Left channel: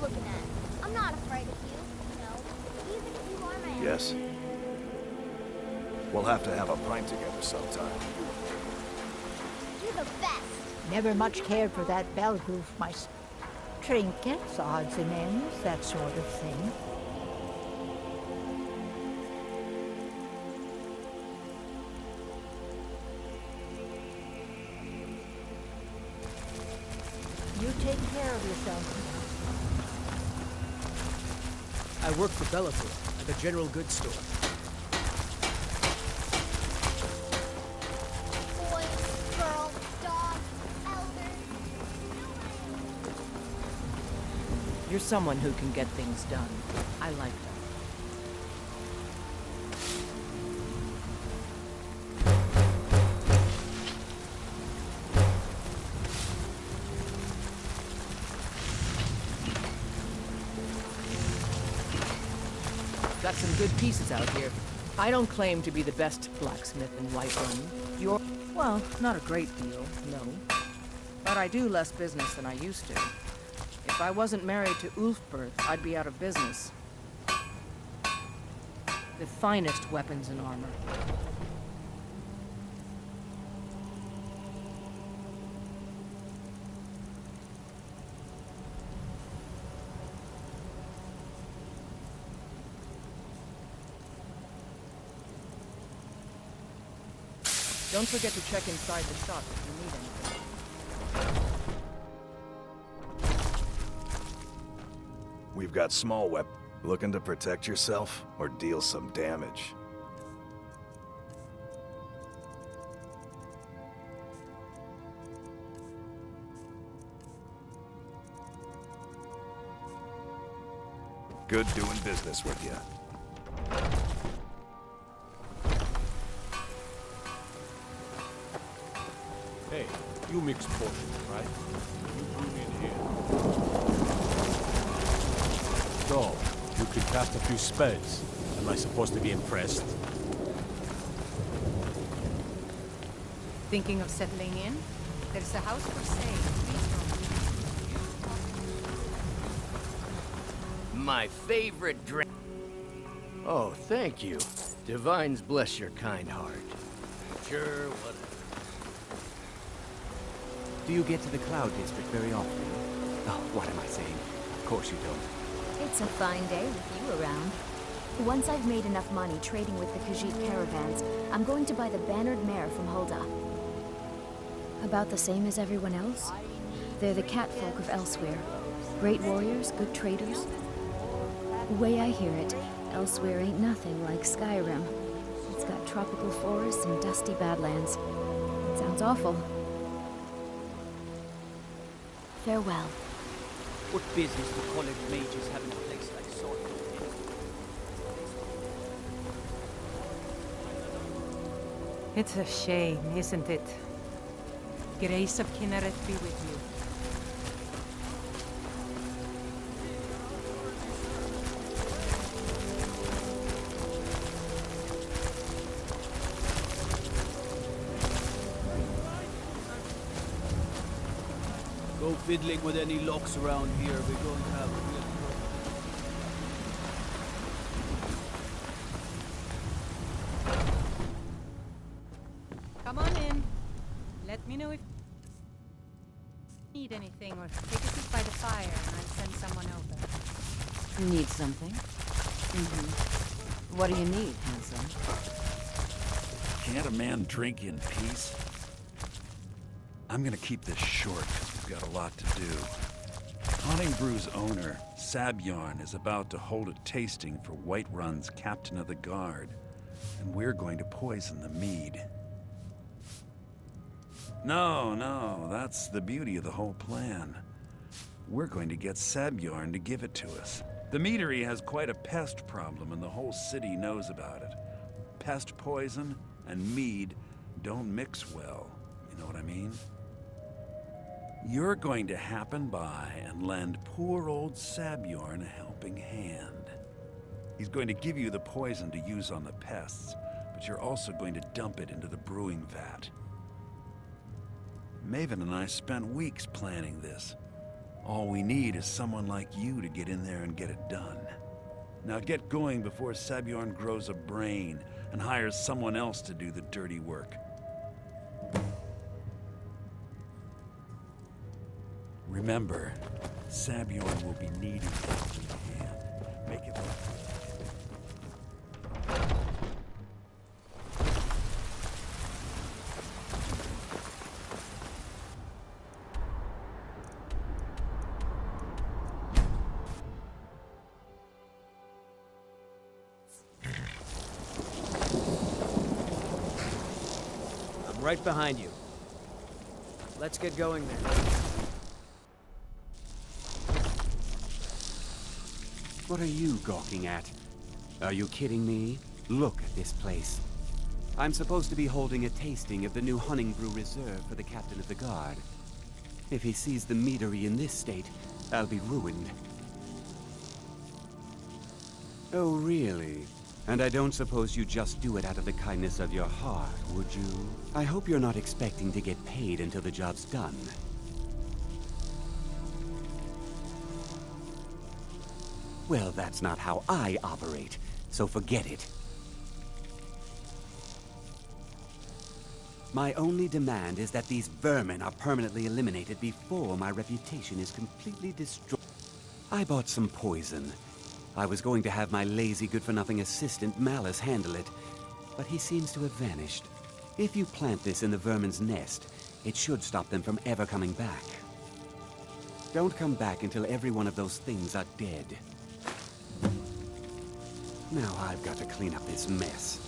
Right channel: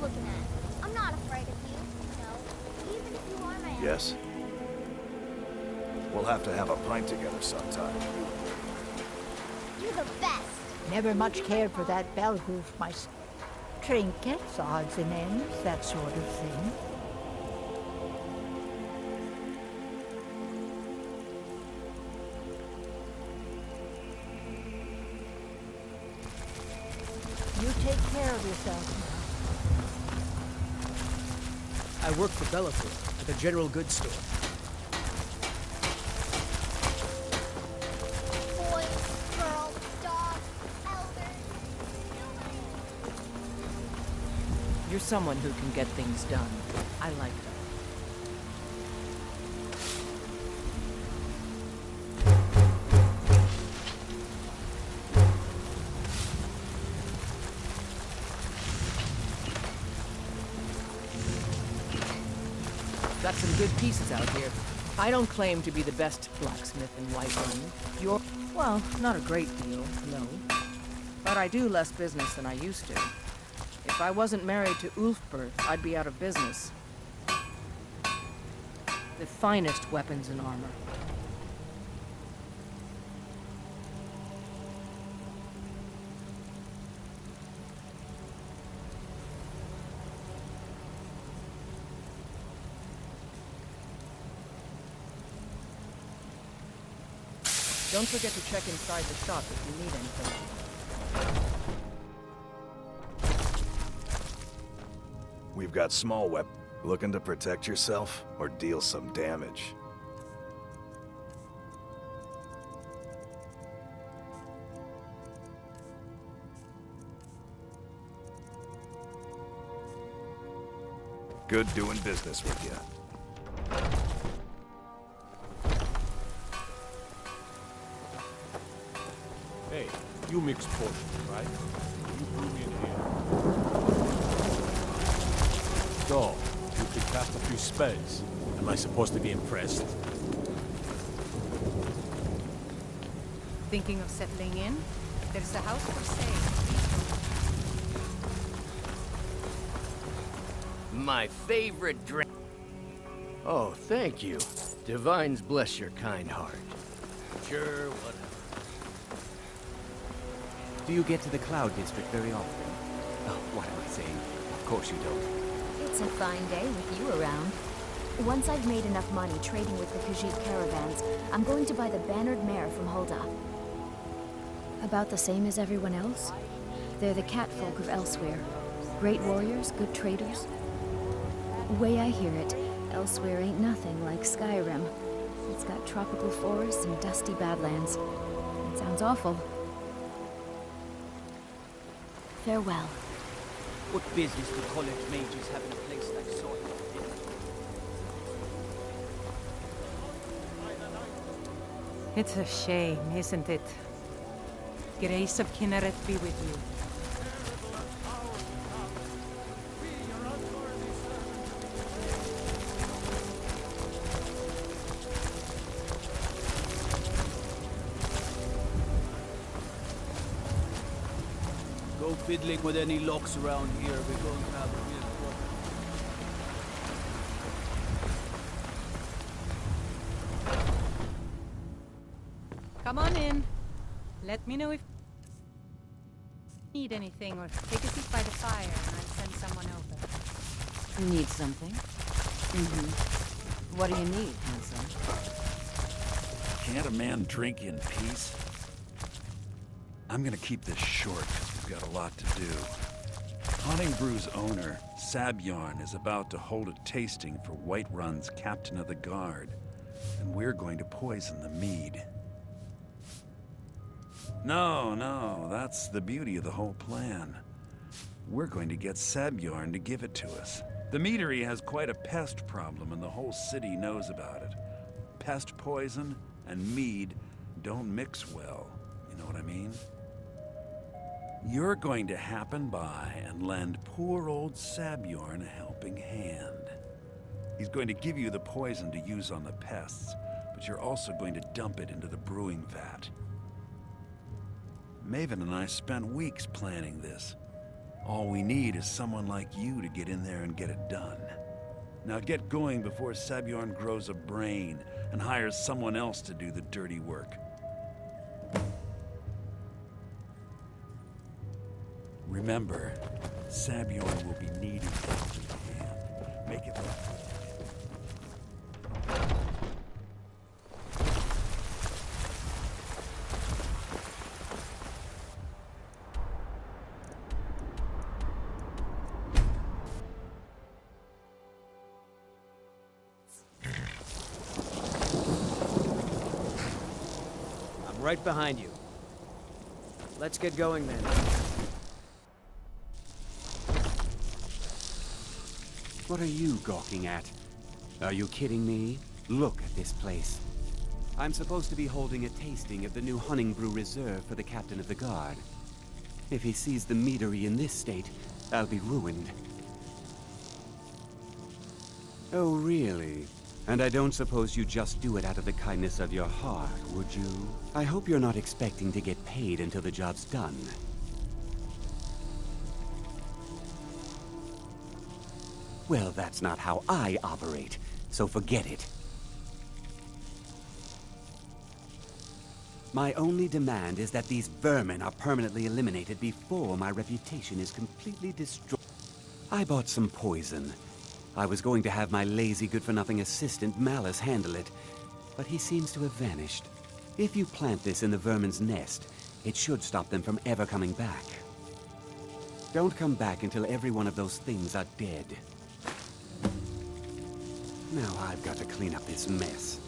looking at? I'm not afraid of you, even if you are my enemy. Yes? We'll have to have a pint together sometime, you and me. You're the best. Never much cared for that bell groove myself. Trinkets, odds and ends, that sort of thing. You take care of yourself I work for Bellator at the general goods store. Boys, girls, dogs, elders. You're someone who can get things done. I like that. Got some good pieces out here. I don't claim to be the best blacksmith in Whiterun. You're, well, not a great deal, no. But I do less business than I used to. If I wasn't married to Ulfberth, I'd be out of business. The finest weapons and armor. Don't forget to check inside the shop if you need anything. We've got small weapons. Looking to protect yourself or deal some damage? Good doing business with you. Hey, you mix potions, right? You blew me in the air. So, you can cast a few spells. Am I supposed to be impressed? Thinking of settling in? There's a house for sale. Please don't. My favorite drink. Oh, thank you. Divines bless your kind heart. Sure, whatever. Do you get to the Cloud District very often? Oh, what am I saying? Of course you don't. It's a fine day with you around. Once I've made enough money trading with the Khajiit caravans, I'm going to buy the bannered mare from Hulda. About the same as everyone else. They're the catfolk of Elsewhere. Great warriors, good traders. The way I hear it, Elsewhere ain't nothing like Skyrim. It's got tropical forests and dusty badlands. It sounds awful. Farewell. What business do college mages have in a place like Sword? It's a shame, isn't it? Grace of Kinneret be with you. Go fiddling with any locks around here. We're going to have real trouble. Come on in. Let me know if you need anything or take a seat by the fire and I'll send someone over. Need something? What do you need, handsome? Can't a man drink in peace? I'm gonna keep this short, because we've got a lot to do. Haunting Brew's owner, Sabjorn, is about to hold a tasting for Whiterun's Captain of the Guard, and we're going to poison the mead. No, that's the beauty of the whole plan. We're going to get Sabjorn to give it to us. The meadery has quite a pest problem, and the whole city knows about it. Pest poison and mead don't mix well, you know what I mean? You're going to happen by and lend poor old Sabjorn a helping hand. He's going to give you the poison to use on the pests, but you're also going to dump it into the brewing vat. Maven and I spent weeks planning this. All we need is someone like you to get in there and get it done. Now get going before Sabjorn grows a brain and hires someone else to do the dirty work. Remember, Sabjorn will be needing a helping hand. Make it look. I'm right behind you. Let's get going then. What are you gawking at? Are you kidding me? Look at this place. I'm supposed to be holding a tasting of the new Hunting Brew Reserve for the Captain of the Guard. If he sees the meadery in this state, I'll be ruined. Oh, really? And I don't suppose you just do it out of the kindness of your heart, would you? I hope you're not expecting to get paid until the job's done. Well, that's not how I operate, so forget it. My only demand is that these vermin are permanently eliminated before my reputation is completely destroyed. I bought some poison. I was going to have my lazy, good-for-nothing assistant, Malice, handle it, but he seems to have vanished. If you plant this in the vermin's nest, it should stop them from ever coming back. Don't come back until every one of those things are dead. Now I've got to clean up this mess.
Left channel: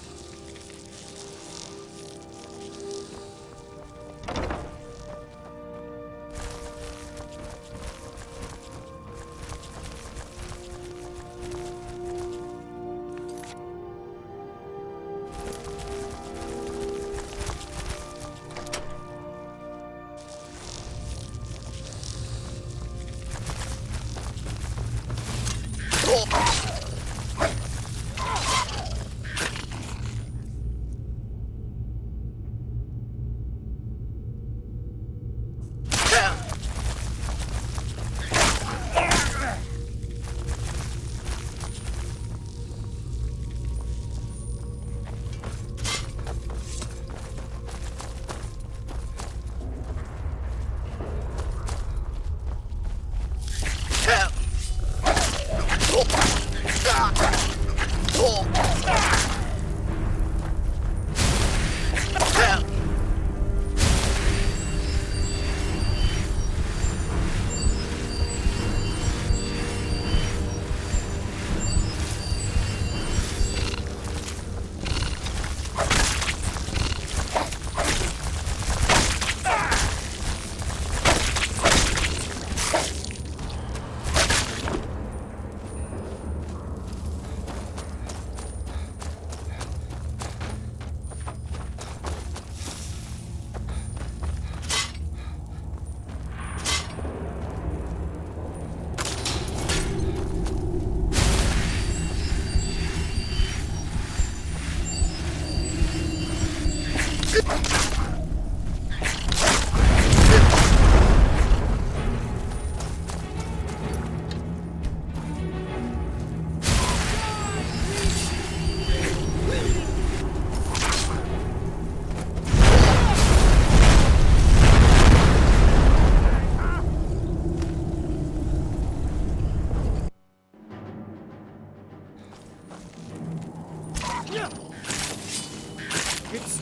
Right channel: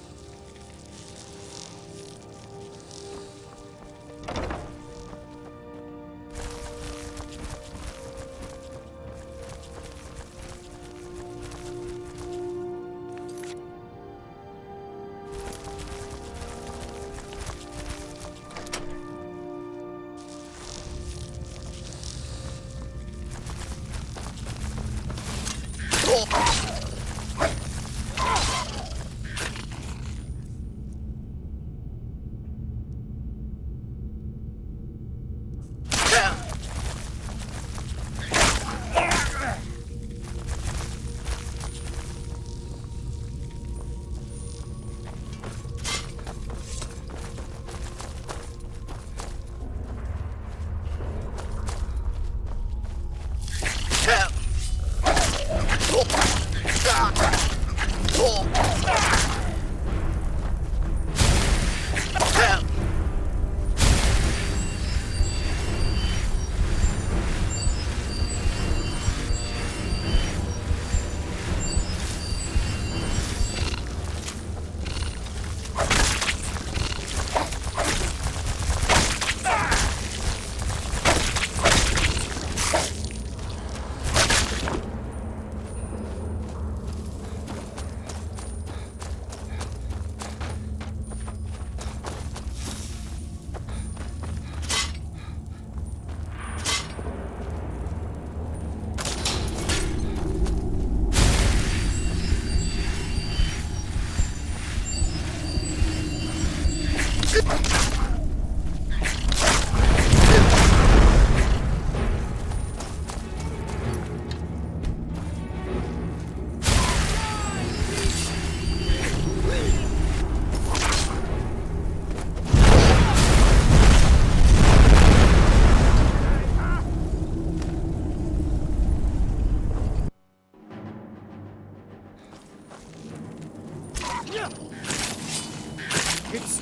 It's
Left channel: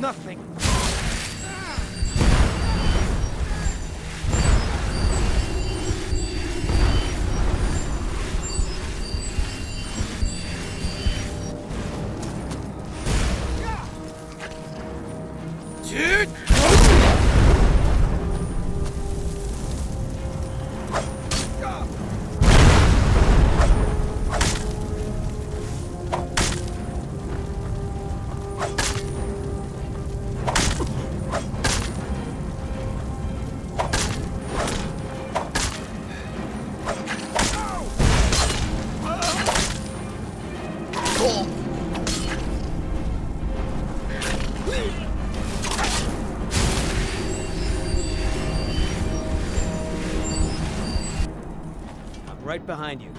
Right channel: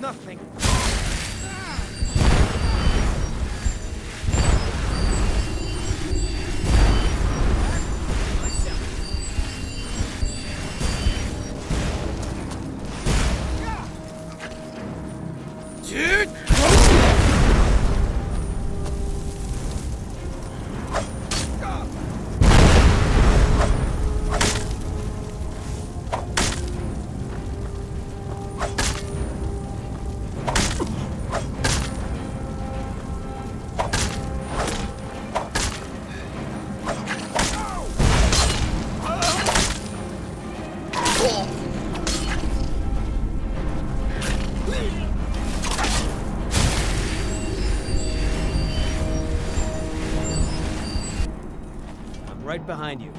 nothing. Dude! right behind you.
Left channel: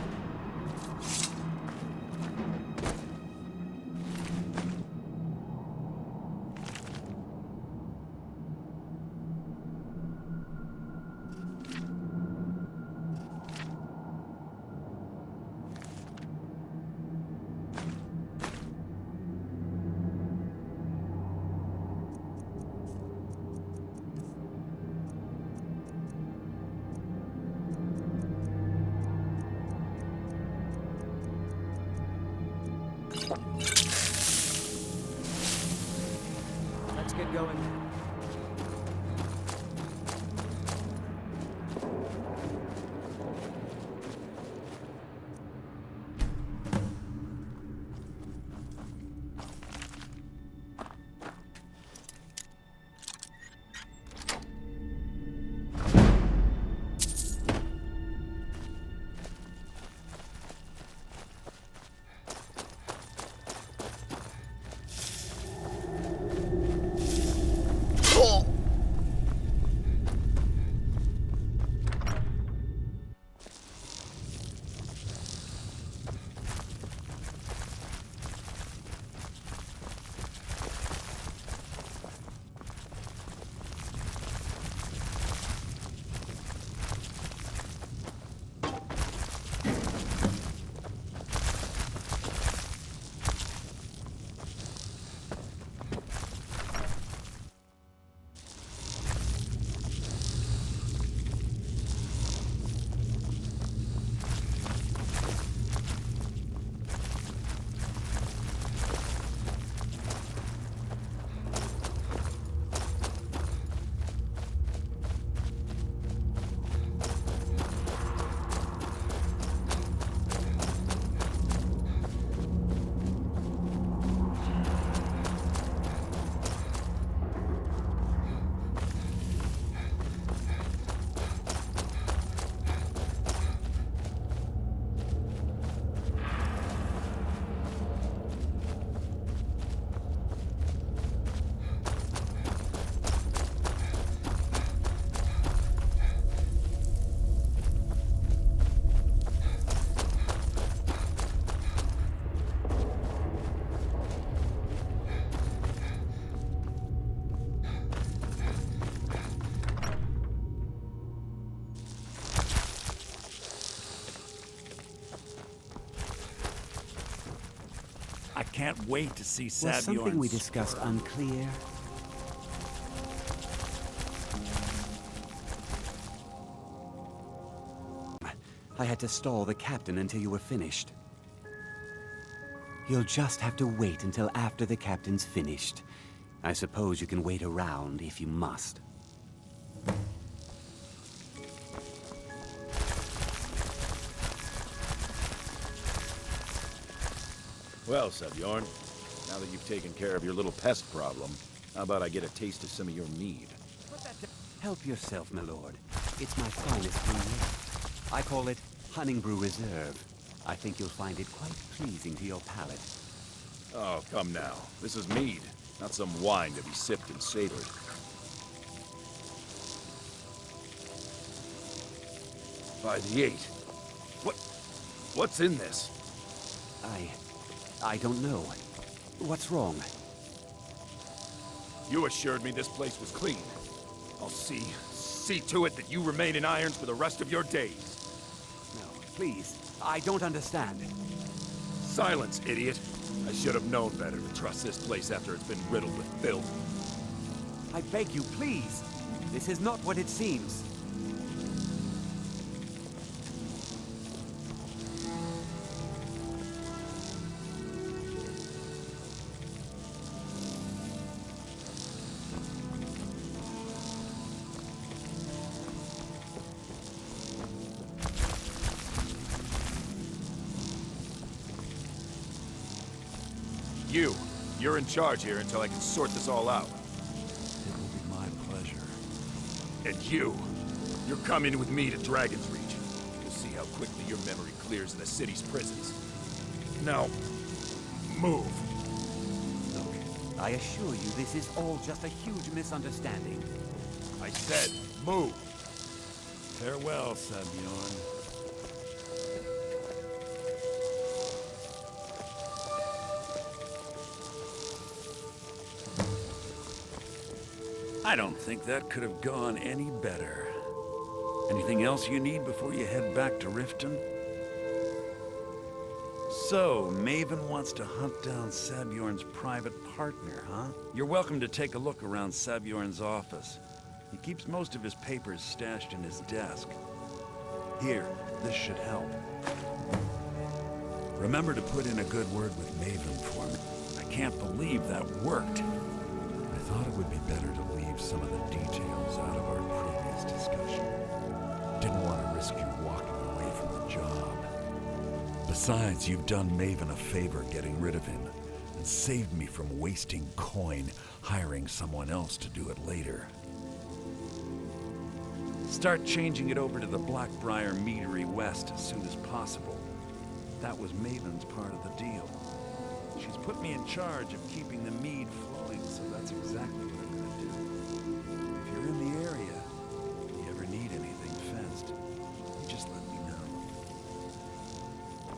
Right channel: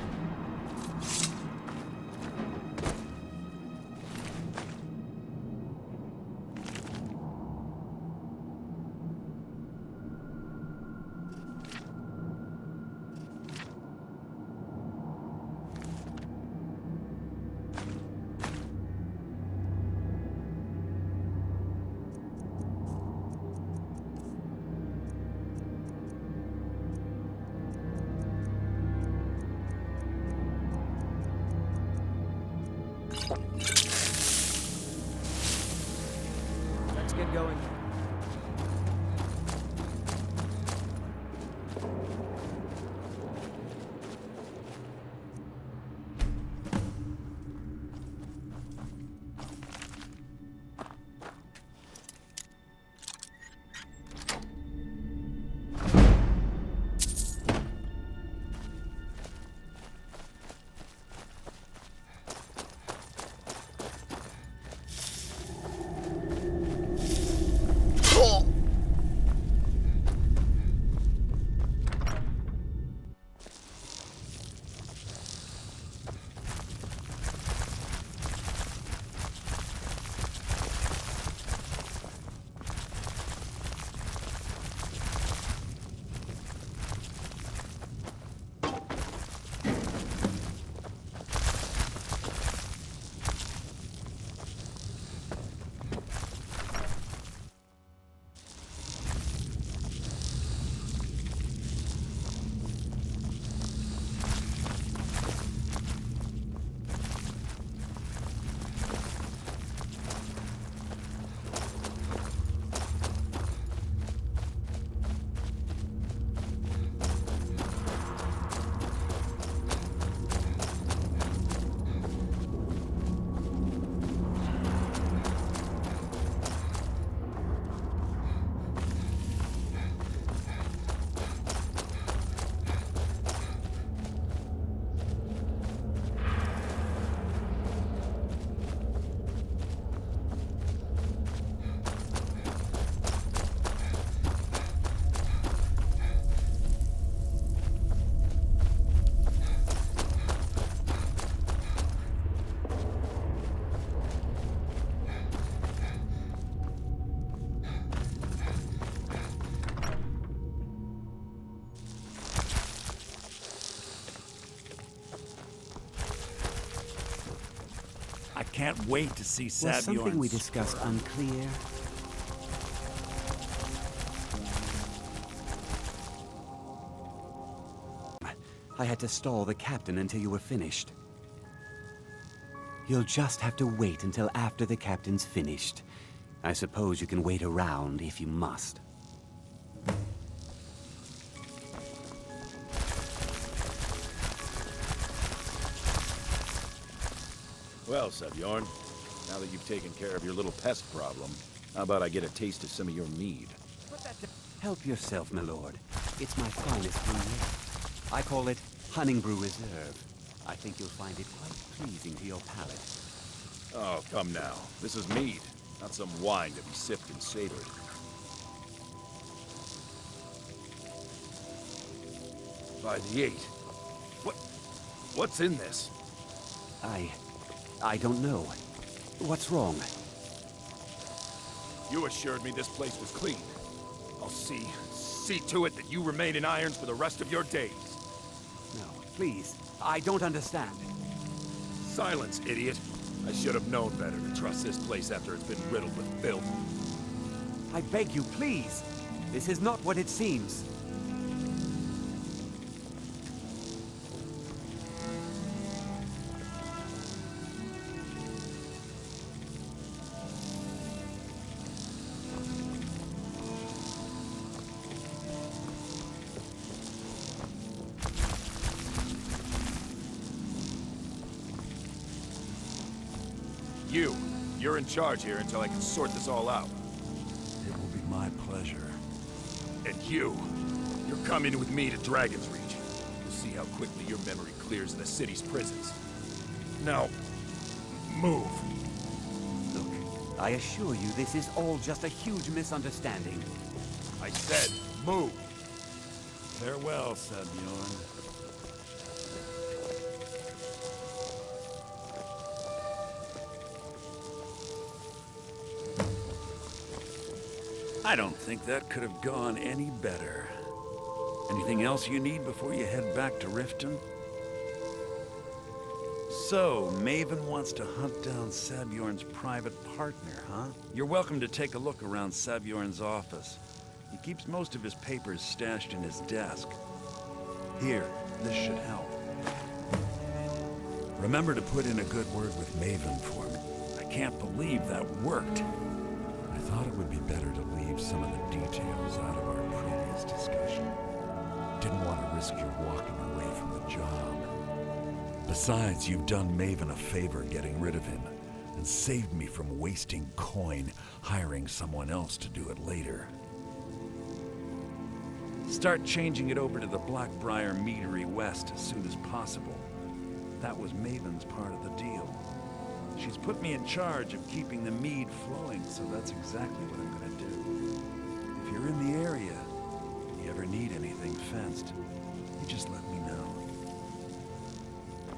Let's get going then. I can't wait to see Was Savior's something we discussed unclear? I had to stall the captain until you were finished. You'll just have to wait until after the captain's finished. I suppose you can wait around if you must. Well, Saviorn, now that you've taken care of your little pest problem, how about I get a taste of some of your mead? Help yourself, my lord. It's my finest brew yet. I call it Hunting Brew Reserve. I think you'll find it quite pleasing to your palate. Oh, come now. This is mead, not some wine to be sipped and savored. By the 8. What's in this? I don't know. What's wrong? You assured me this place was clean. I'll see to it that you remain in irons for the rest of your days. No, please. I don't understand. Silence, idiot. I should have known better to trust this place after it's been riddled with filth. I beg you, please. This is not what it seems. You're in charge here until I can sort this all out. It will be my pleasure. And you're coming with me to Dragon's Reach. You'll see how quickly your memory clears in the city's prisons. Now, move. Look, I assure you this is all just a huge misunderstanding. I said, move. Farewell, Saviorn. I don't think that could have gone any better. Anything else you need before you head back to Riften? So, Maven wants to hunt down Sabjorn's private partner, huh? You're welcome to take a look around Sabjorn's office. He keeps most of his papers stashed in his desk. Here, this should help. Remember to put in a good word with Maven for me. I can't believe that worked. I thought it would be better to leave some of the details out of our previous discussion. Didn't want to risk you walking away from the job. Besides, you've done Maven a favor getting rid of him, and saved me from wasting coin hiring someone else to do it later. Start changing it over to the Blackbriar Meadery West as soon as possible. That was Maven's part of the deal. She's put me in charge of keeping the mead flowing, so that's exactly what I'm gonna do. If you're in the area, and you ever need anything fenced, you just let me know.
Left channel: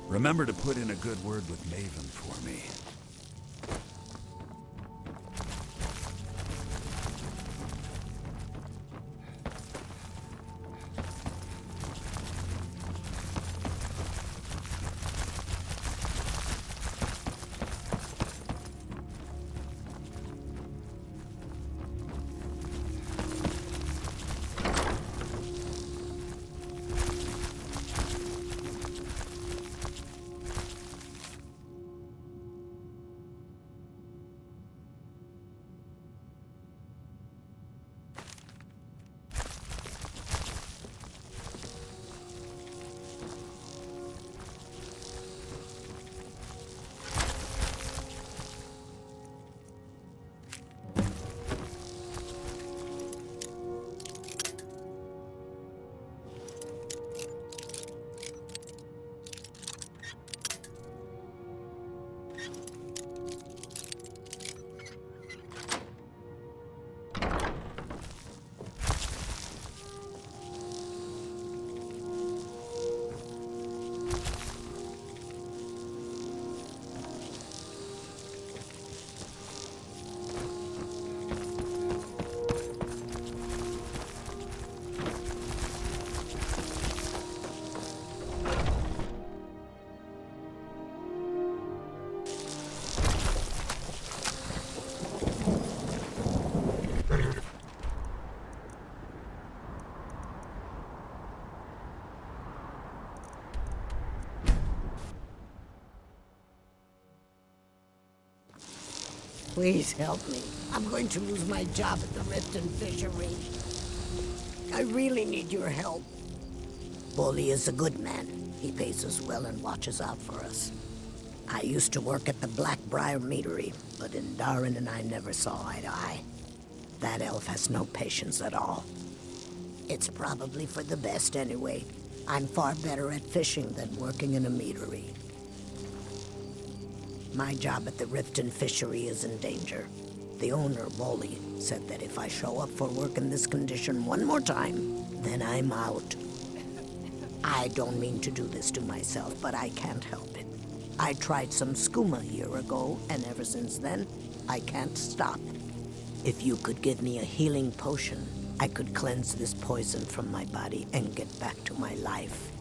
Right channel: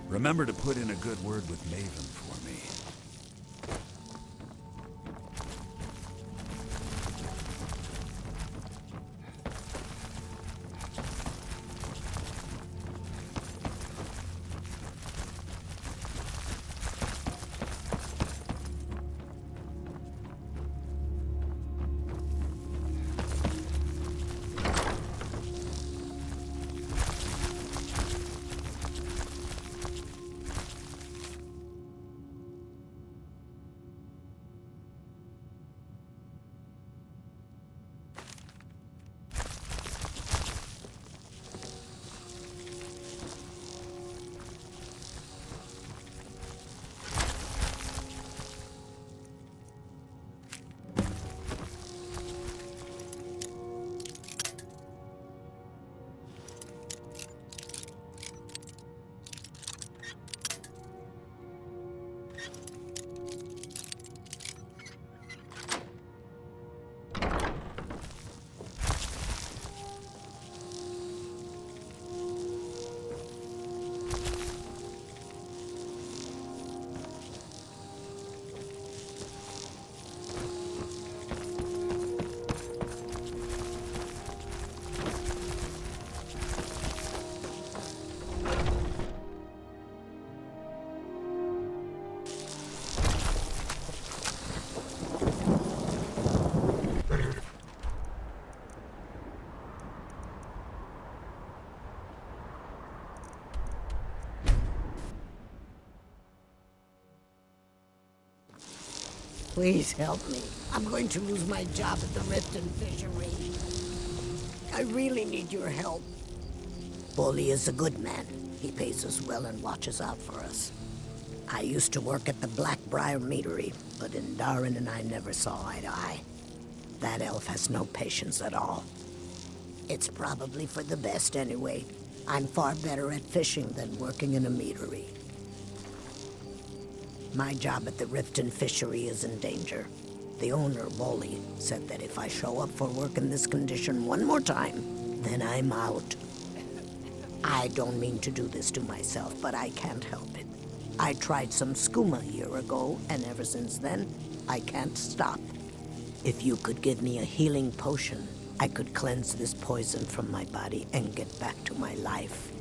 Remember to put in a good word with Maven for me. Please help me. I'm going to lose my job at the Riften Fishery. I really need your help. Bully is a good man. He pays us well and watches out for us. I used to work at the Blackbriar Meadery, but Indarin and I never saw eye to eye. That elf has no patience at all. It's probably for the best anyway. I'm far better at fishing than working in a meadery. My job at the Riften Fishery is in danger. The owner, Bully, said that if I show up for work in this condition one more time, then I'm out. I don't mean to do this to myself, but I can't help it. I tried some skooma a year ago, and ever since then, I can't stop. If you could give me a healing potion, I could cleanse this poison from my body and get back to my life.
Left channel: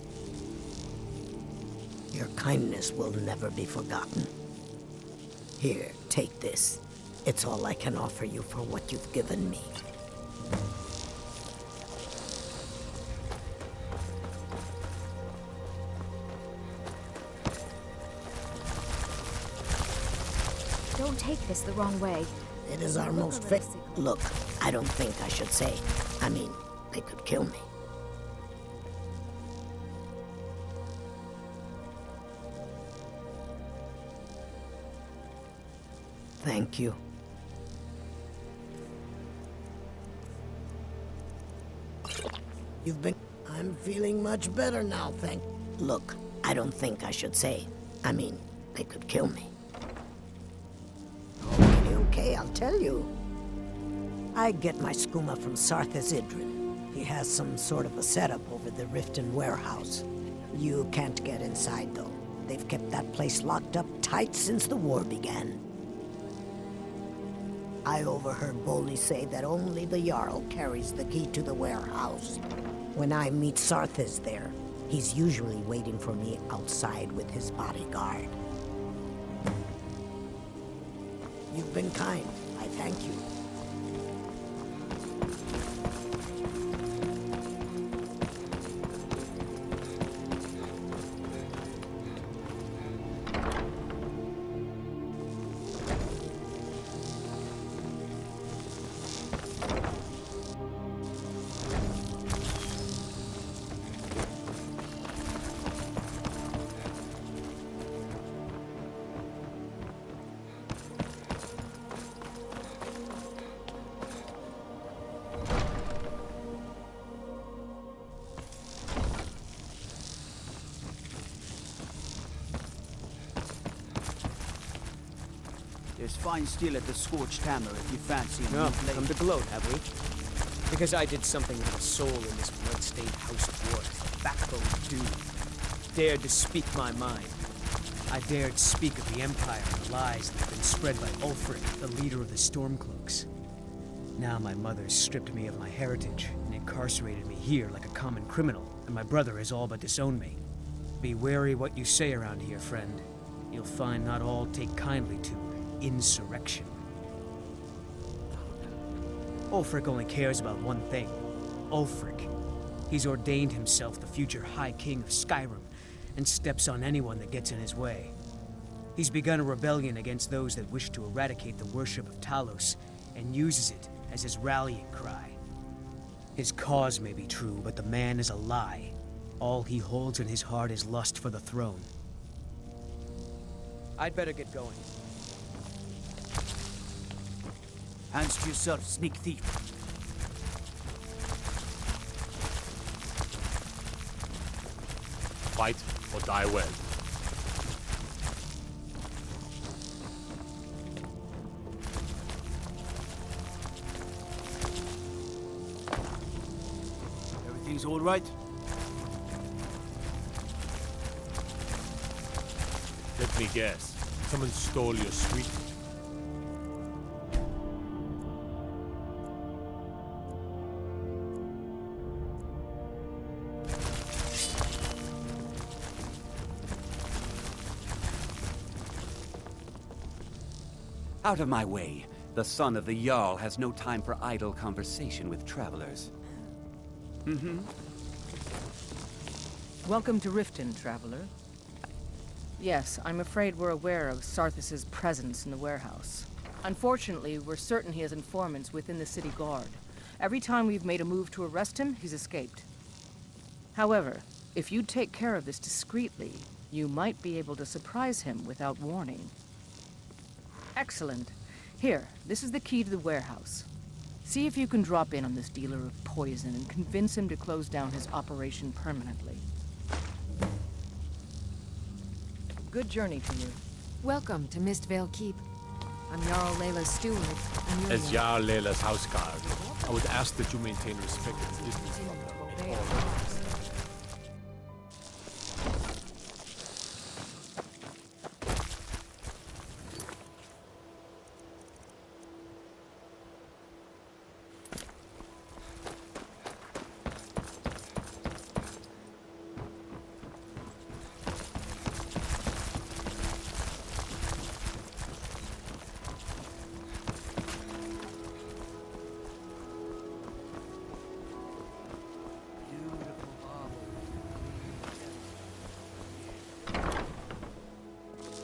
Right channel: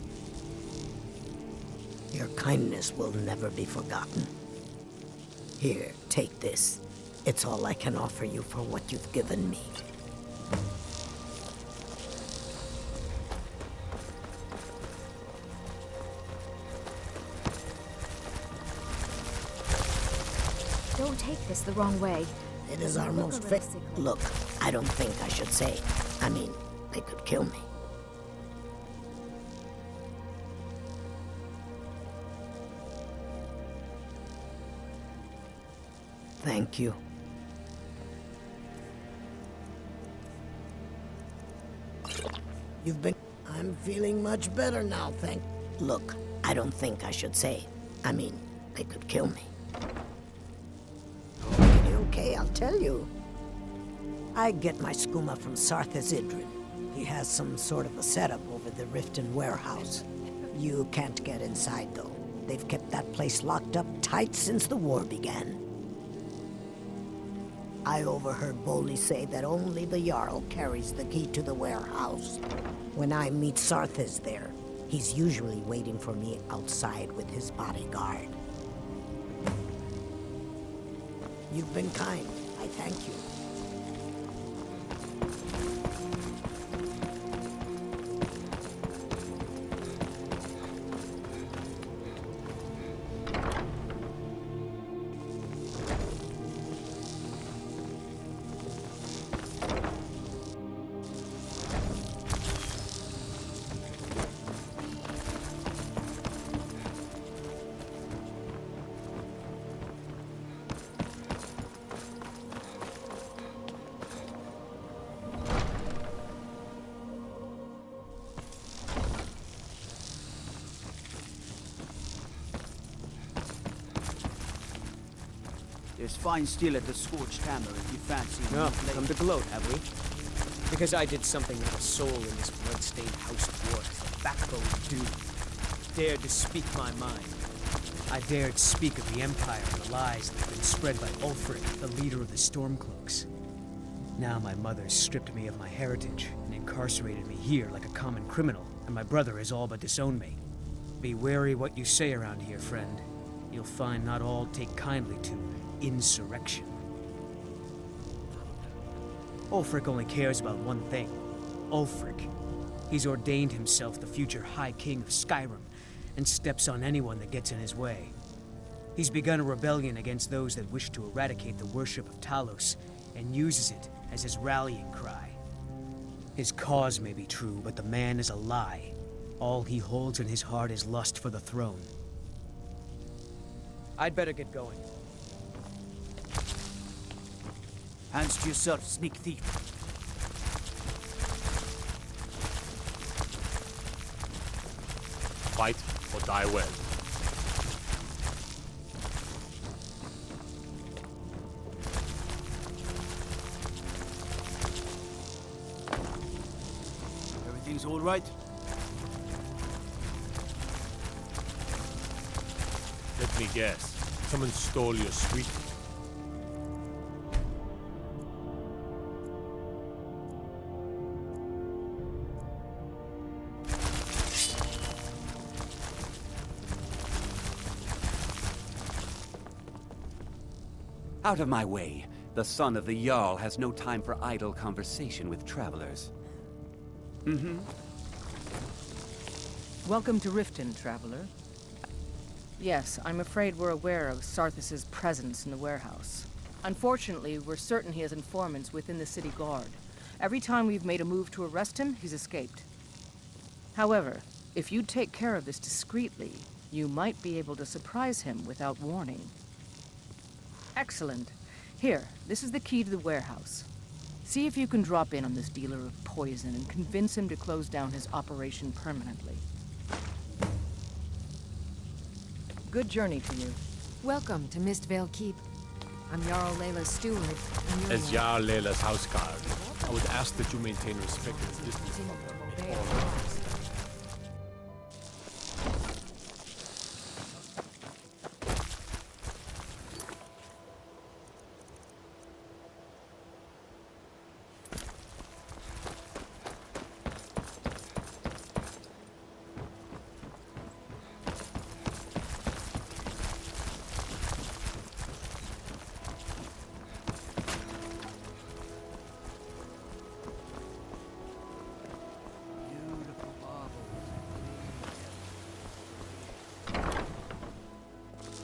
Your kindness will never be forgotten. Here, take this. It's all I can offer you for what you've given me. Don't take this the wrong way. It is our most Look, I don't think I should say. I mean, they could kill me. Thank you. You've been... I'm feeling much better now, thank... Look, I don't think I should say. I mean, they could kill me. Okay, I'll tell you. I get my skooma from Sarthas Idrin. He has some sort of a setup over the Riften warehouse. You can't get inside, though. They've kept that place locked up tight since the war began. I overheard Bolli say that only the Jarl carries the key to the warehouse. When I meet Sarthis there, he's usually waiting for me outside with his bodyguard. You've been kind. I thank you. There's fine steel at the Scorched Hammer if you fancy a No, new blade. come to gloat, have we? Because I did something that a soul in this blood-stained house of war has the backbone to do. Dared to speak my mind. I dared speak of the Empire and the lies that have been spread by Ulfric, the leader of the Stormcloaks. Now my mother stripped me of my heritage and incarcerated me here like a common criminal, and my brother has all but disowned me. Be wary what you say around here, friend. You'll find not all take kindly to insurrection. Ulfric only cares about one thing. Ulfric. He's ordained himself the future High King of Skyrim, and steps on anyone that gets in his way. He's begun a rebellion against those that wish to eradicate the worship of Talos, and uses it as his rallying cry. His cause may be true, but the man is a lie. All he holds in his heart is lust for the throne. I'd better get going. Hands to yourself, sneak thief. Fight or die well. Everything's all right? Let me guess. Someone stole your sweet. Out of my way. The son of the Jarl has no time for idle conversation with travelers. Welcome to Riften, traveler. Yes, I'm afraid we're aware of Sarthis' presence in the warehouse. Unfortunately, we're certain he has informants within the city guard. Every time we've made a move to arrest him, he's escaped. However, if you take care of this discreetly, you might be able to surprise him without warning. Excellent. Here, this is the key to the warehouse. See if you can drop in on this dealer of poison and convince him to close down his operation permanently. Good journey to you. Welcome to Mistvale Keep. I'm Jarl Layla's steward, and you're As Jarl Layla's houseguard, I would ask that you maintain respect and distance from her at all times.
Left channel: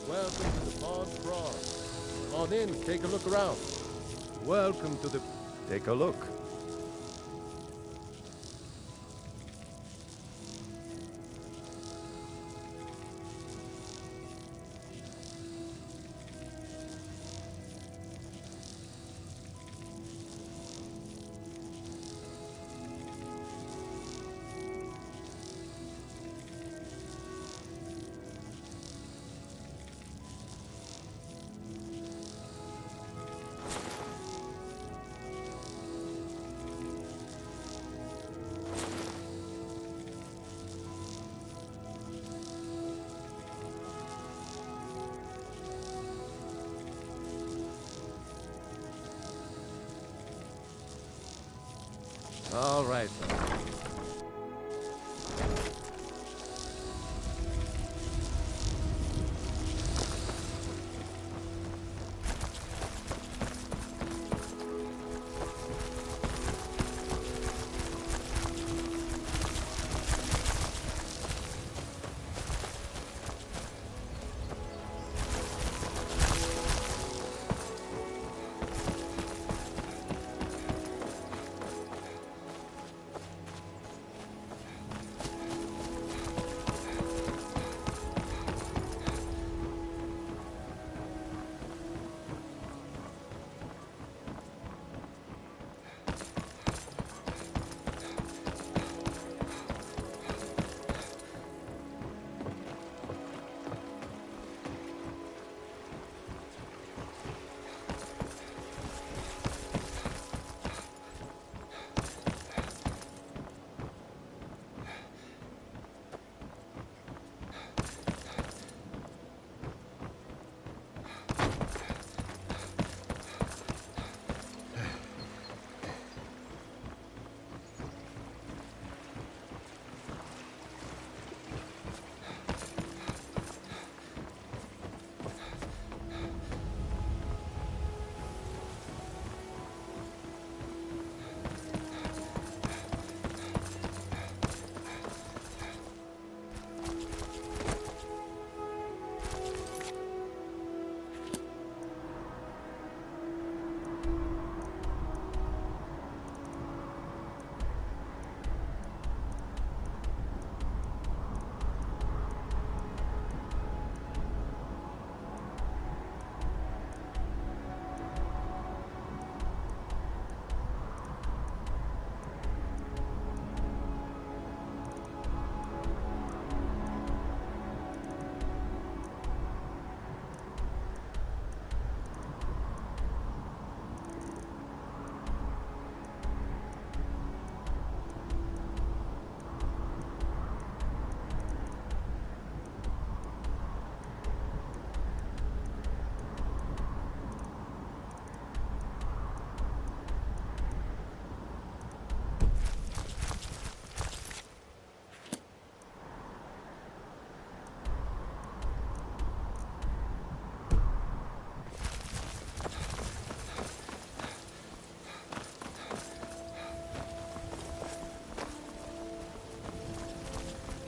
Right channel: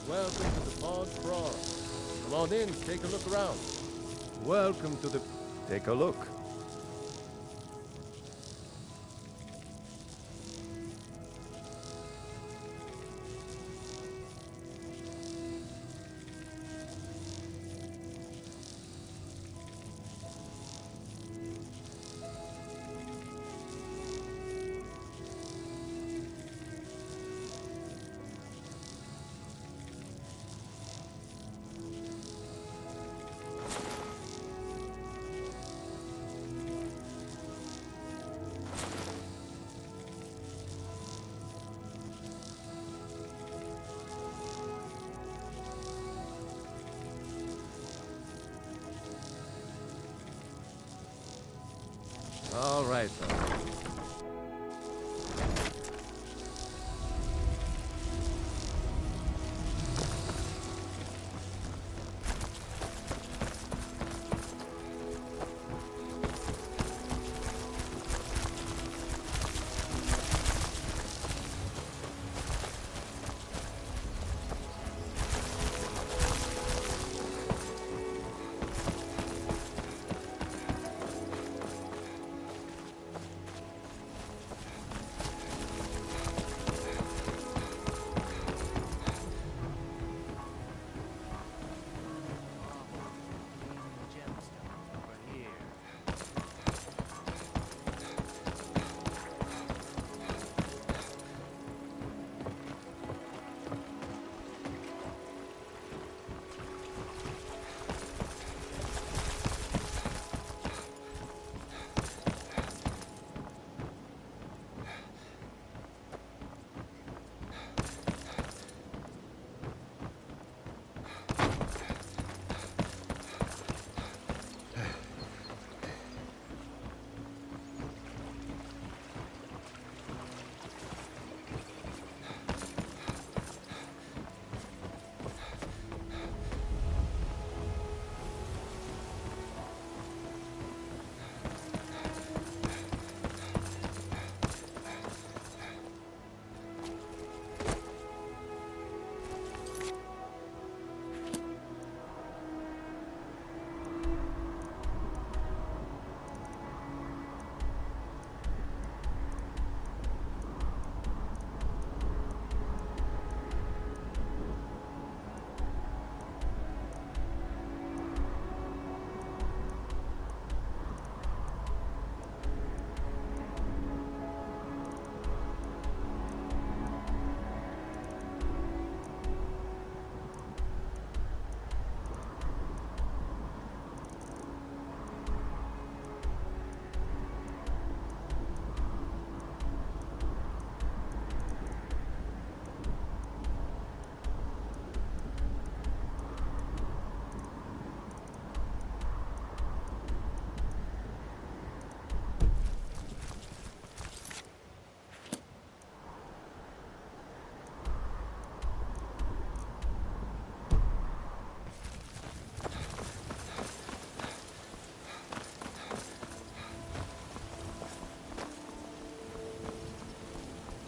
Welcome to the Pond's Brawl. Come on in, take a look around. Welcome to the... Take a look. All right, then.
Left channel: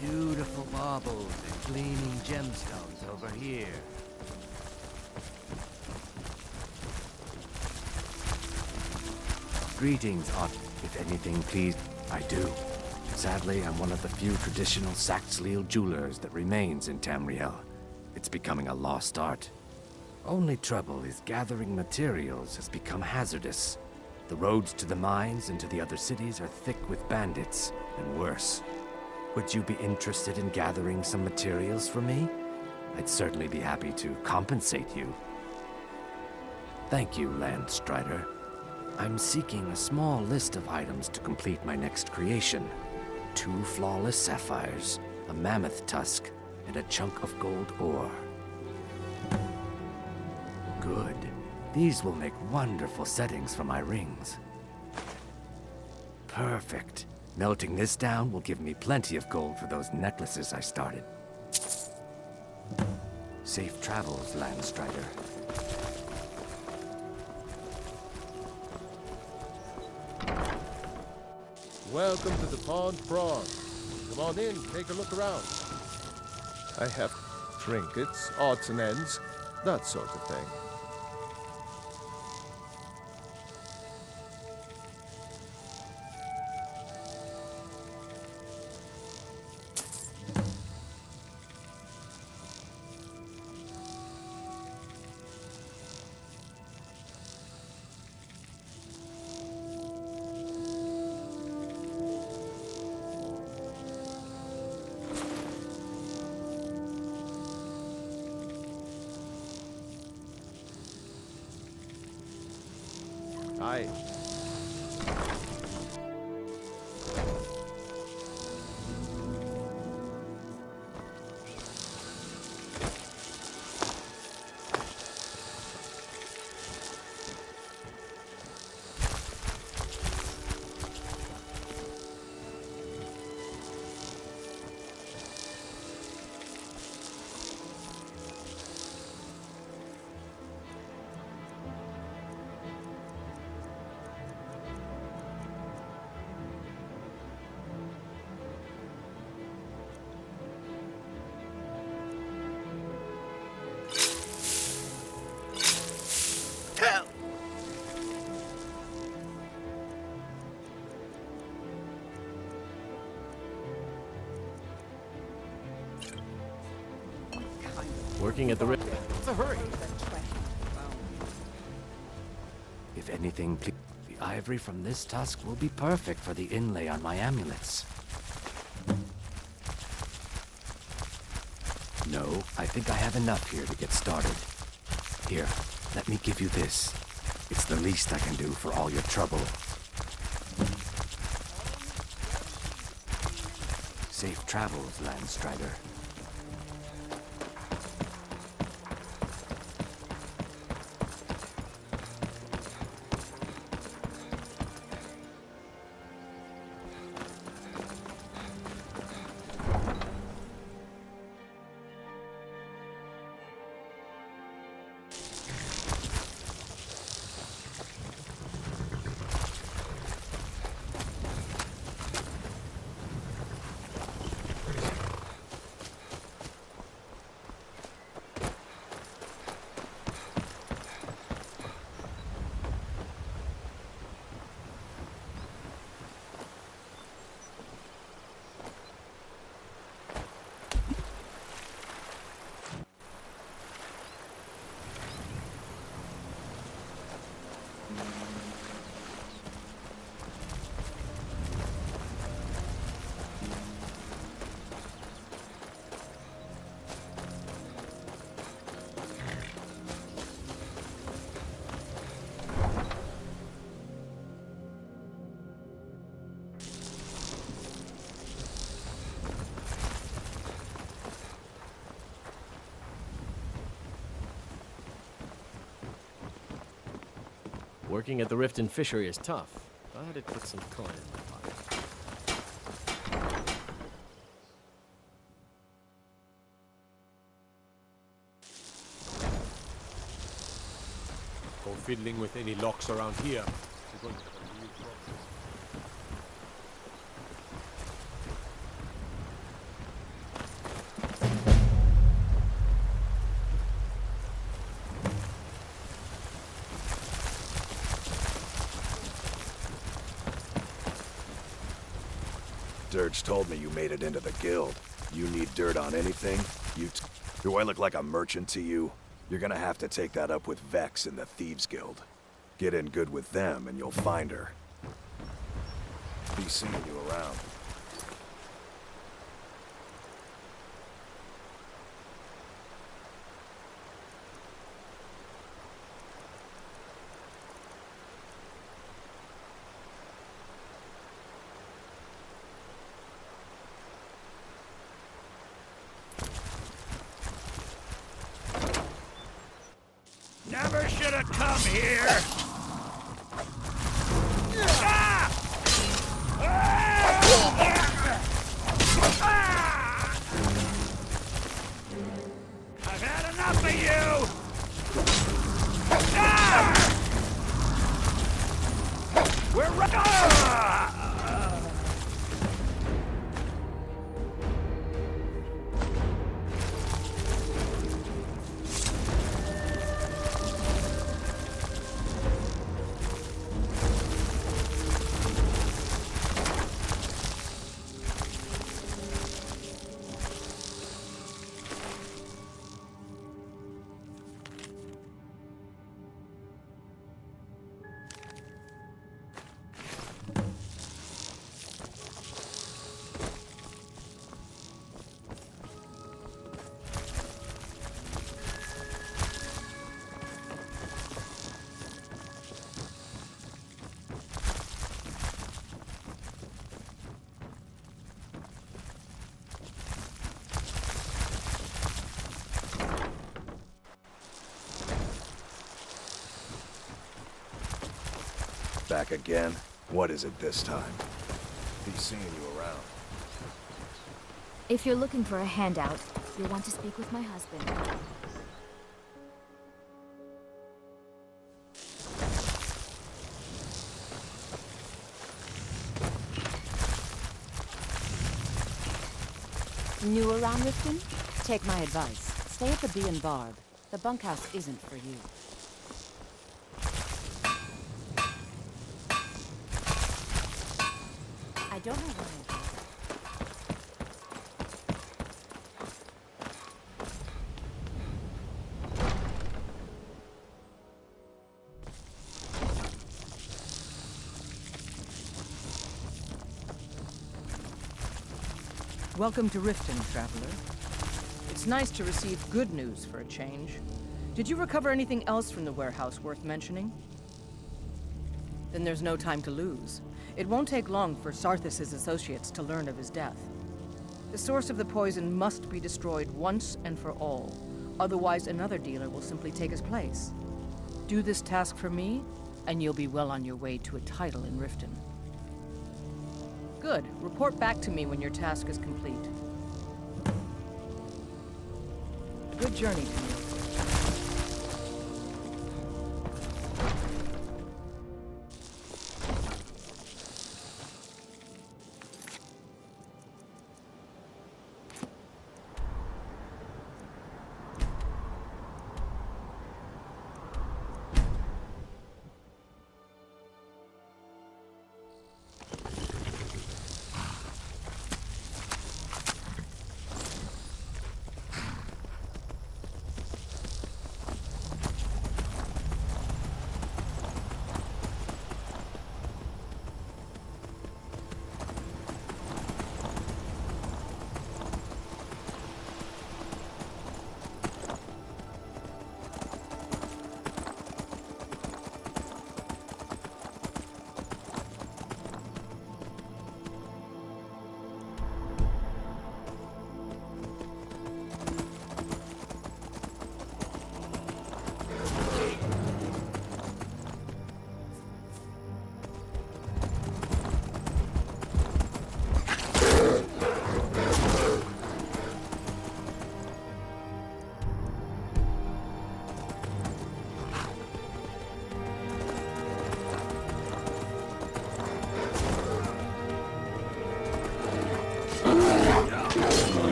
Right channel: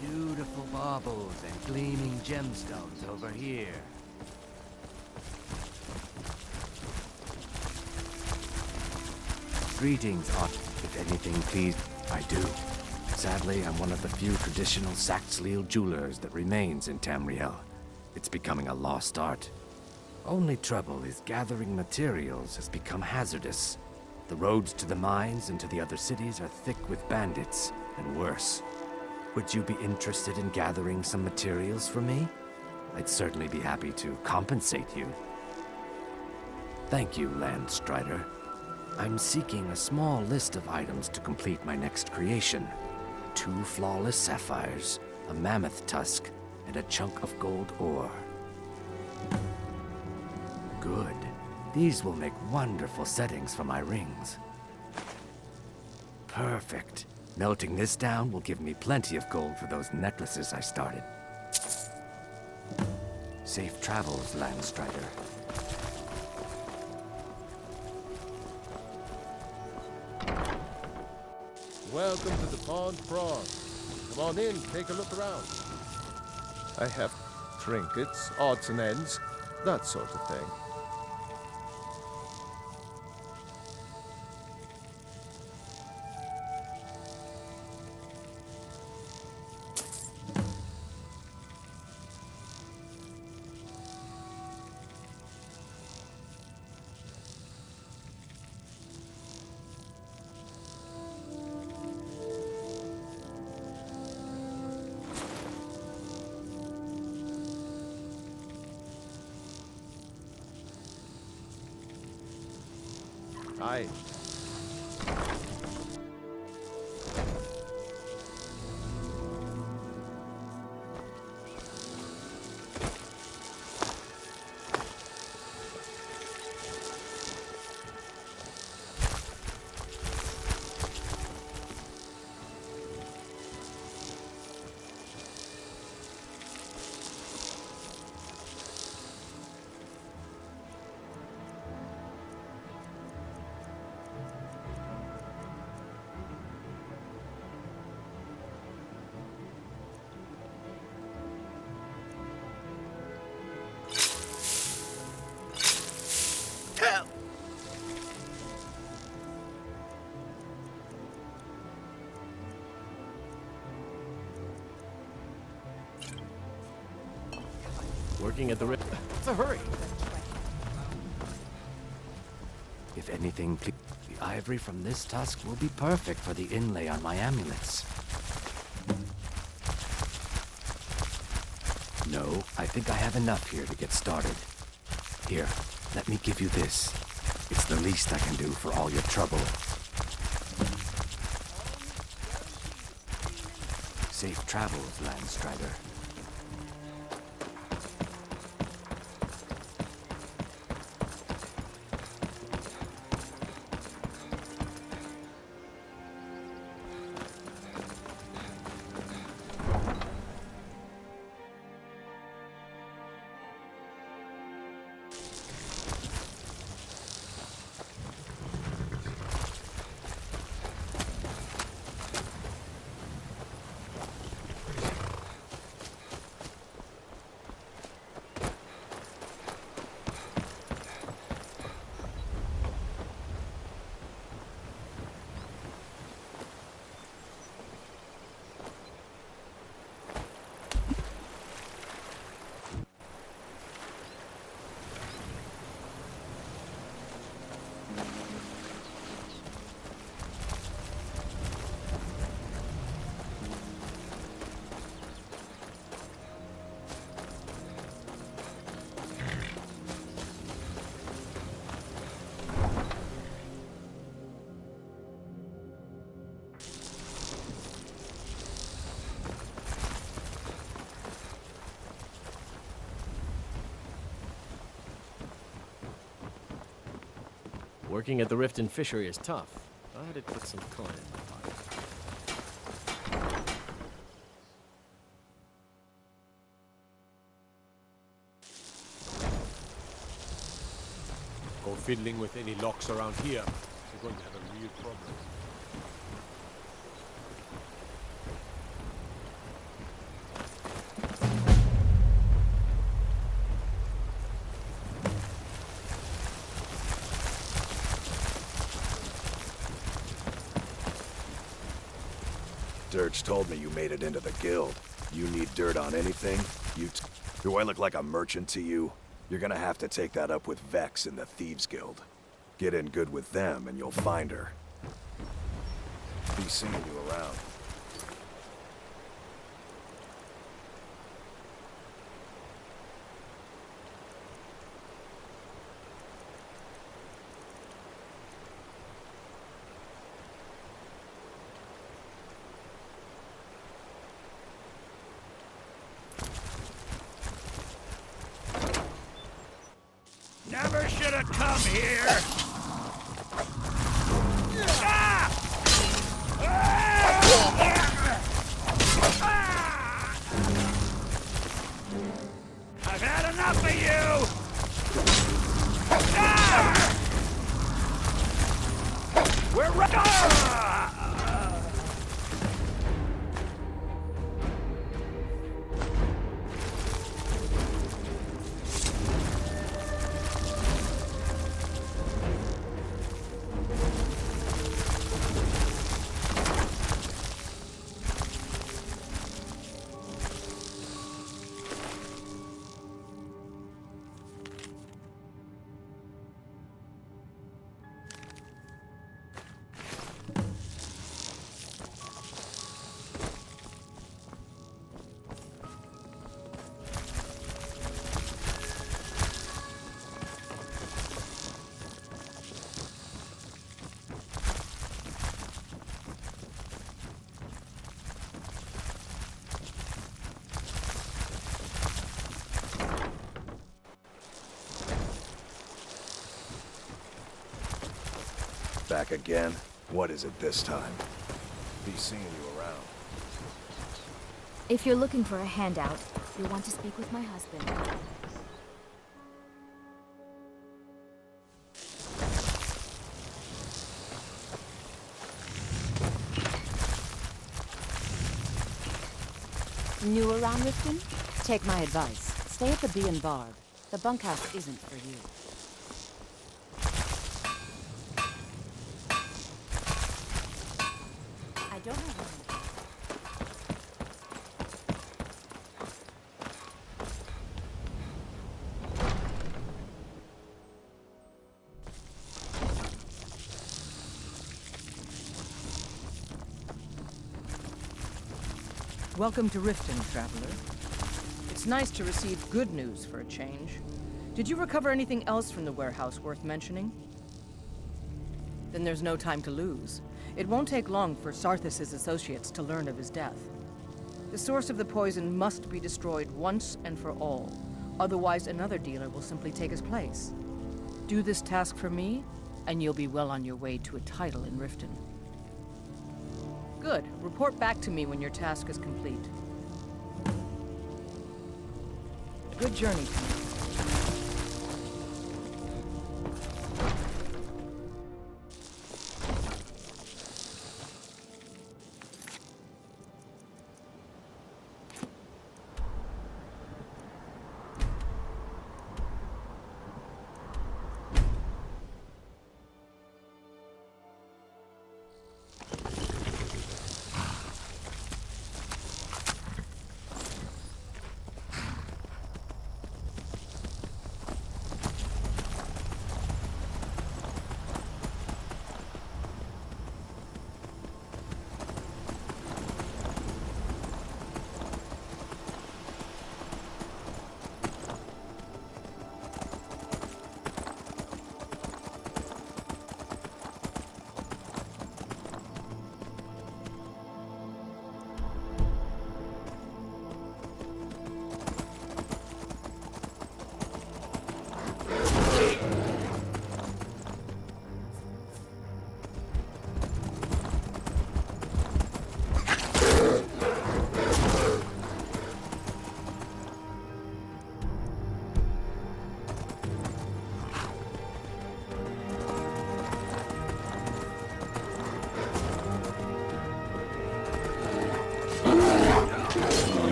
Beautiful baubles and gleaming gemstones over here. Greetings, if anything, please. I do. Sadly, I'm one of the few traditional Saxhleel jewelers that remains in Tamriel. It's becoming a lost art. Only trouble is gathering materials has become hazardous. The roads to the mines and to the other cities are thick with bandits, and worse. Would you be interested in gathering some materials for me? I'd certainly be happy to compensate you. Thank you, Landstrider. I'm seeking a small list of items to complete my next creation. 2 flawless sapphires, a mammoth tusk, and a chunk of gold ore. Good. These will make wonderful settings for my rings. Perfect. Melting this down will give me plenty of gold for those necklaces I started. Safe travels, Landstrider. Welcome to the Pond Prawn. Come on in, take a look around. I have trinkets, odds and ends, that sort of thing. Aye. Working at the What's the hurry? If anything, please. The ivory from this tusk will be perfect for the inlay on my amulets. No, I think I have enough here to get started. Here, let me give you this. It's the least I can do for all your trouble. Safe travels, Landstrider. Working at the Rift and Fishery is tough. I had to put some coin in my pocket. Go fiddling with any locks around here. You're going to have a real problem. Dirge told me you made it into the guild. You need dirt on anything? Do I look like a merchant to you? You're gonna have to take that up with Vex in the Thieves Guild. Get in good with them and you'll find her. Be seeing you around. Never should have come here! Ah! I've had enough of you! Ah! We're Back again? What is it this time? Be seeing you around. If you're looking for a handout, you'll want to speak with my husband. New around Riften? Take my advice. Stay at the Bee and Barb. The bunkhouse isn't for you. I don't know where. Welcome to Riften, traveler. It's nice to receive good news for a change. Did you recover anything else from the warehouse worth mentioning? Then there's no time to lose. It won't take long for Sarthis' associates to learn of his death. The source of the poison must be destroyed once and for all. Otherwise, another dealer will simply take his place. Do this task for me, and you'll be well on your way to a title in Riften. Good. Report back to me when your task is complete. Good journey to you.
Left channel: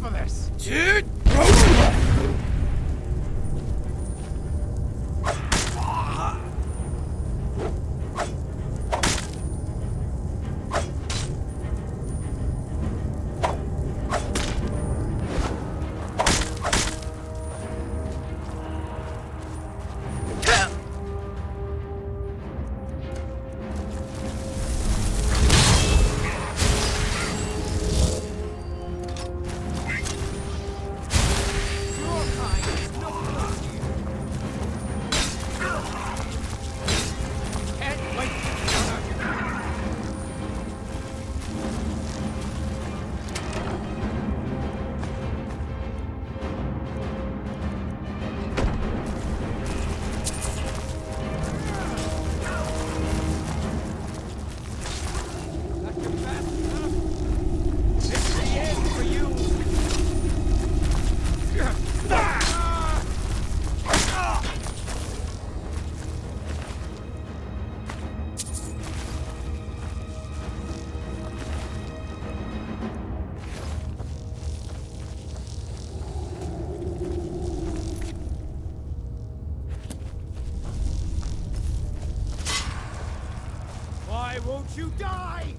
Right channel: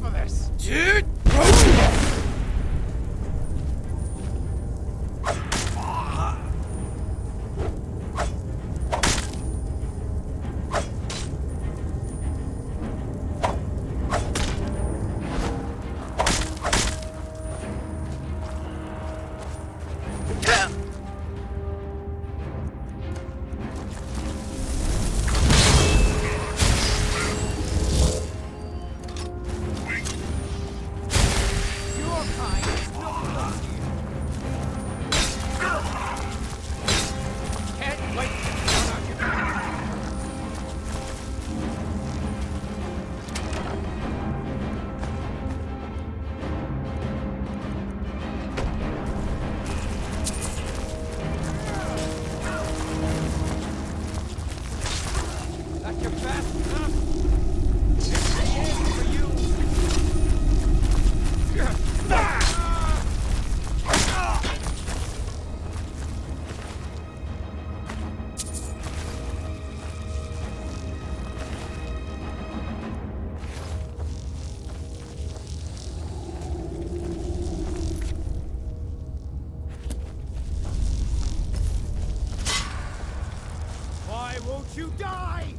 enough of this! Why won't you die?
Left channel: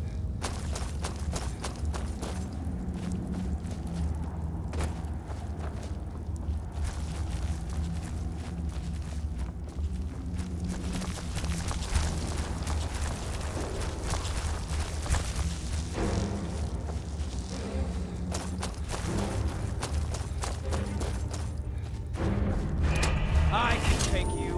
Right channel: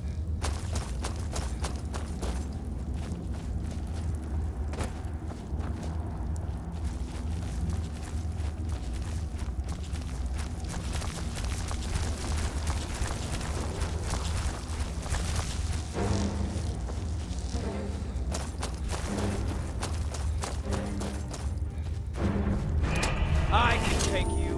I can take you.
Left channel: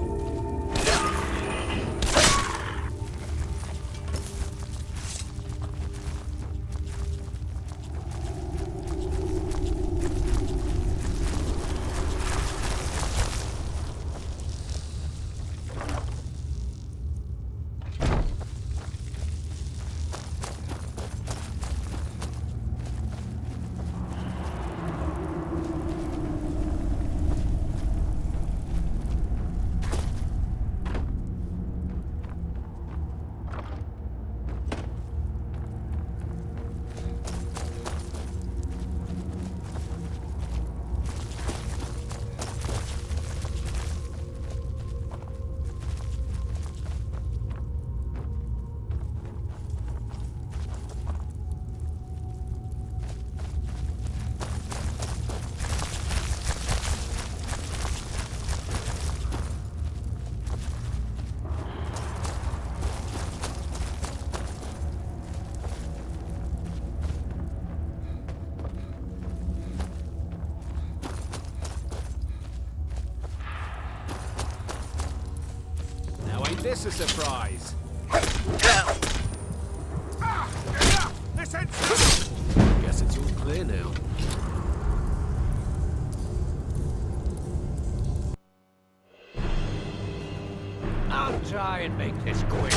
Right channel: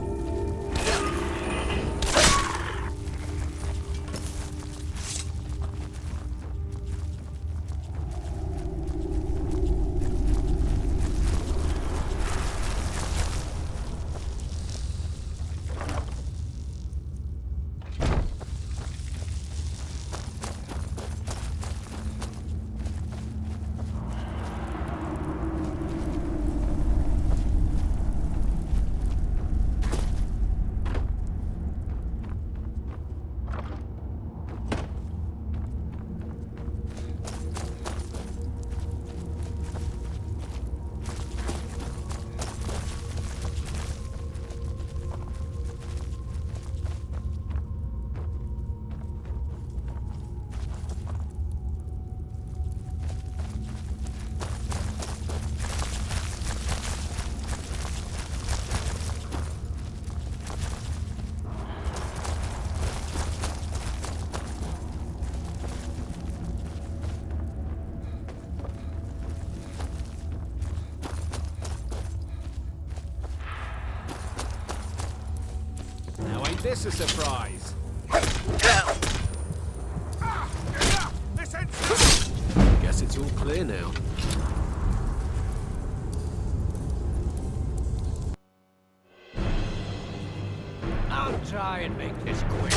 Now ain't this a surprise? Guess it's all clear now. I'll try and make this quick.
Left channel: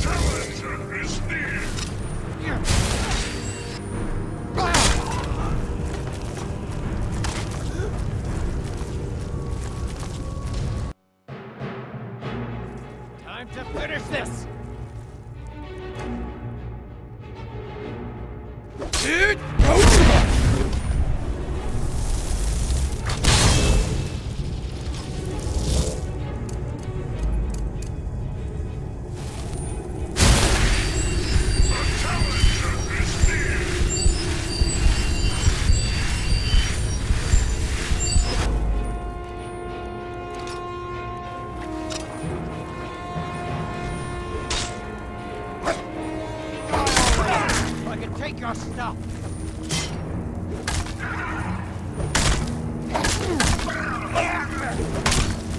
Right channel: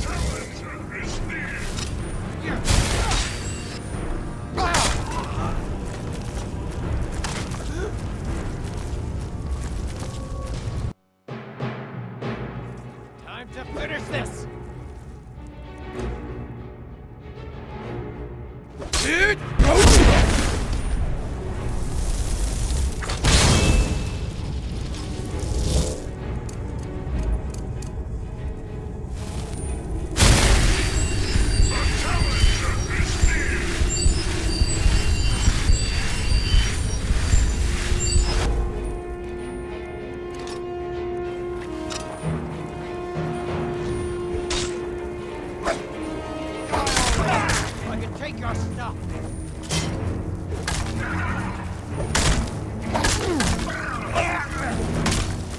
Challenger is near. Time to finish this! I can take your stuff.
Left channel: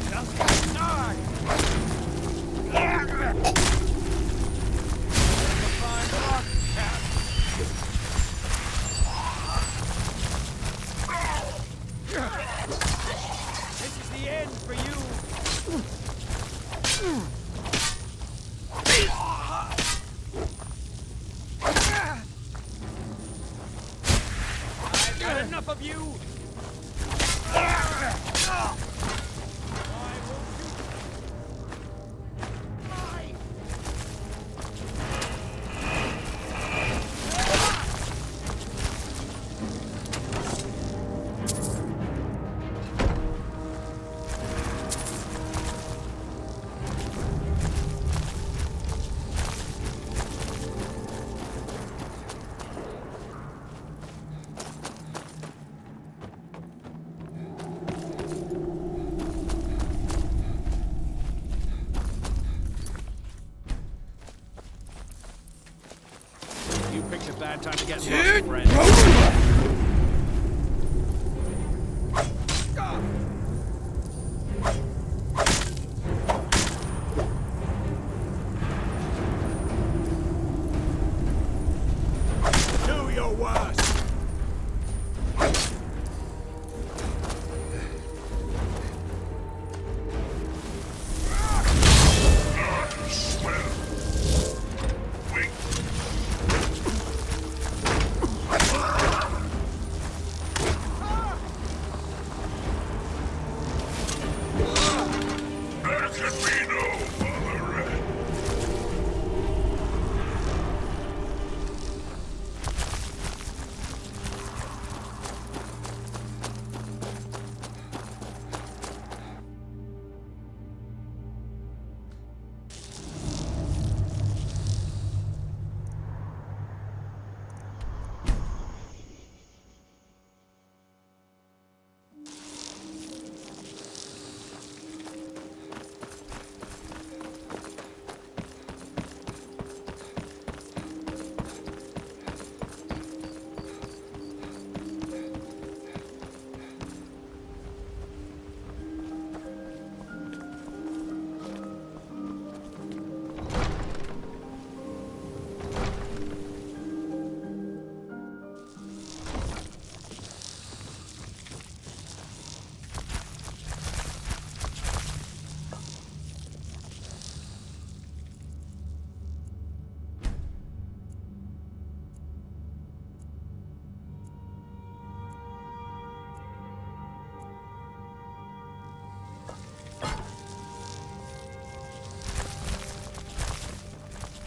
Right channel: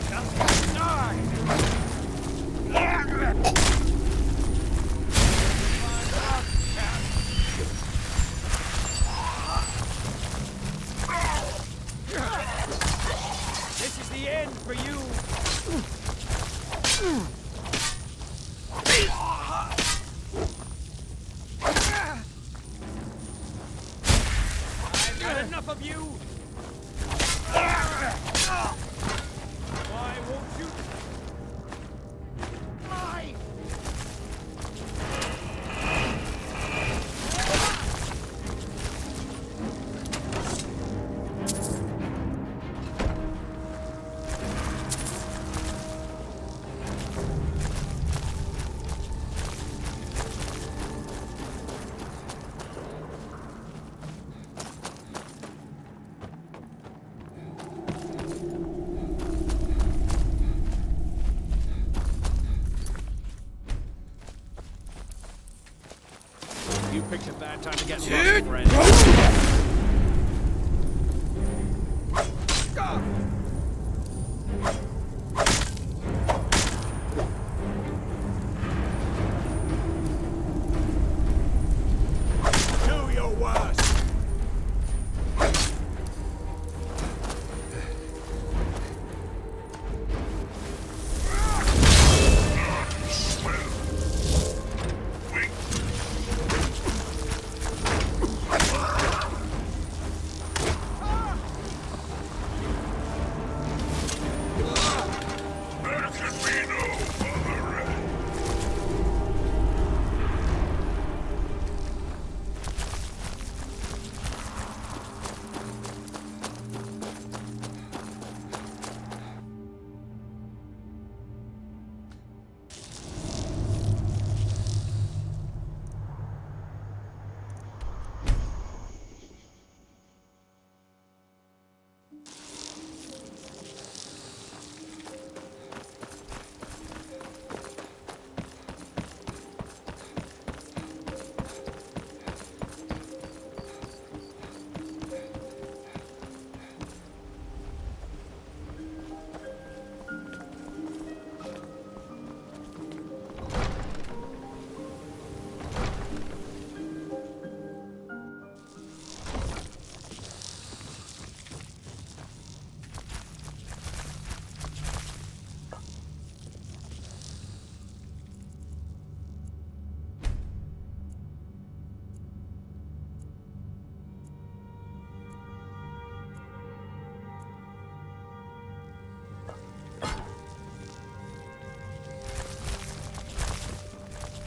Just die. This is the end for you. I've got enough of you. Why won't you? Die? You picked a bad time to get lost, friend. Do your worst!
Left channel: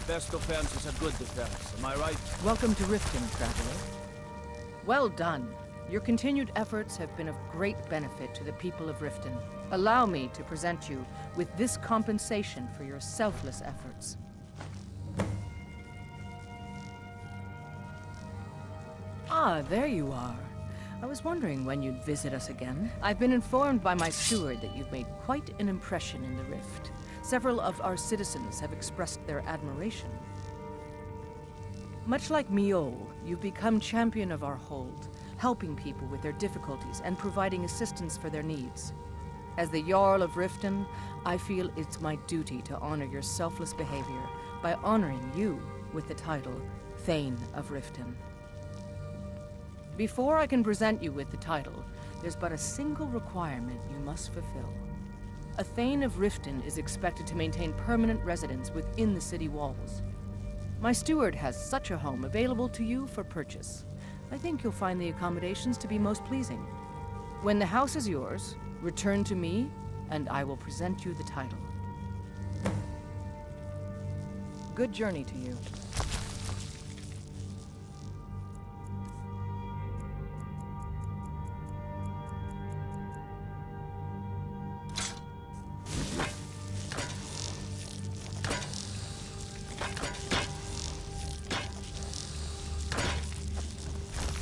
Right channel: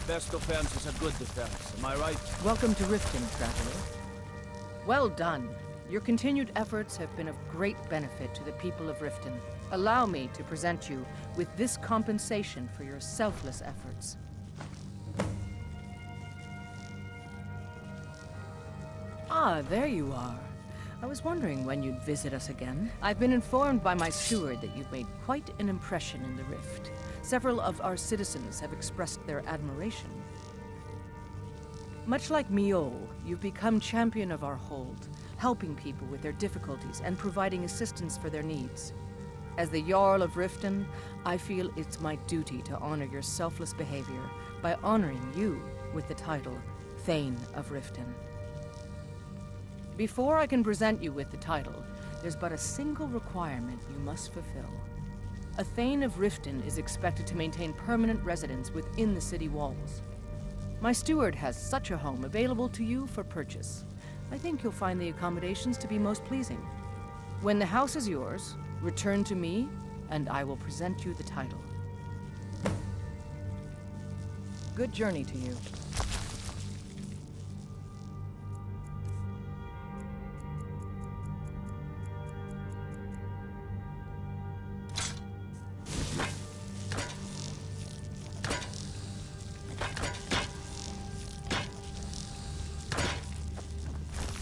Best defense is a good defense, am I right? Welcome to Riften, traveler. Well done. Your continued efforts have been of great benefit to the people of Riften. Allow me to present you with this compensation for your selfless efforts. Ah, there you are. I was wondering when you'd visit us again. I've been informed by my steward that you've made quite an impression in the Rift. Several of our citizens have expressed their admiration. Much like Miol, you've become champion of our hold, helping people with their difficulties and providing assistance for their needs. As the Jarl of Riften, I feel it's my duty to honor your selfless behavior by honoring you with the title Thane of Riften. Before I can present you with the title, there's but a single requirement you must fulfill. A Thane of Riften is expected to maintain permanent residence within the city walls. My steward has such a home available to you for purchase. I think you'll find the accommodations to be most pleasing. When the house is yours, return to me, and I will present you the title. Good journey to you.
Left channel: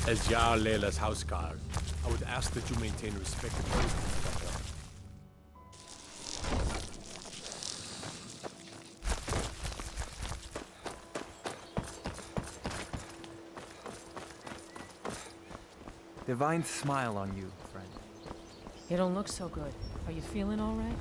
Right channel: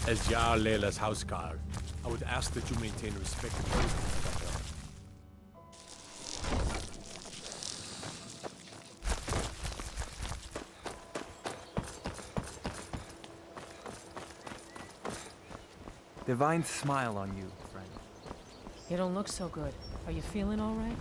As Jarl Leila's houseguard, I would ask that you maintain respectable distance from her. Divine smile on you, friend. You don't look so good. Are you feeling all right?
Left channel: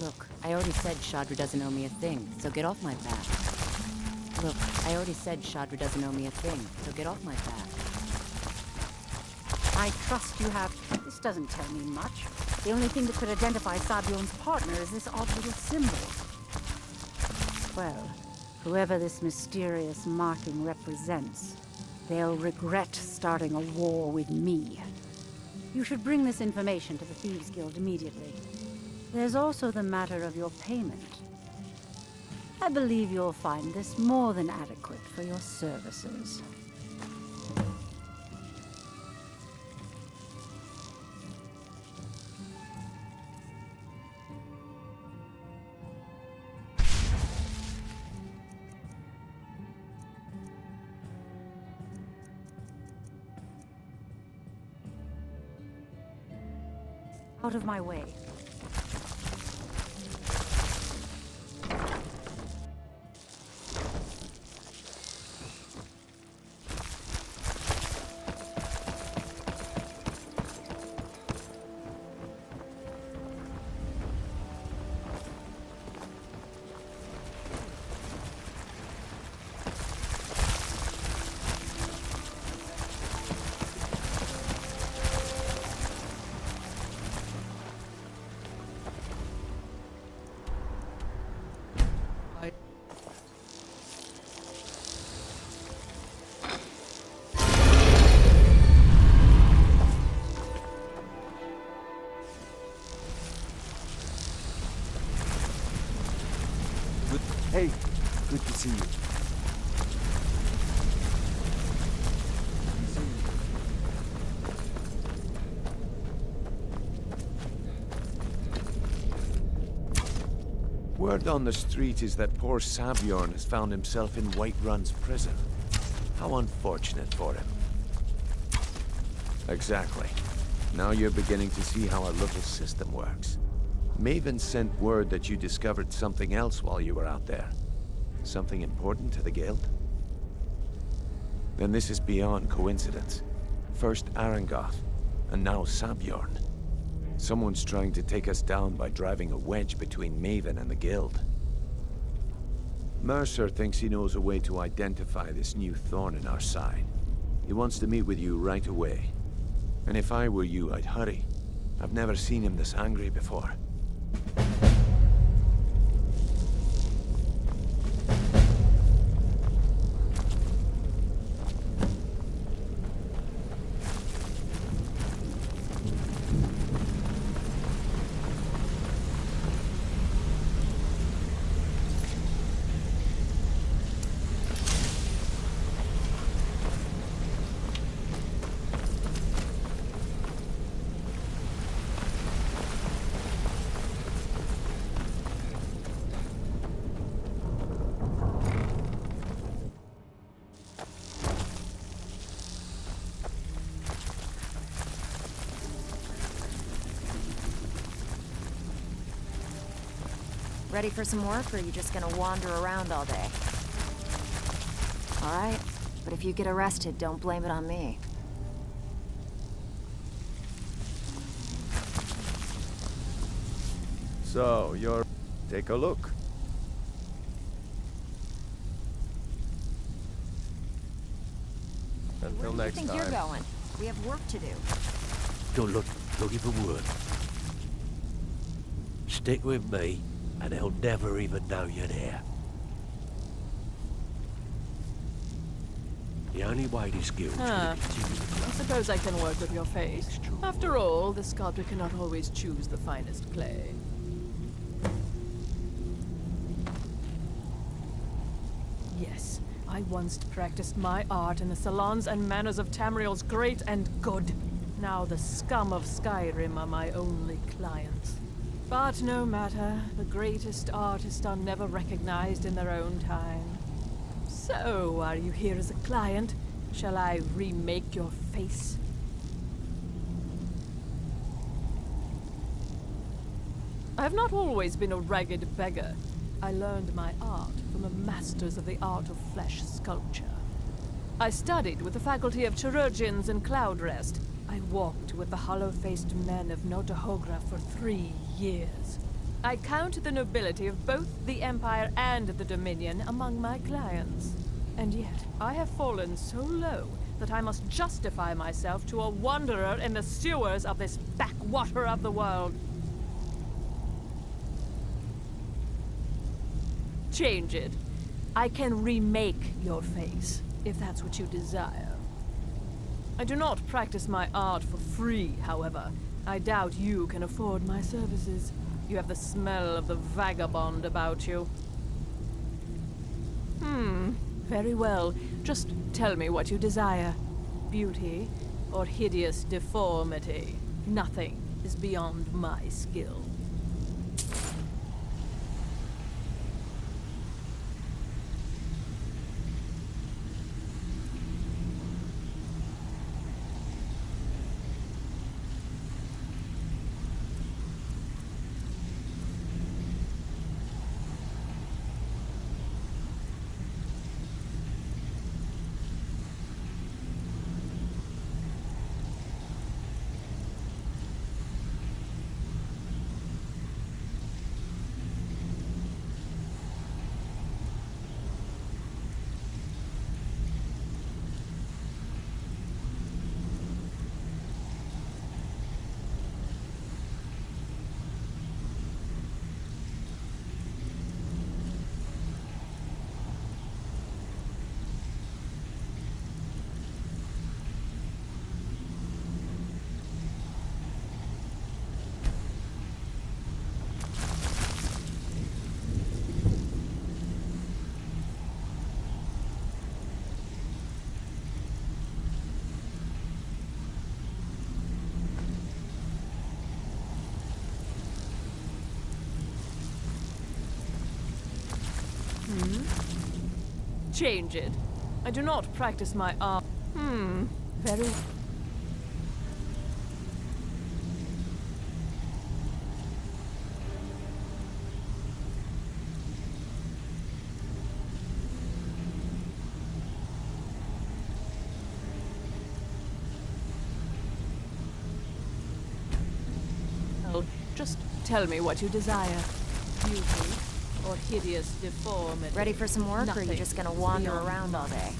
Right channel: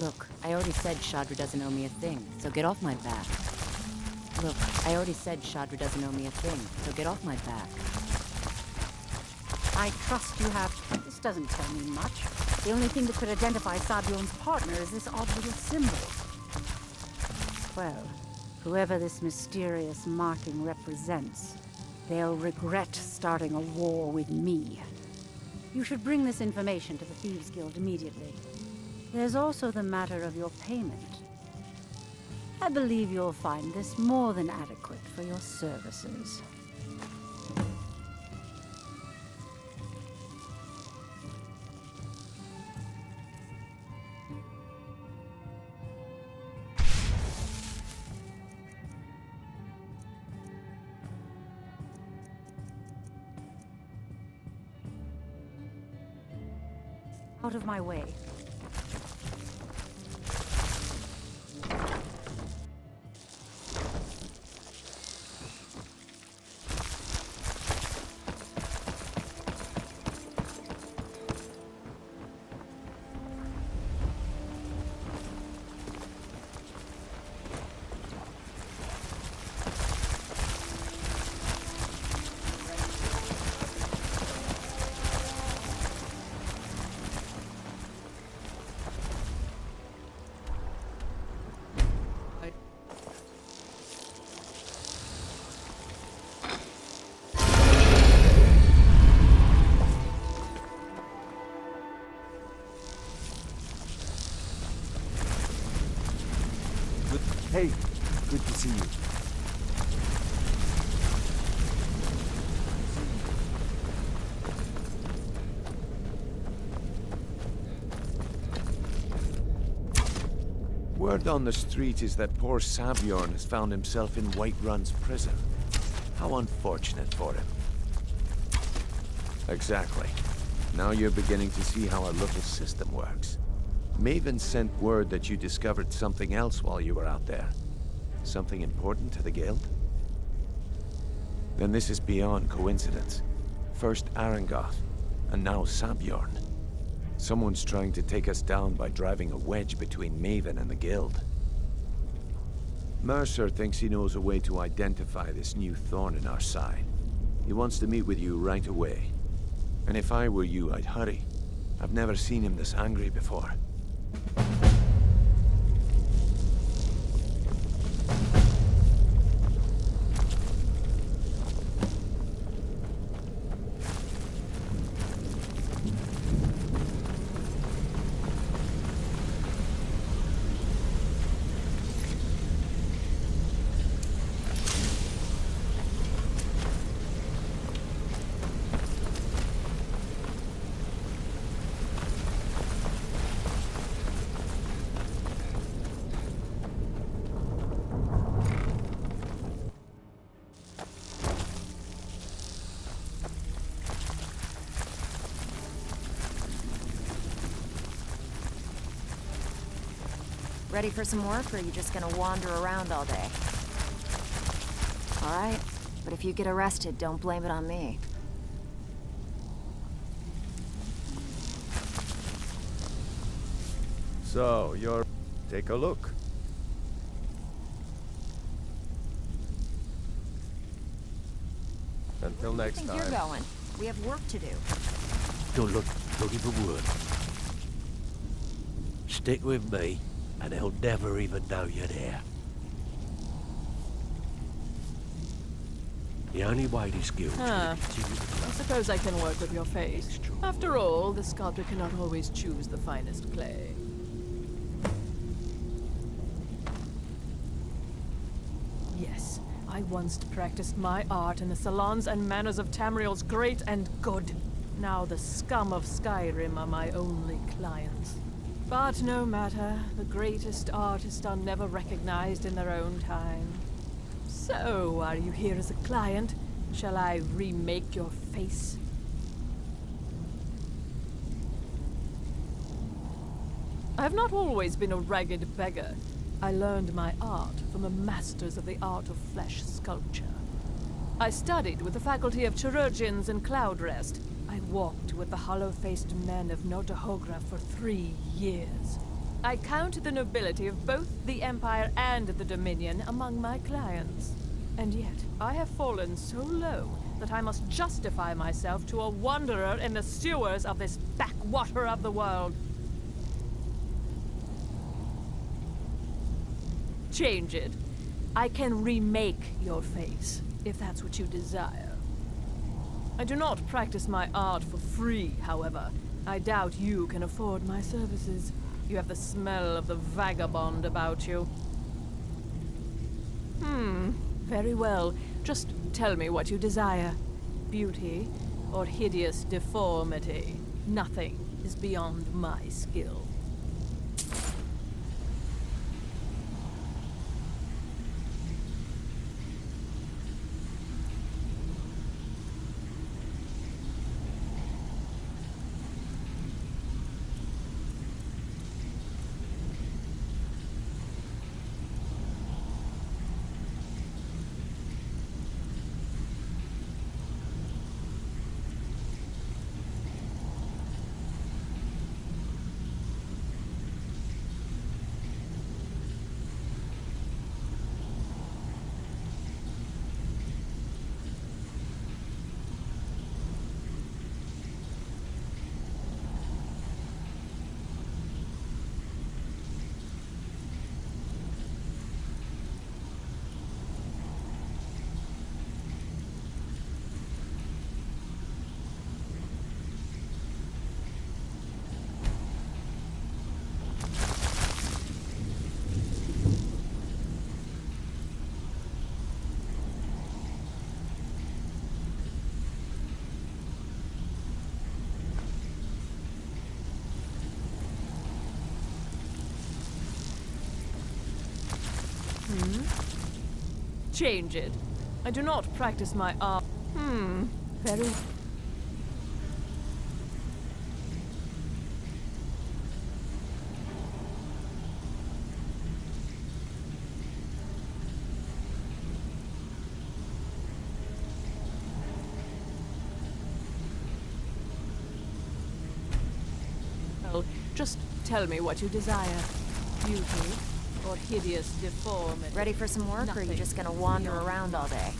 Look, I already said Shadra doesn't owe me a thing, so get off my back. Look, I already said Shadra doesn't owe me a thing, so get off my back. I trust you have... This doesn't tell me much. The only thing that could identify Sabion's partner is this odd little symbol. Well, whoever this mysterious marking represents, they'll regret starting a war with me. You should bring this information to the Thieves Guild immediately. There's also the matter of your payment. I believe you'll find this more than adequate for your services. Out of my way. see you. Word on the street is that poor Sabjorn has found himself in Whiterun's prison. How unfortunate for him. Exactly. Now you're beginning to see how our little system works. Maven sent word that you discovered something else while you were out there. Something important to the Guild? Then this is beyond coincidence. First Arangoth, and now Sabjorn. Someone's trying to take us down by driving a wedge between Maven and the Guild. Mercer thinks he knows a way to identify this new thorn in our side. He wants to meet with you right away. And if I were you, I'd hurry. I've never seen him this angry before. Ready for some work, or are you just gonna wander around all day? All right, but if you get arrested, don't blame it on me. So, you're... Take a look. Until Where next do you time. think you're going? We have work to do. Don't look looking for wood. Stick with me, and they'll never even know you're there. The only way this guild's gonna continue to grow. I suppose I can work with your face. After all, the sculptor cannot always choose the finest clay. Yes, I once practiced my art in the salons and manners of Tamriel's great and good. Now the scum of Skyrim are my only clients. But no matter, the greatest artists are never recognized in their own time. So, are you here as a client? Shall I remake your face? I have not always been a ragged beggar. I learned my art from the masters of the art of flesh sculpture. I studied with the faculty of chirurgeons and Cloudrest. I walked with the hollow-faced men of Notahogra for 3 years. I count the nobility of both the Empire and the Dominion among my clients. And yet, I have fallen so low that I must justify myself to a wanderer in the sewers of this backwater of the world. Change it. I can remake your face, if that's what you desire. I do not practice my art for free, however. I doubt you can afford my services. You have the smell of the vagabond about you. Very well. Just tell me what you desire. Beauty or hideous deformity. Nothing is beyond my skill. change it. I do not practice my art. Very... Well, just tell me what you desire. Beauty or hideous deformity. Ready for some work, or are you just gonna wander around all day?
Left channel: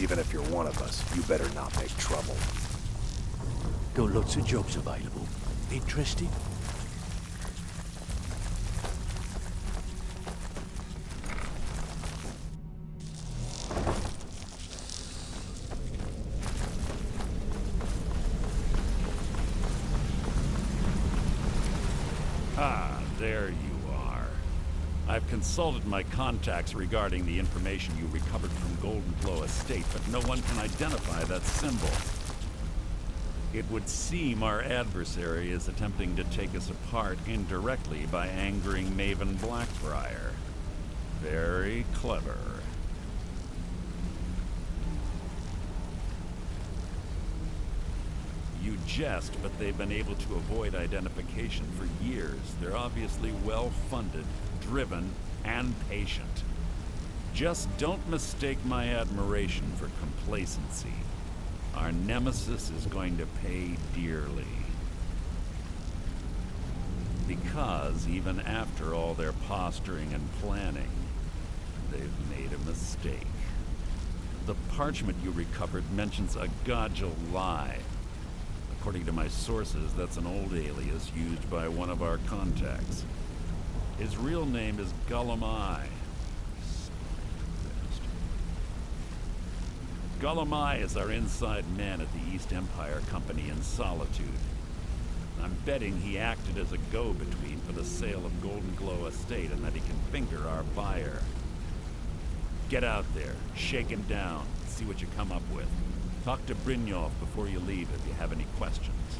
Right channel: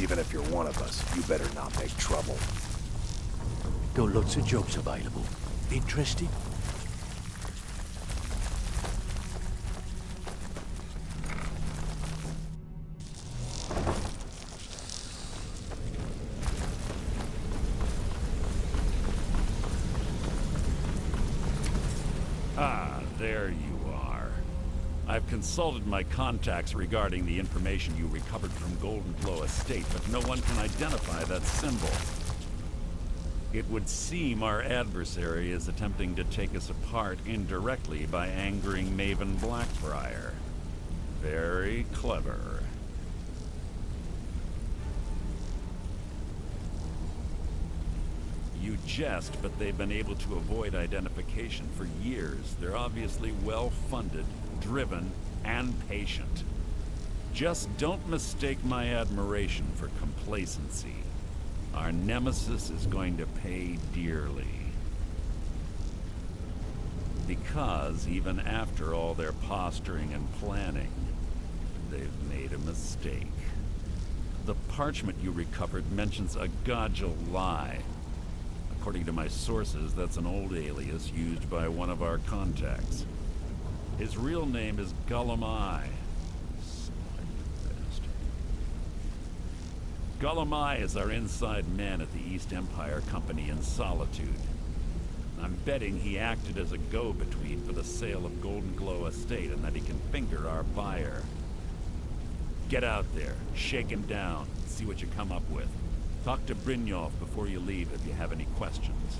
Even if you're one of us, you better not make trouble. Got lots of jobs available. Interested? Ah, there you are. I've consulted my contacts regarding the information you recovered from Golden Glow Estate, but no one can identify that symbol. It would seem our adversary is attempting to take us apart indirectly by angering Maven Blackbriar. Very clever. You jest, but they've been able to avoid identification for years. They're obviously well-funded, driven, and patient. Just don't mistake my admiration for complacency. Our nemesis is going to pay dearly. Because even after all their posturing and planning, they've made a mistake. The parchment you recovered mentions a Godja lie. According to my sources, that's an old alias used by one of our contacts. His real name is G.O.M.D. G.O.M.D is our inside man at the East Empire Company in Solitude. I'm betting he acted as a go-between for the sale of Golden Glow Estate and that he can finger our buyer. Get out there, shake him down, see what you come up with. Talk to Brynjolf before you leave if you have any questions.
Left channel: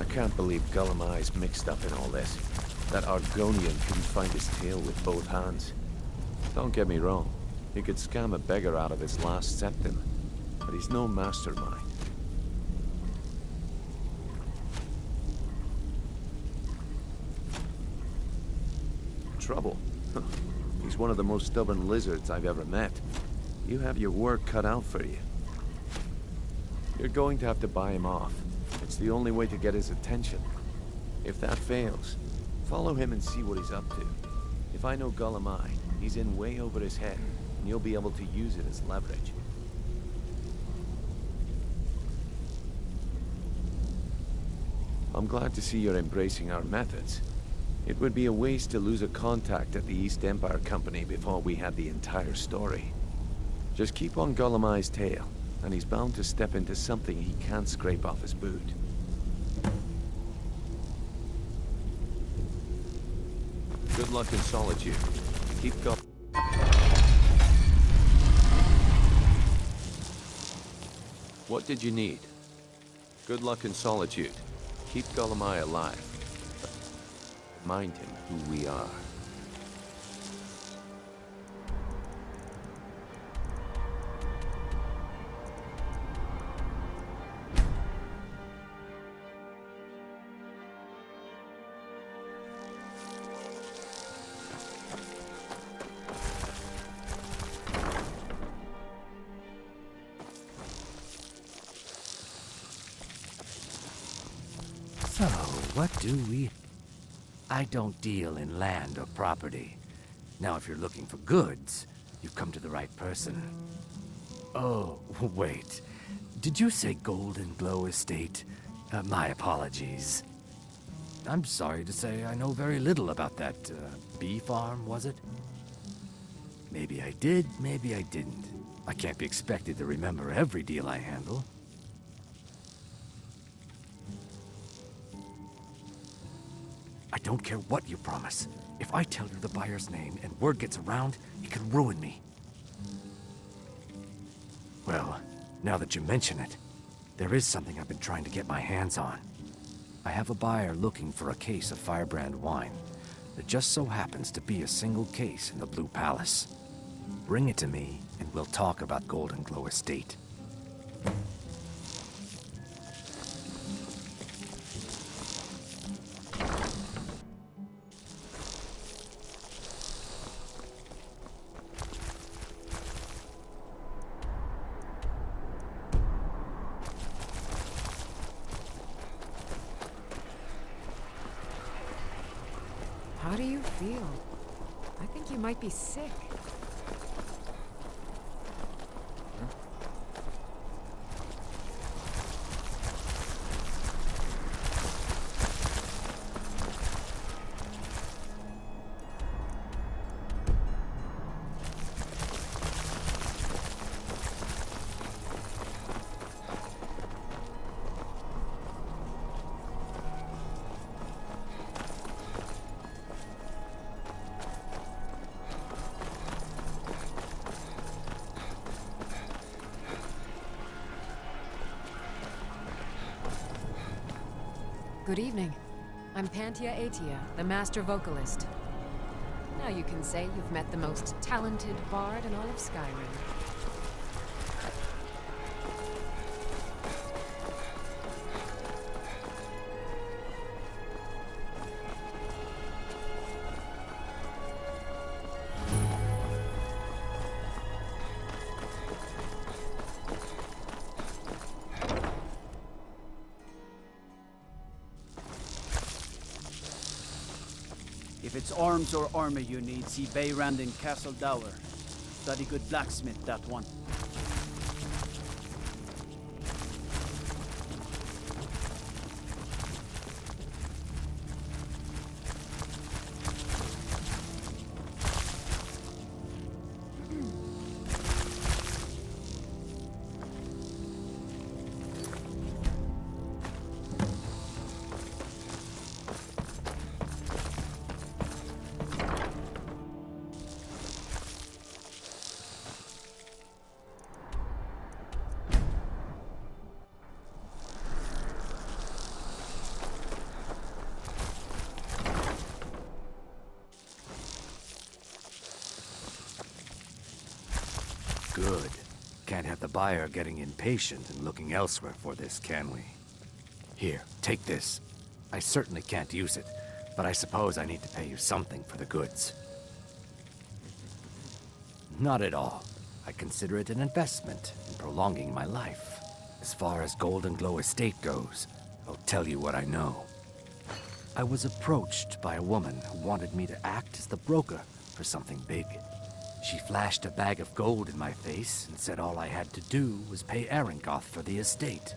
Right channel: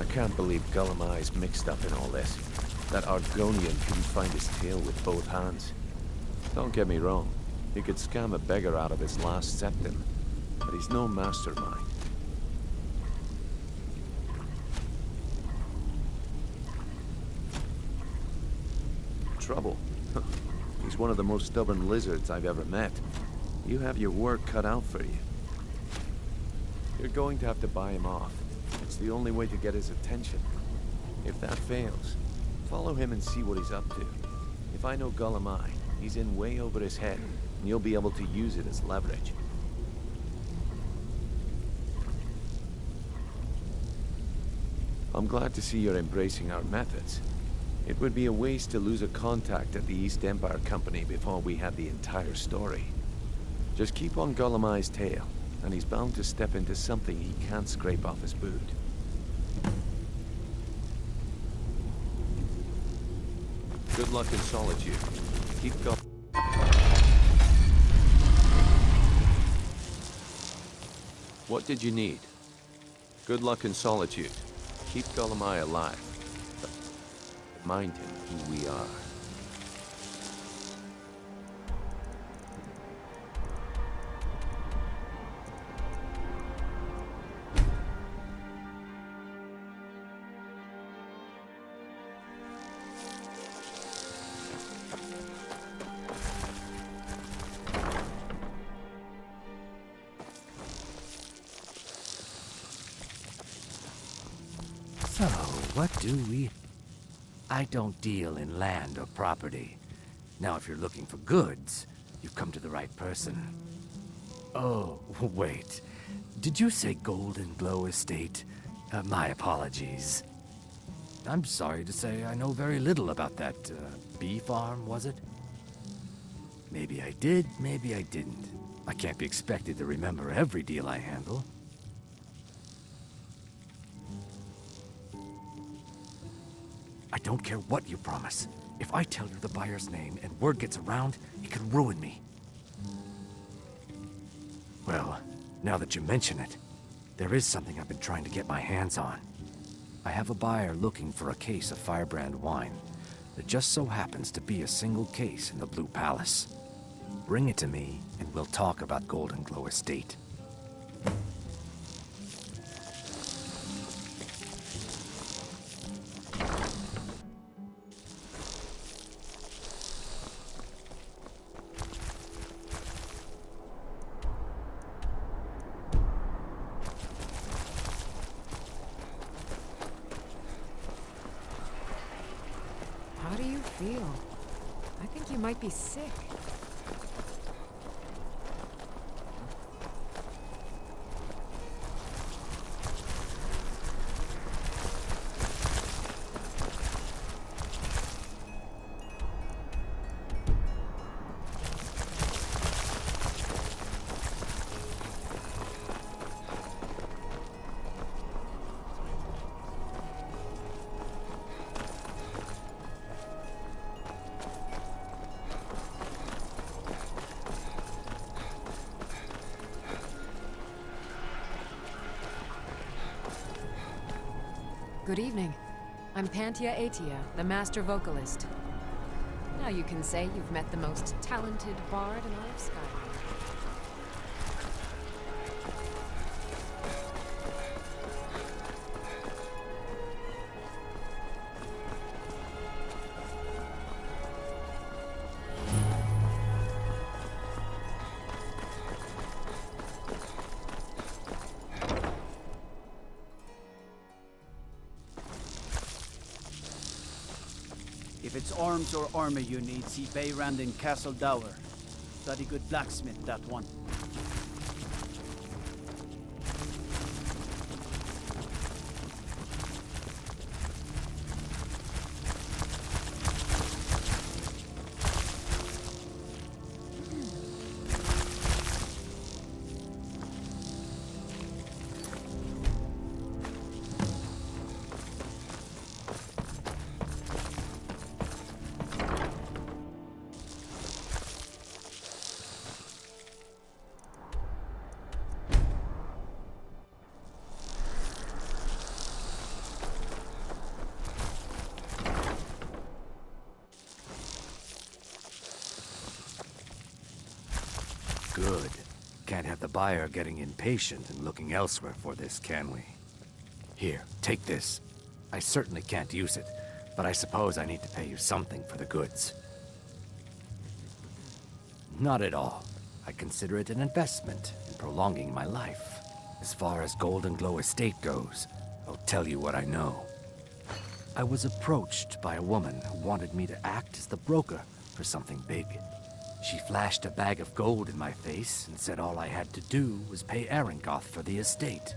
I can't believe G.O.M.D's mixed up in all this. That Argonian couldn't find his tail with both hands. Don't get me wrong, he could scam a beggar out of his last septim, but he's no mastermind. Trouble? He's one of the most stubborn lizards I've ever met. You have your work cut out for you. You're going to have to buy him off. It's the only way to get his attention. If that fails, follow him and see what he's up to. If I know G.O.M.D, he's in way over his head, and you'll be able to use it as leverage. I'm glad to see you're embracing our methods. It would be a waste to lose a contact at the East Empire Company before we had the entire story. Just keep on G.O.M.D's tail, and he's bound to step into something he can't scrape off his boot. Good luck in Solitude. Keep going. What did you need? Good luck in Solitude. Keep G.O.M.D alive. Remind him who we are. So, what do we... I don't deal in land or property. Now, if you're looking for goods, you've come to the right person. Oh, wait. Did you say Golden Glow Estate? My apologies. I'm sorry to say I know very little about that, bee farm, was it? Maybe I did, maybe I didn't. I can't be expected to remember every deal I handle. I don't care what you promise. If I tell you the buyer's name and word gets around, it could ruin me. Well, now that you mention it, there is something I've been trying to get my hands on. I have a buyer looking for a case of Firebrand wine. There just so happens to be a single case in the Blue Palace. Bring it to me, and we'll talk about Golden Glow Estate. How do you feel? I think you might be sick. Good evening. I'm Pantia Atia, the master vocalist. Now you can say you've met the most talented bard in all of Skyrim. If it's arms or armor you need, see Bayrand in Castle Dower. Bloody good blacksmith, that one. Good. Can't have the buyer getting impatient and looking elsewhere for this, can we? Here, take this. I certainly can't use it, but I suppose I need to pay you something for the goods. Not at all. I consider it an investment in prolonging my life. As far as Golden Glow Estate goes, I'll tell you what I know. I was approached by a woman who wanted me to act as the broker for something big. She flashed a bag of gold in my face and said all I had to do was pay Arangoth for the estate.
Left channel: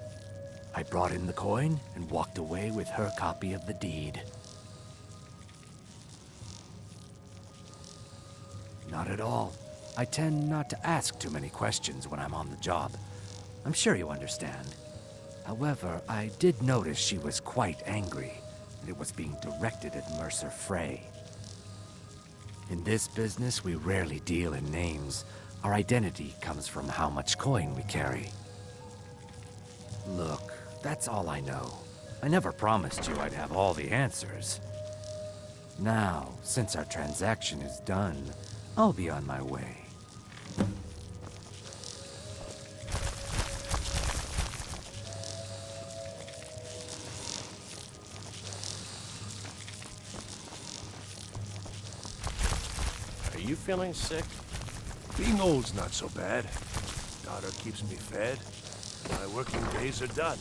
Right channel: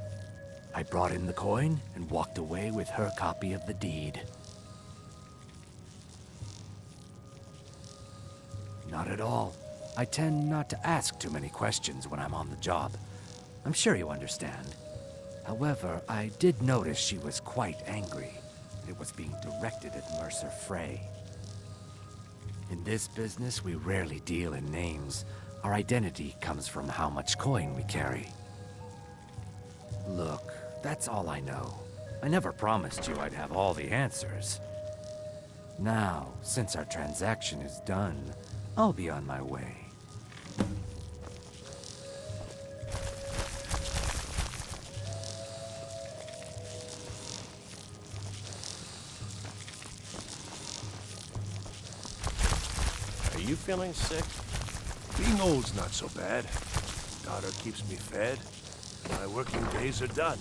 I brought in the coin and walked away with her copy of the deed. Not at all. I tend not to ask too many questions when I'm on the job. I'm sure you understand. However, I did notice she was quite angry, and it was being directed at Mercer Frey. In this business, we rarely deal in names. Our identity comes from how much coin we carry. Look, that's all I know. I never promised you I'd have all the answers. Now, since our transaction is done, I'll be on my way. Are you feeling sick? Being old's not so bad. Daughter keeps me fed. My working days are done.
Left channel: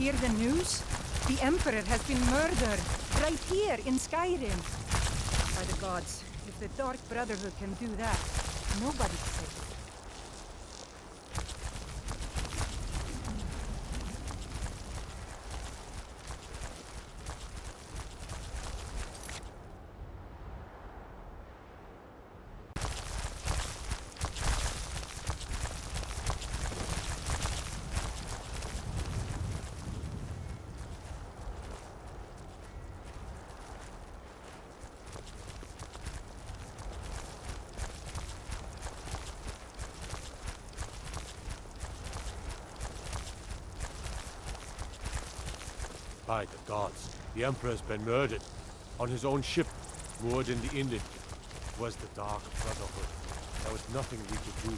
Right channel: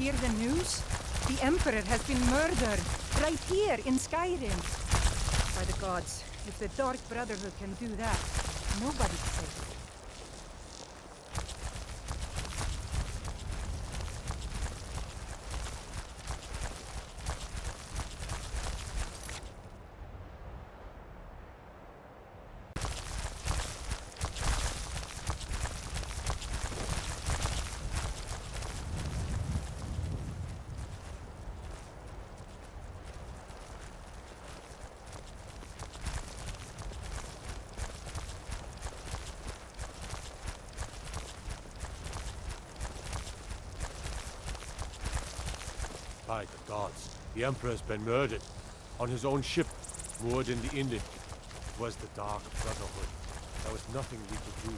hear the news? The Emperor has been murdered, right here in Skyrim. By the gods, if the Dark Brotherhood can do that, nobody's safe. By the gods, the Emperor's been murdered. On his own ship, moored in the inlet. It was the Dark Brotherhood. There was nothing we could do.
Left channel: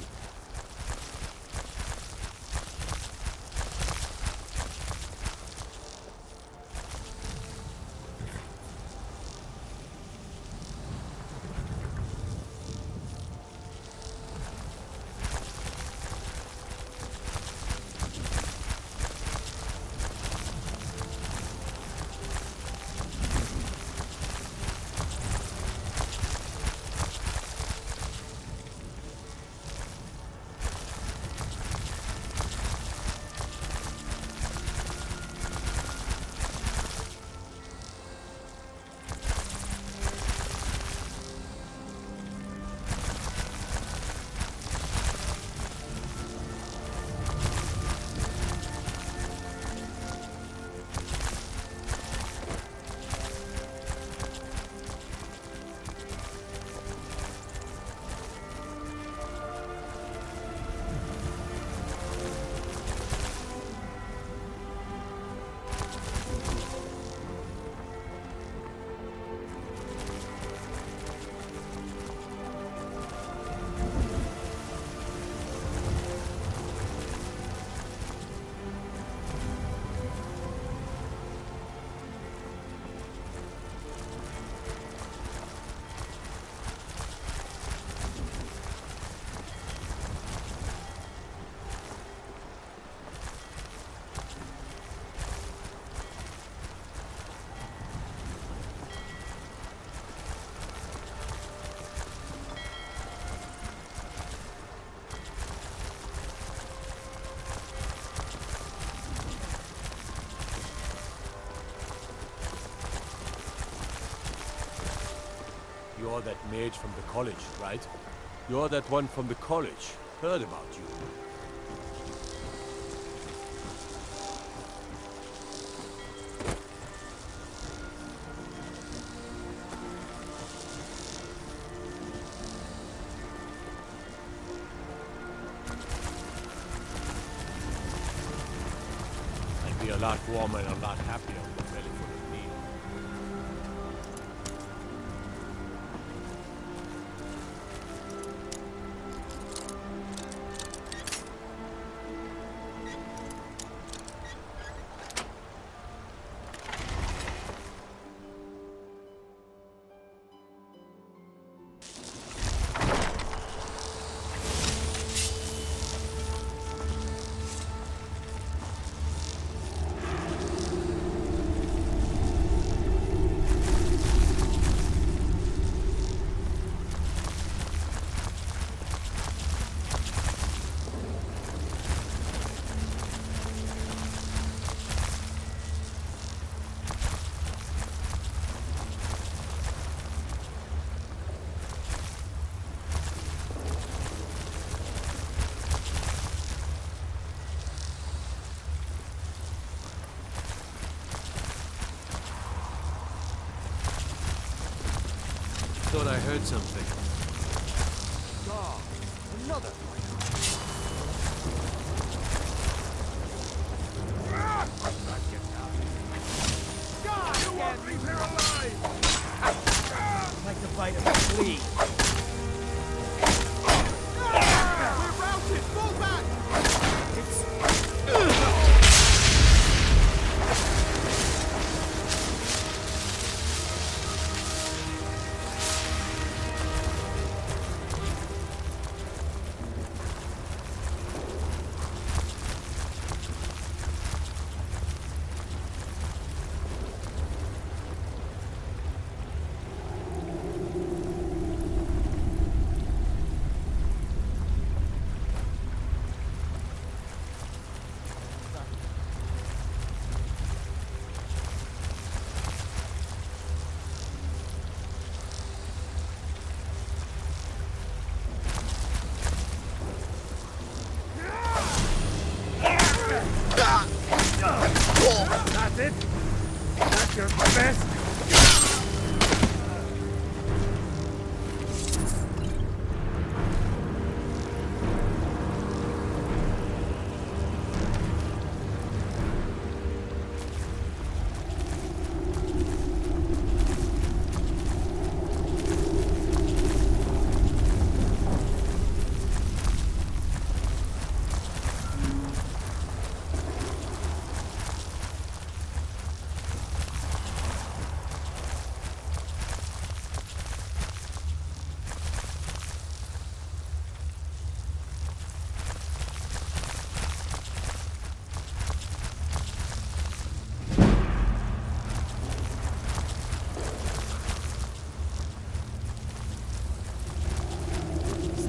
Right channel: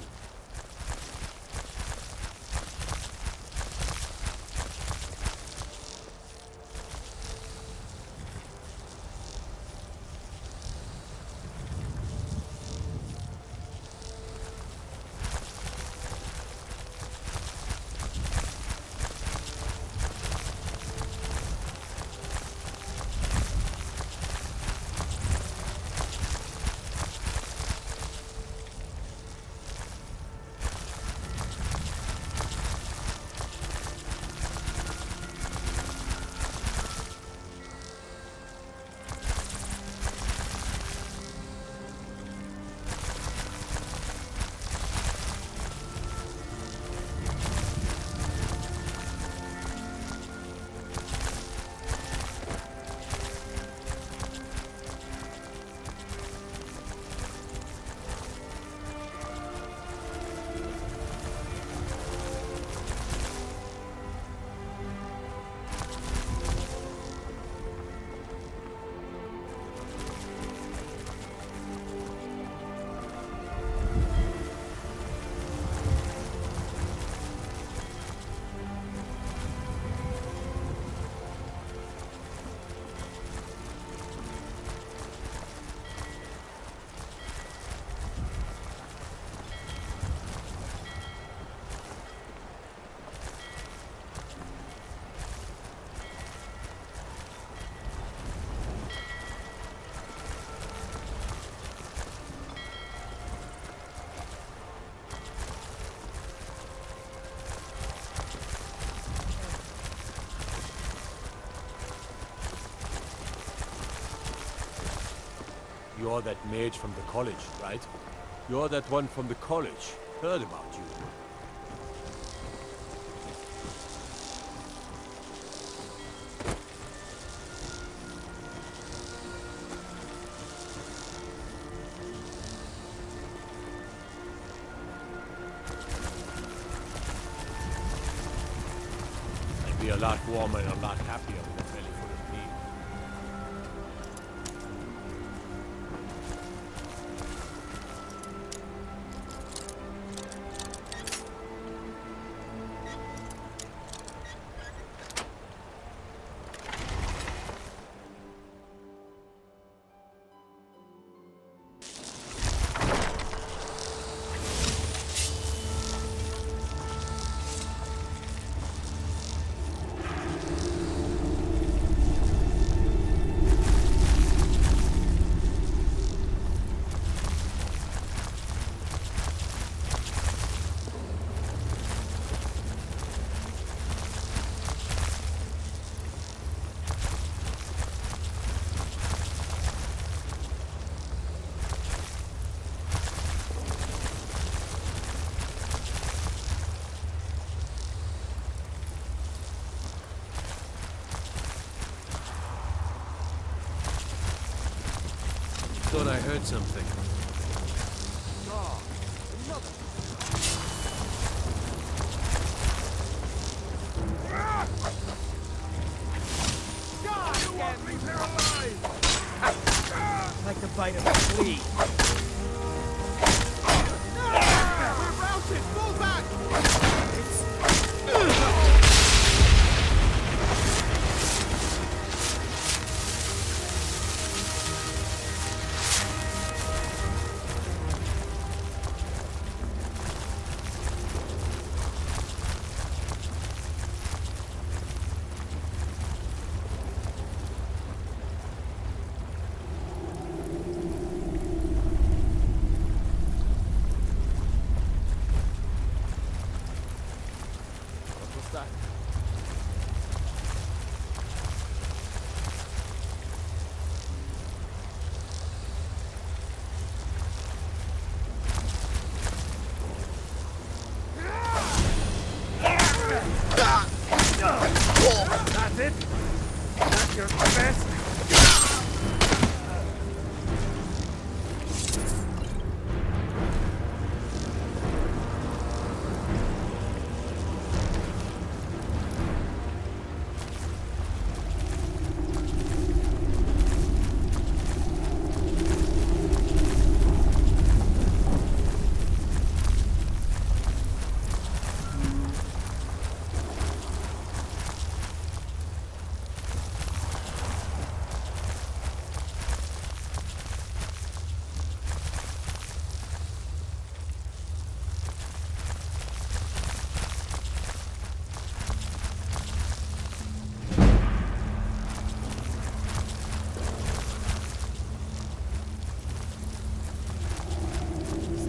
You're that mage from the college, right? You're that one from the college. Heard about you. I'd be a lot warmer and a lot happier with a belly full of meat. Thought I heard something. God, another. God, you won't leave here alive! Like the bite of a flea. We're routed! Fall back! Your best.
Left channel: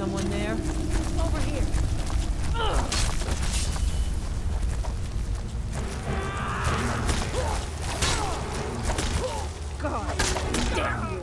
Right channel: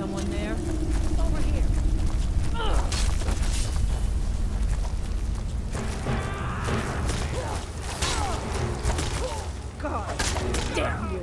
Someone there? Over here. God damn you.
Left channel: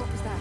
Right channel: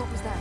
What was that?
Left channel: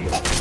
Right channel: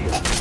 me!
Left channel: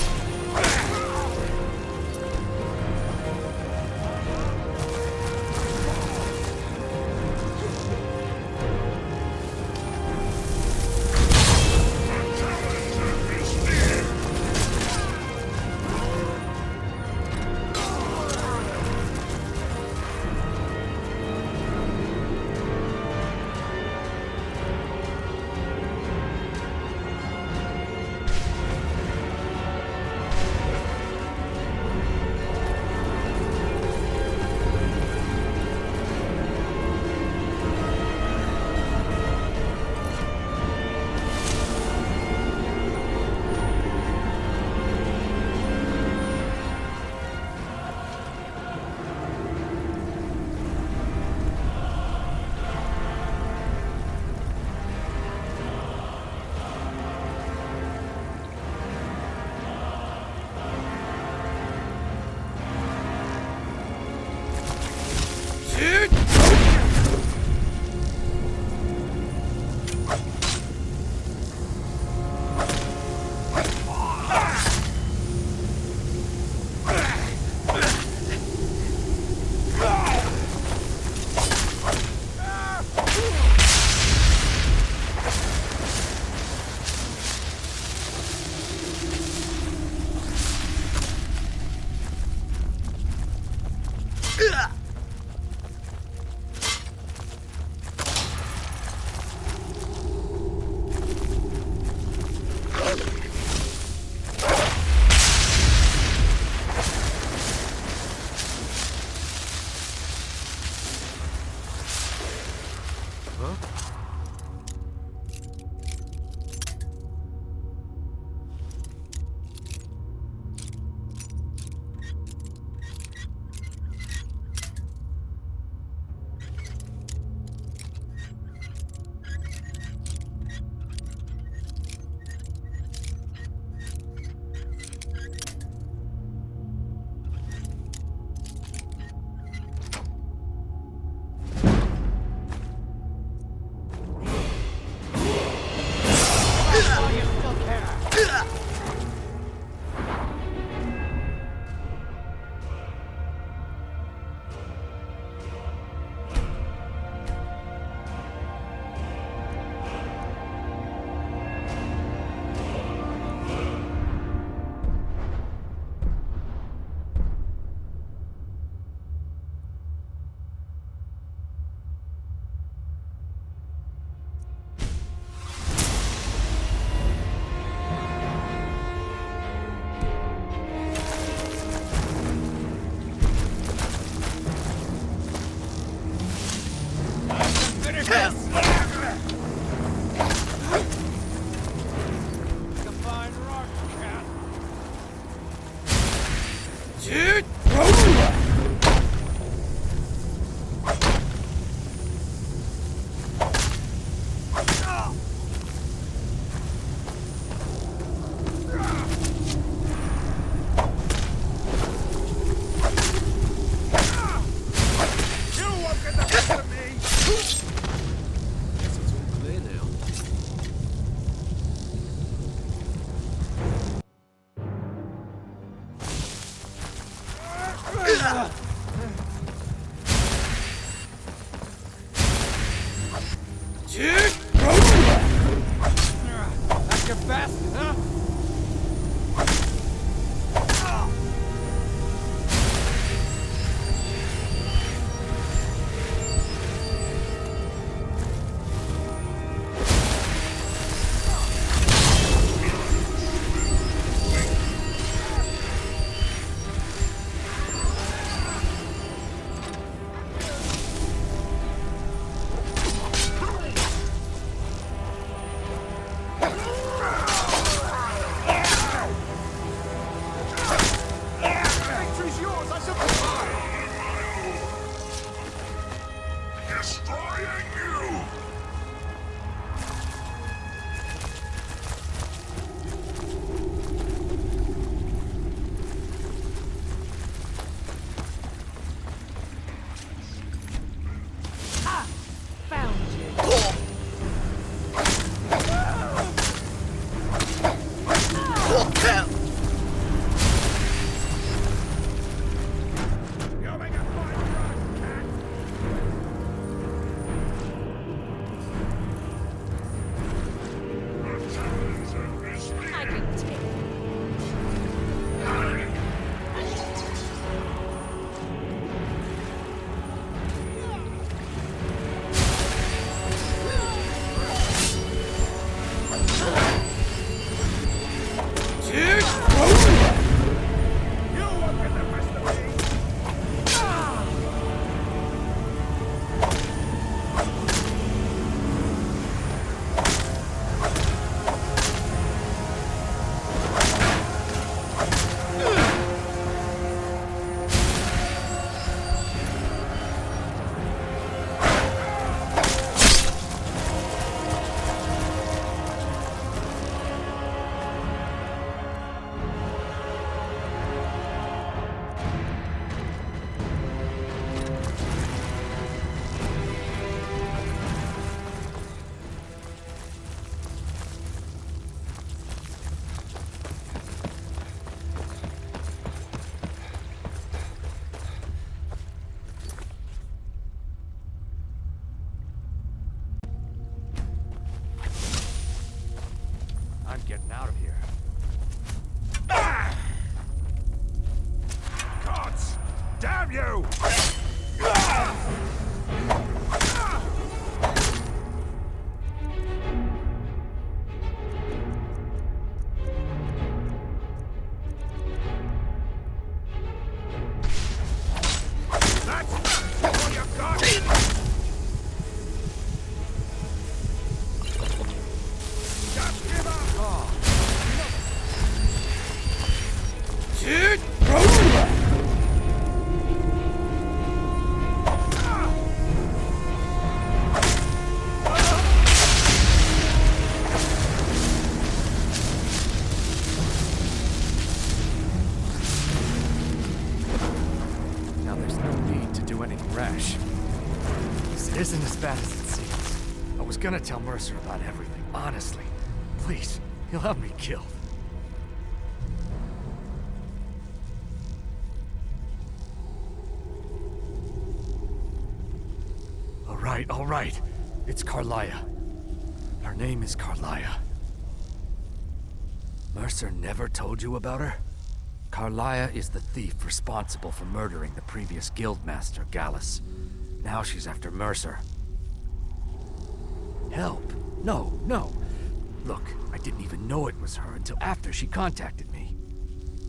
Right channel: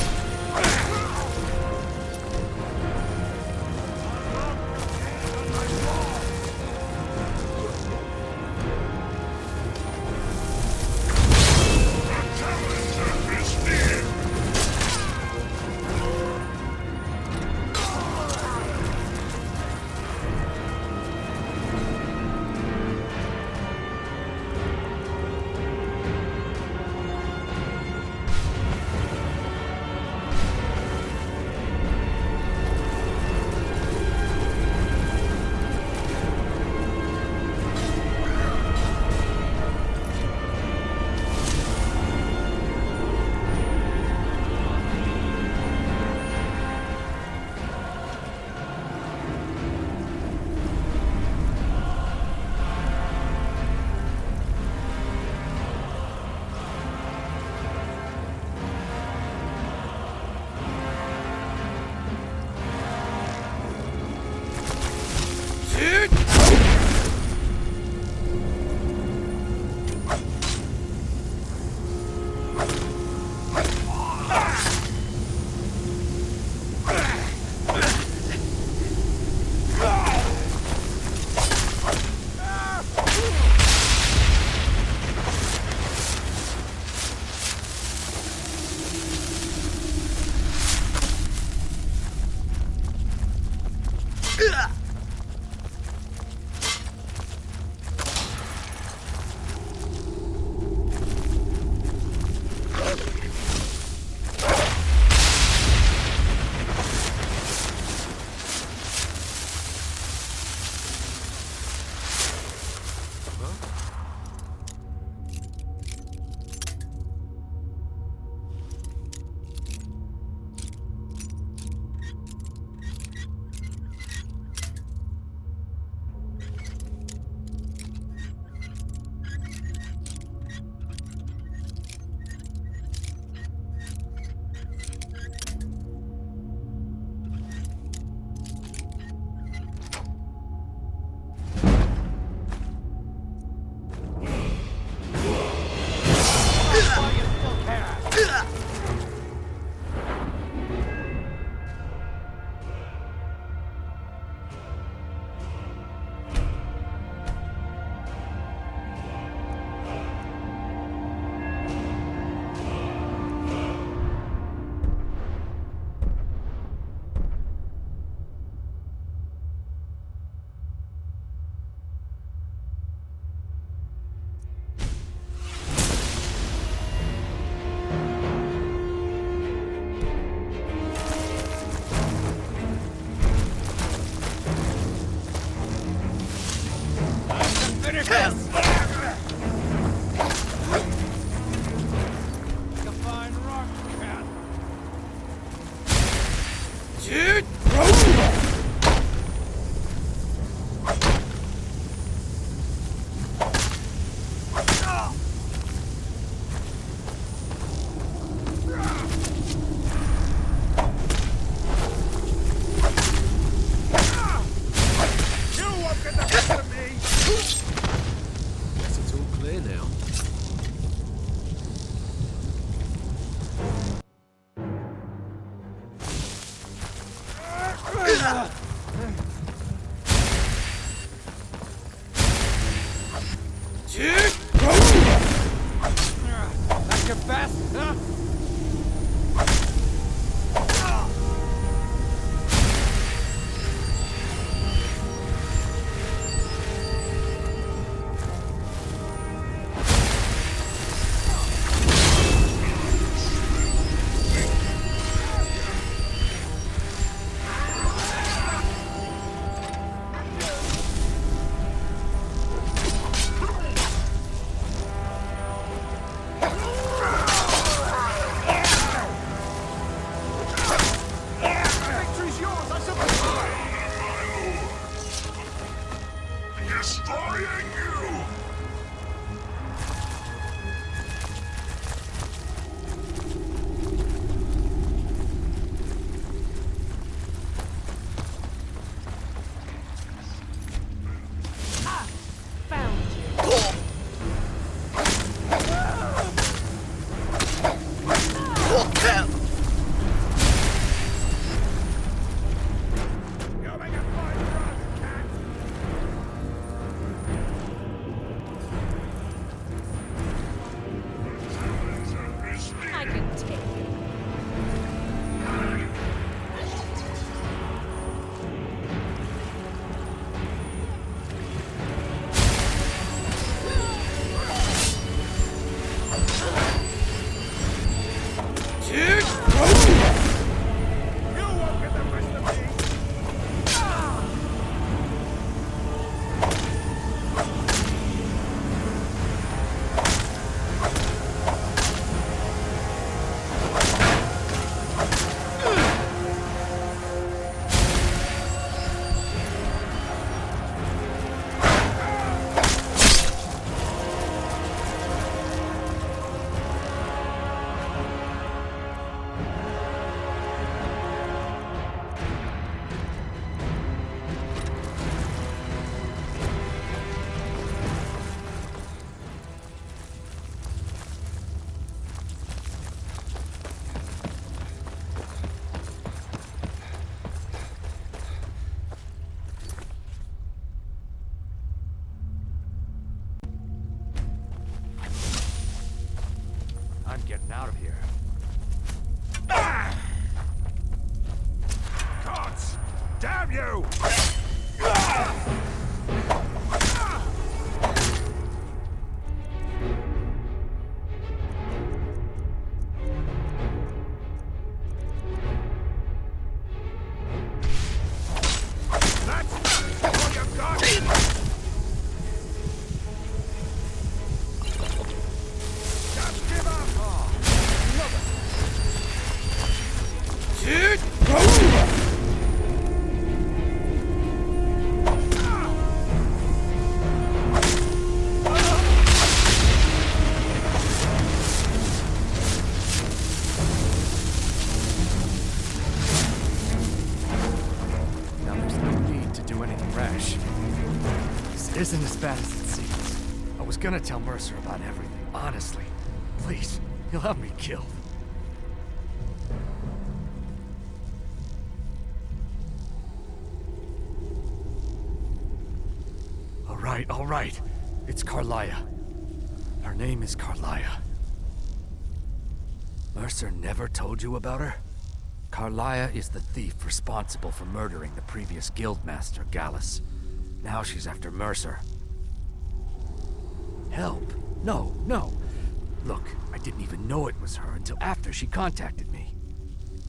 Finish this! Like a fine rock cat. Dude! That's your best, huh? I'm getting out of here. Gods! Damn you! Now there's no need to do anything rash. This isn't as bad as it seems. I was gonna tell Mercer about everything, honestly. Please, he'll have me killed. All right. It's Carlia. Her name is Carlia. Mercer never told you about her? Carlia is the thief responsible for murdering the previous guildmaster, Gallus. Now she's after Mercer. Help? No. Look, I didn't even know it was her until after she contacted me.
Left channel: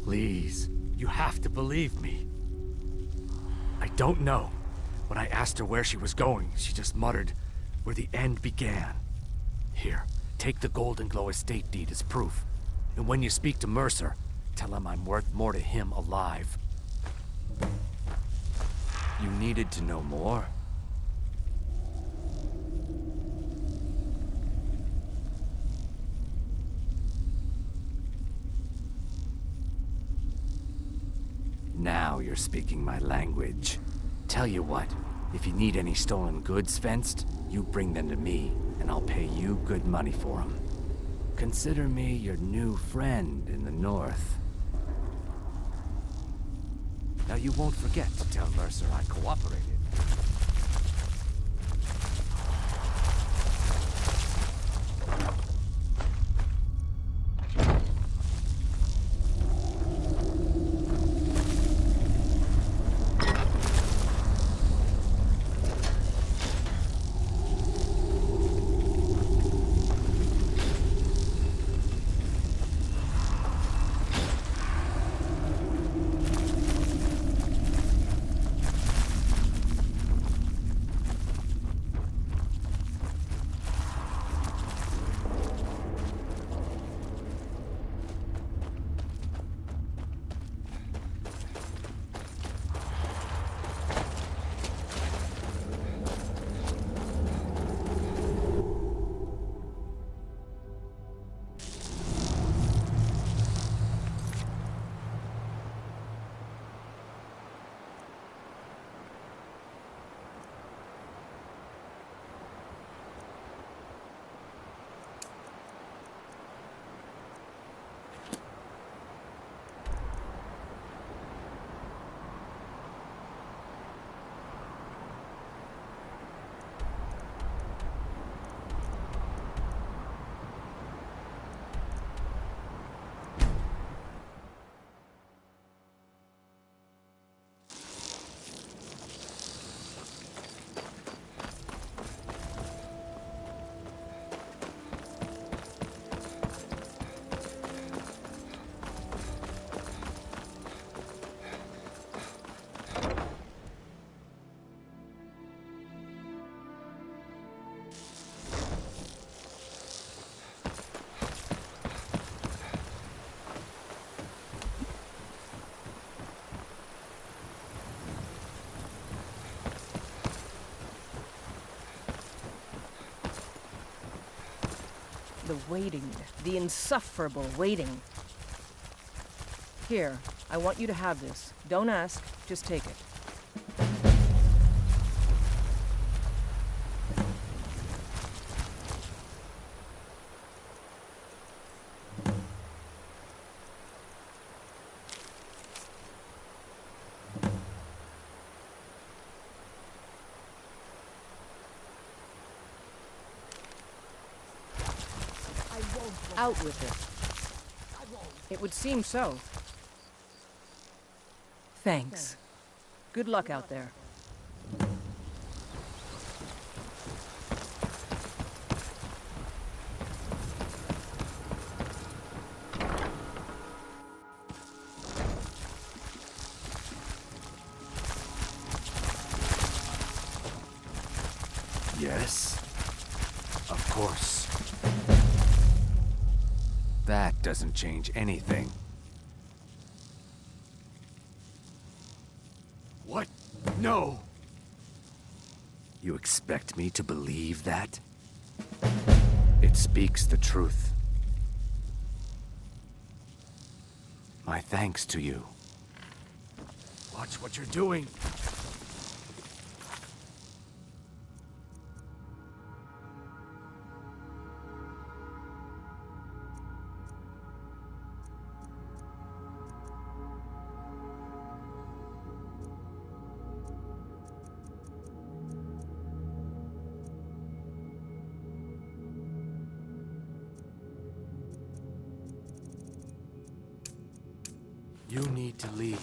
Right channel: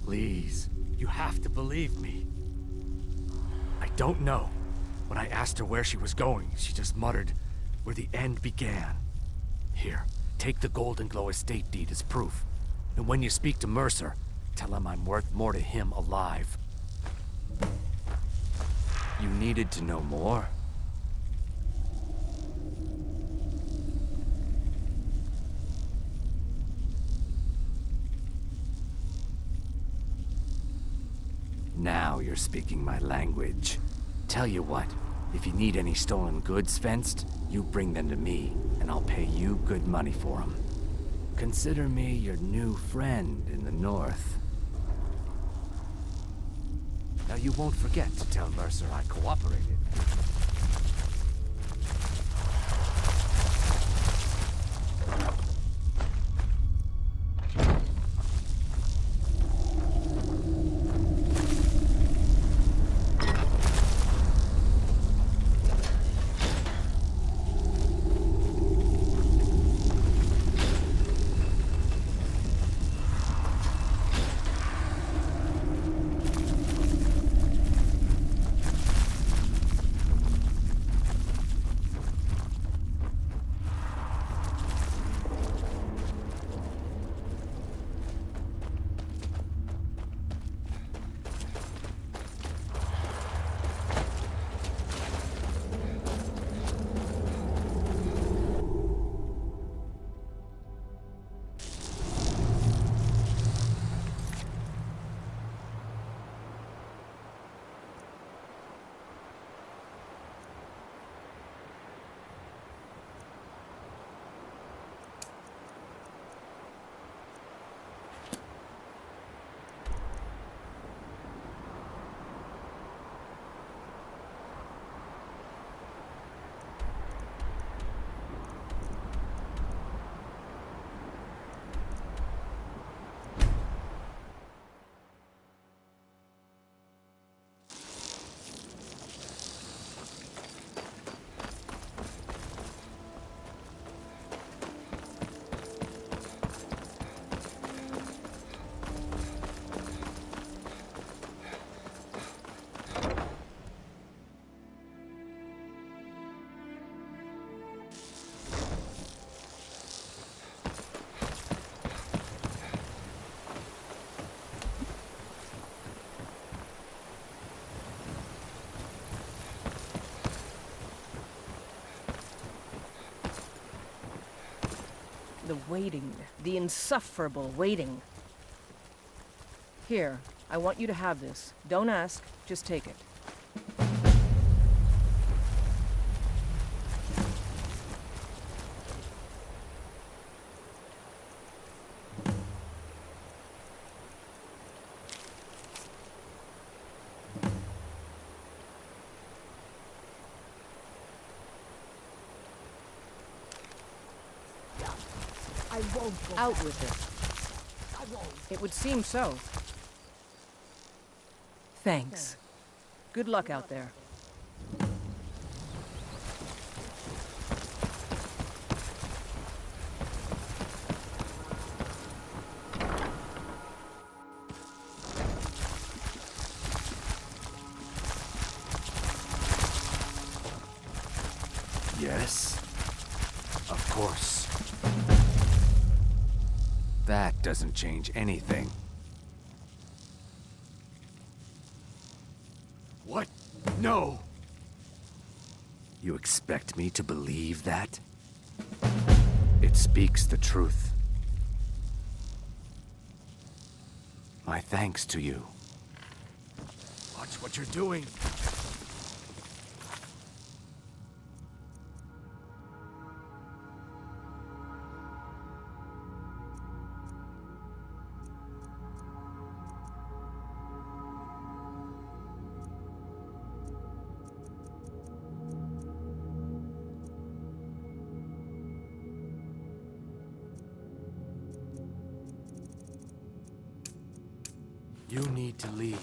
Please, you have to believe me. I don't know. When I asked her where she was going, she just muttered, "Where the end began." Here, take the Golden Glow estate deed as proof. And when you speak to Mercer, tell him I'm worth more to him alive. You needed to know more? Now you're speaking my language. Tell you what, if you need any stolen goods fenced, you bring them to me, and I'll pay you good money for them. Consider me your new friend in the north. Now you won't forget to tell Mercer I cooperated. The waiting. The insufferable waiting. Here, I want you to have this. Don't ask, just take it. I won't go out with it. I won't. It would seem so. Thanks. Good luck out there. Yes? Of course. That doesn't change anything. What? No! You expect me to believe that? It speaks the truth. My thanks to you. Watch what you're doing. You need to leave.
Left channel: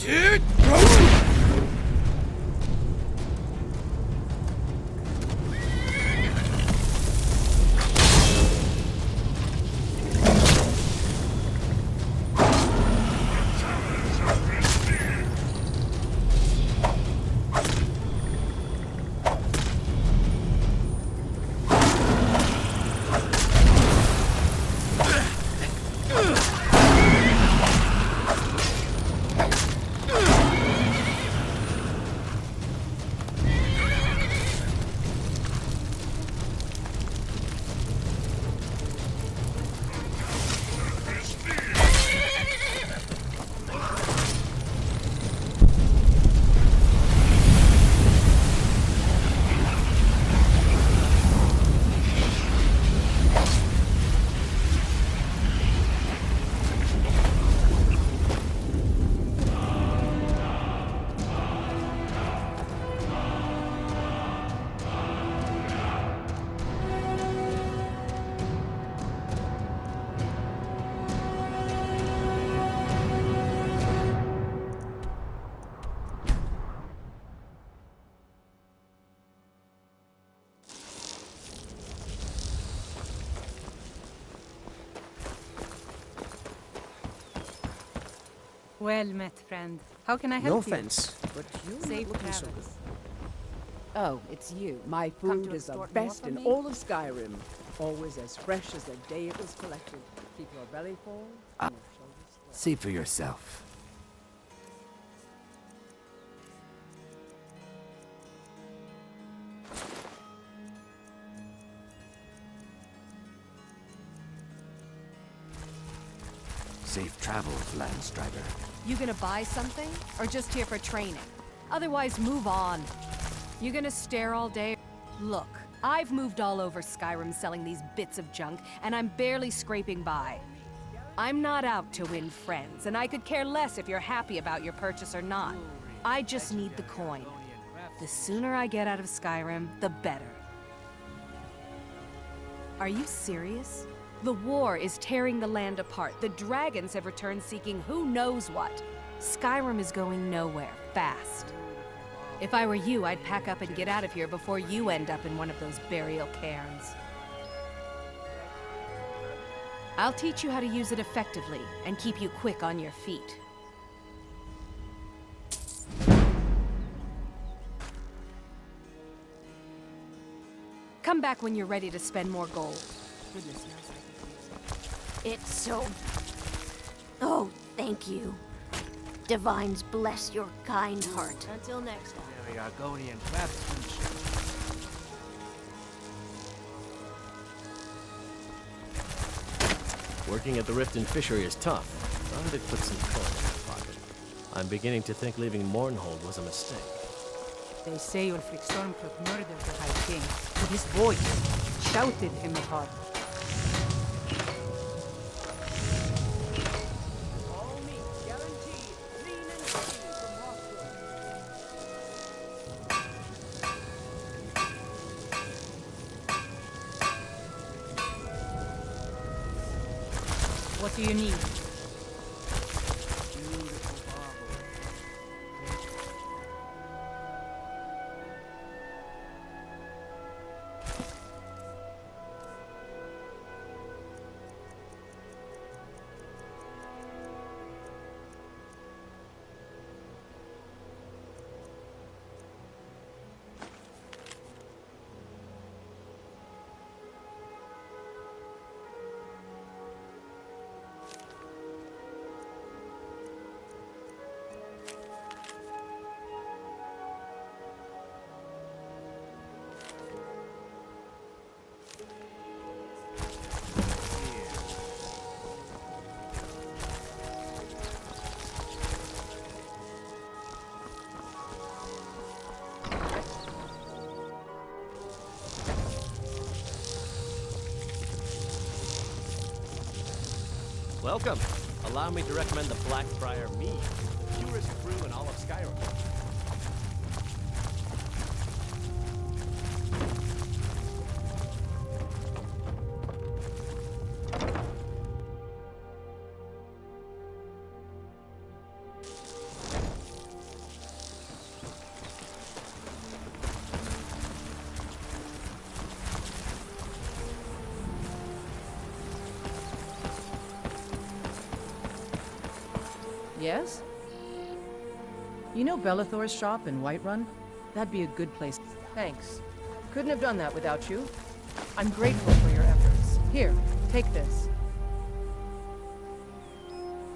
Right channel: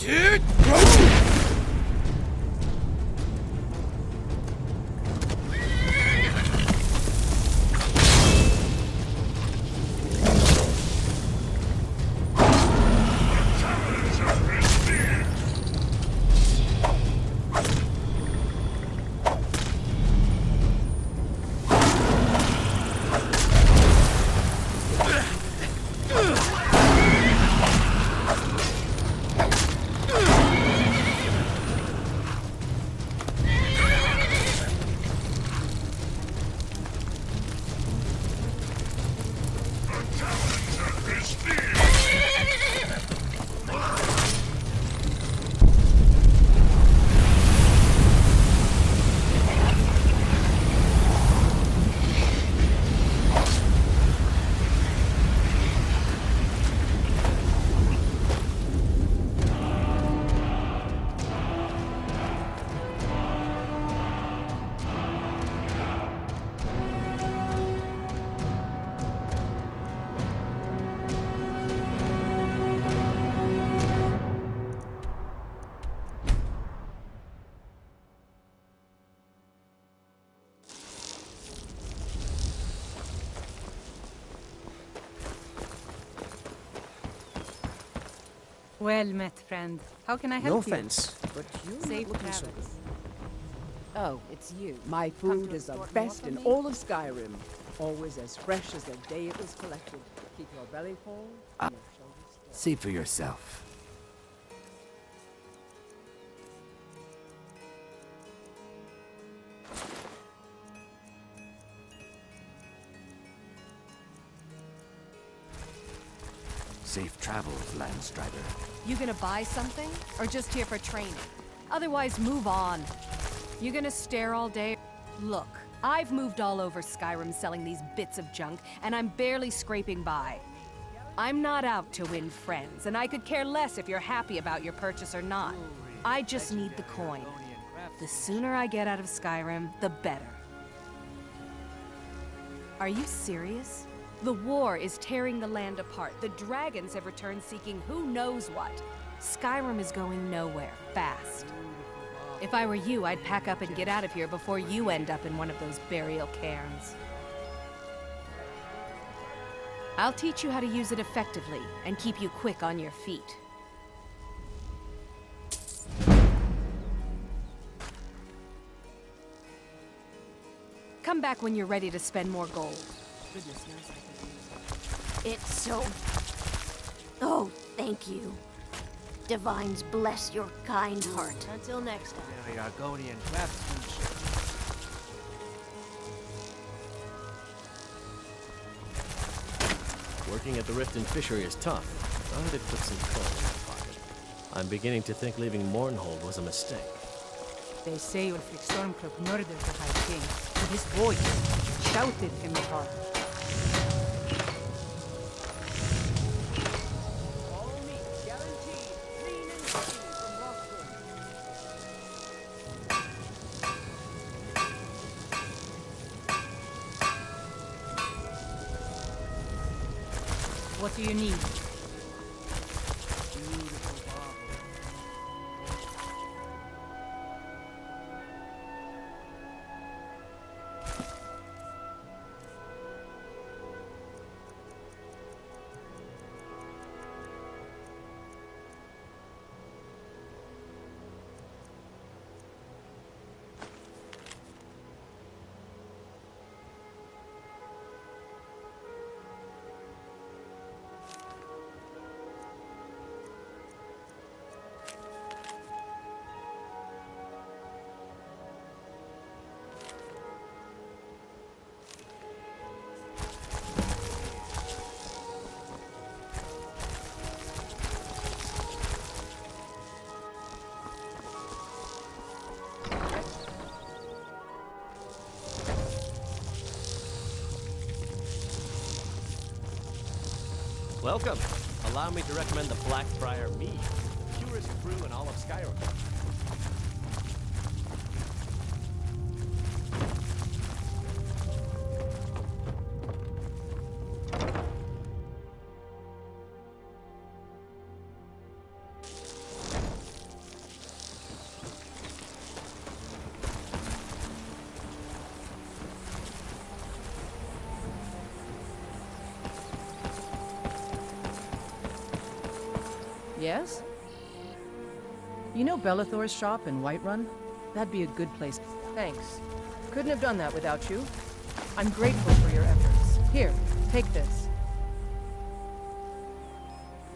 Dude! Well met, friend. How can I help No you? offense, but you're Safe not looking so good. travels. Oh, it's you. My Come food to is the extort more best from in me? all of Skyrim. Always as fresh as the day it was collected. Keep your belly full and your shoulders straight. See for yourself. Safe travels, Landstrider. You gonna buy something? Or just here for training? Otherwise, move on. You gonna stare all day? Look, I've moved all over Skyrim selling these bits of junk, and I'm barely scraping by. I'm not out to win friends, and I could care less if you're happy about your purchase or not. I just need the coin. The sooner I get out of Skyrim, the better. Are you serious? The war is tearing the land apart. The dragons have returned seeking who knows what. Skyrim is going nowhere, fast. If I were you, I'd pack up and get out of here before you end up in one of those burial cairns. I'll teach you how to use it effectively and keep you quick on your feet. Come back when you're ready to spend more gold. Goodness knows I could use it. It's so... Oh, thank you. Divines bless your kind heart. Until next time. Very Argonian craftsmanship. Working at the Rift and Fishery is tough, but it puts some coin in my pocket. I'm beginning to think leaving Mournhold was a mistake. They say Ulfric Stormcloak murdered the High King, but his voice shouted him apart. All meat, guaranteed. Lean and creamy from Rockwood. What do you need? Welcome. Allow me to recommend the Blackbriar mead, the purest brew in all of Skyrim. Yes? You know Bellathor's shop in Whiterun? That'd be a good place. Thanks. Couldn't have done that without you. I'm grateful for your efforts. Here, take this.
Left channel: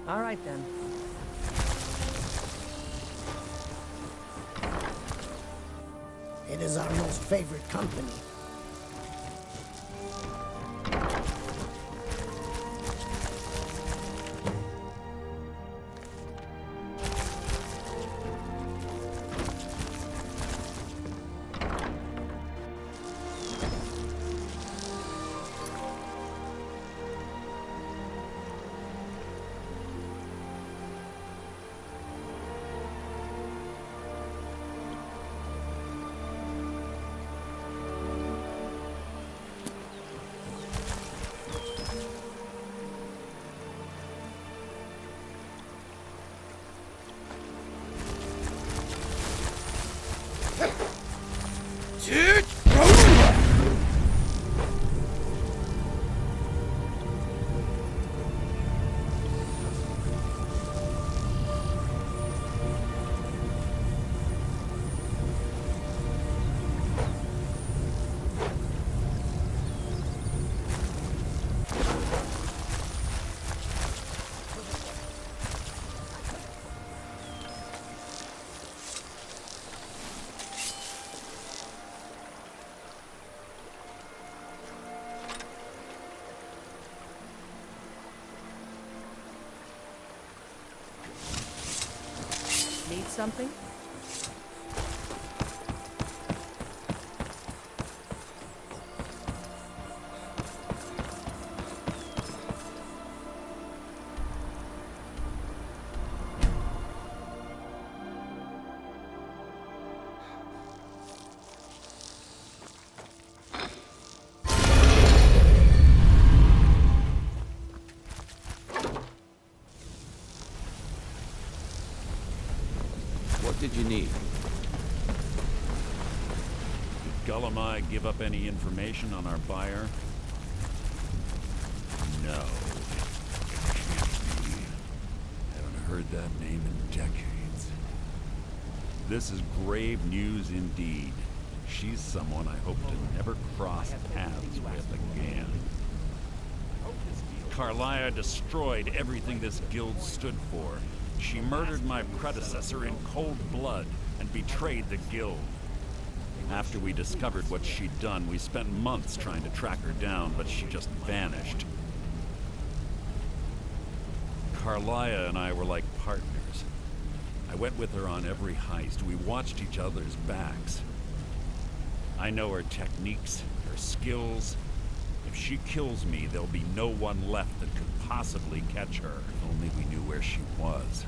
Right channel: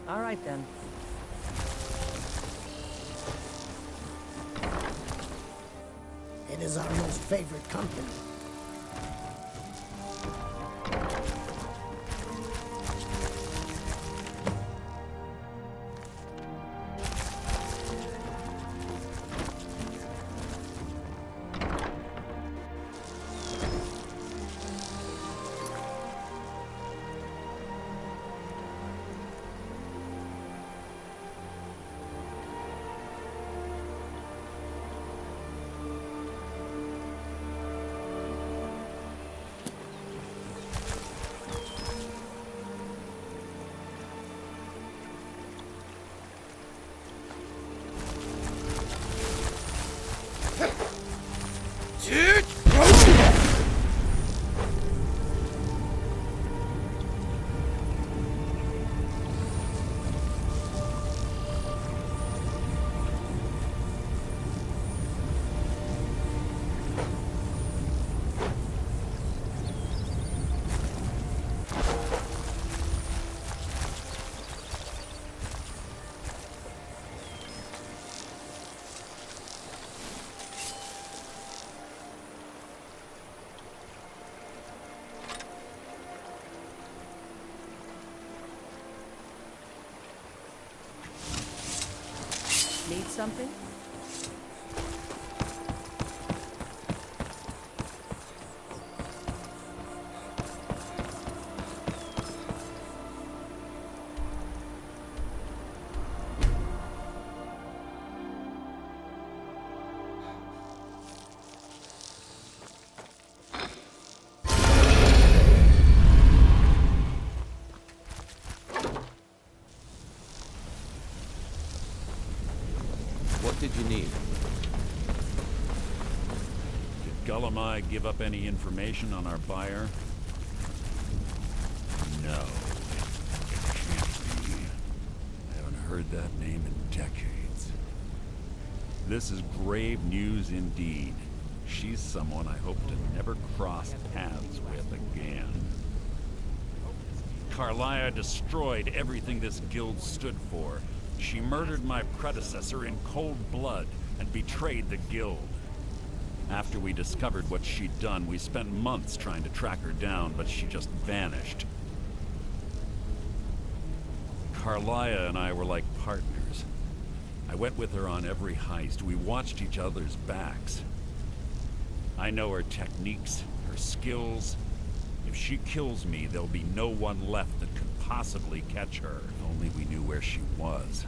All right, then. It is our most favorite company. Need something? What did you need? Did G.O.M.D give up any information on our buyer? No, it can't be. I haven't heard that name in decades. This is grave news indeed. She's someone I hope to never cross paths with again. Carlia destroyed everything this guild stood for. She murdered my predecessor in cold blood and betrayed the guild. After we discovered what she'd done, we spent months trying to track her down, but she just vanished. Carlia and I were like partners. I went with her on every heist. We watched each other's backs. I know her techniques, her skills. If she kills me, there'll be no one left that could possibly catch her. If only we knew where she was.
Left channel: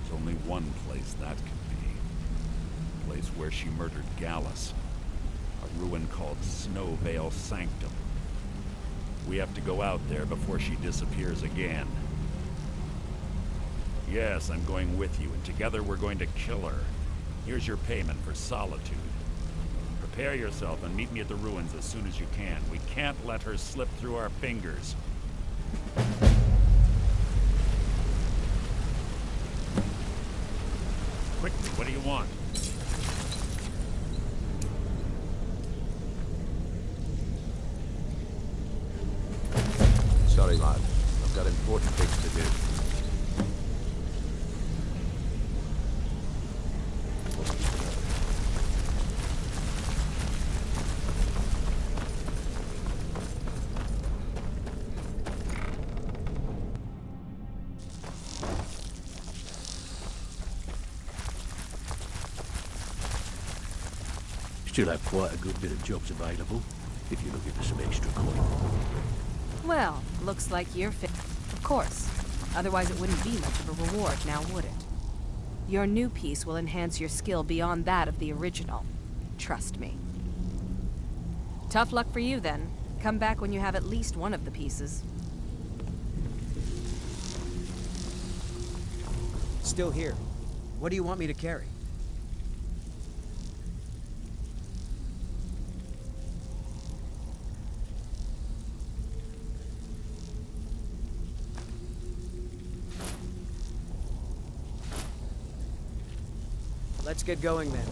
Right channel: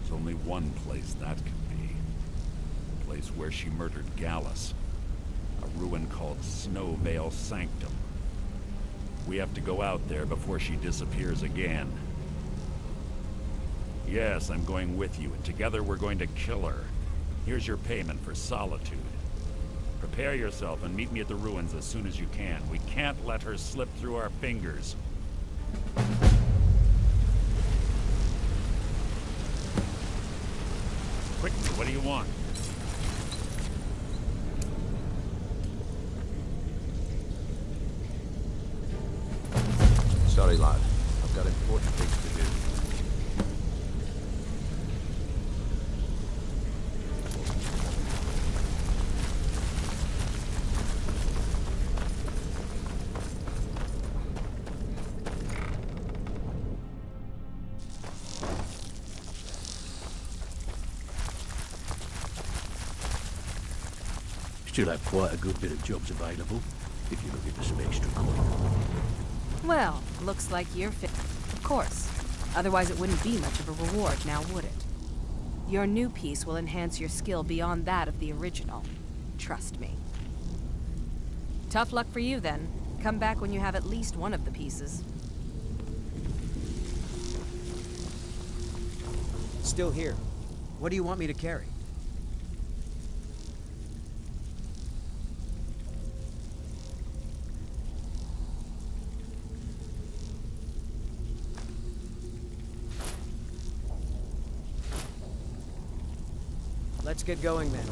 There's only one place that could be. A place where she murdered Gallus. A ruin called Snowvale Sanctum. We have to go out there before she disappears again. Yes, I'm going with you, and together we're going to kill her. Here's your payment for solitude. Prepare yourself and meet me at the ruins as soon as you can. We can't let her slip through our fingers. Quickly, what do you want? Sorry, lad. I've got important things to do. Still have quite a good bit of jobs available, if you're looking for some extra coin. Well, looks like you're fit. Of course. Otherwise it wouldn't be much of a reward, now would it? Your new piece will enhance your skill beyond that of the original. Trust me. Tough luck for you, then. Come back when you have at least one of the pieces. Still here. What do you want me to carry? Let's get going then.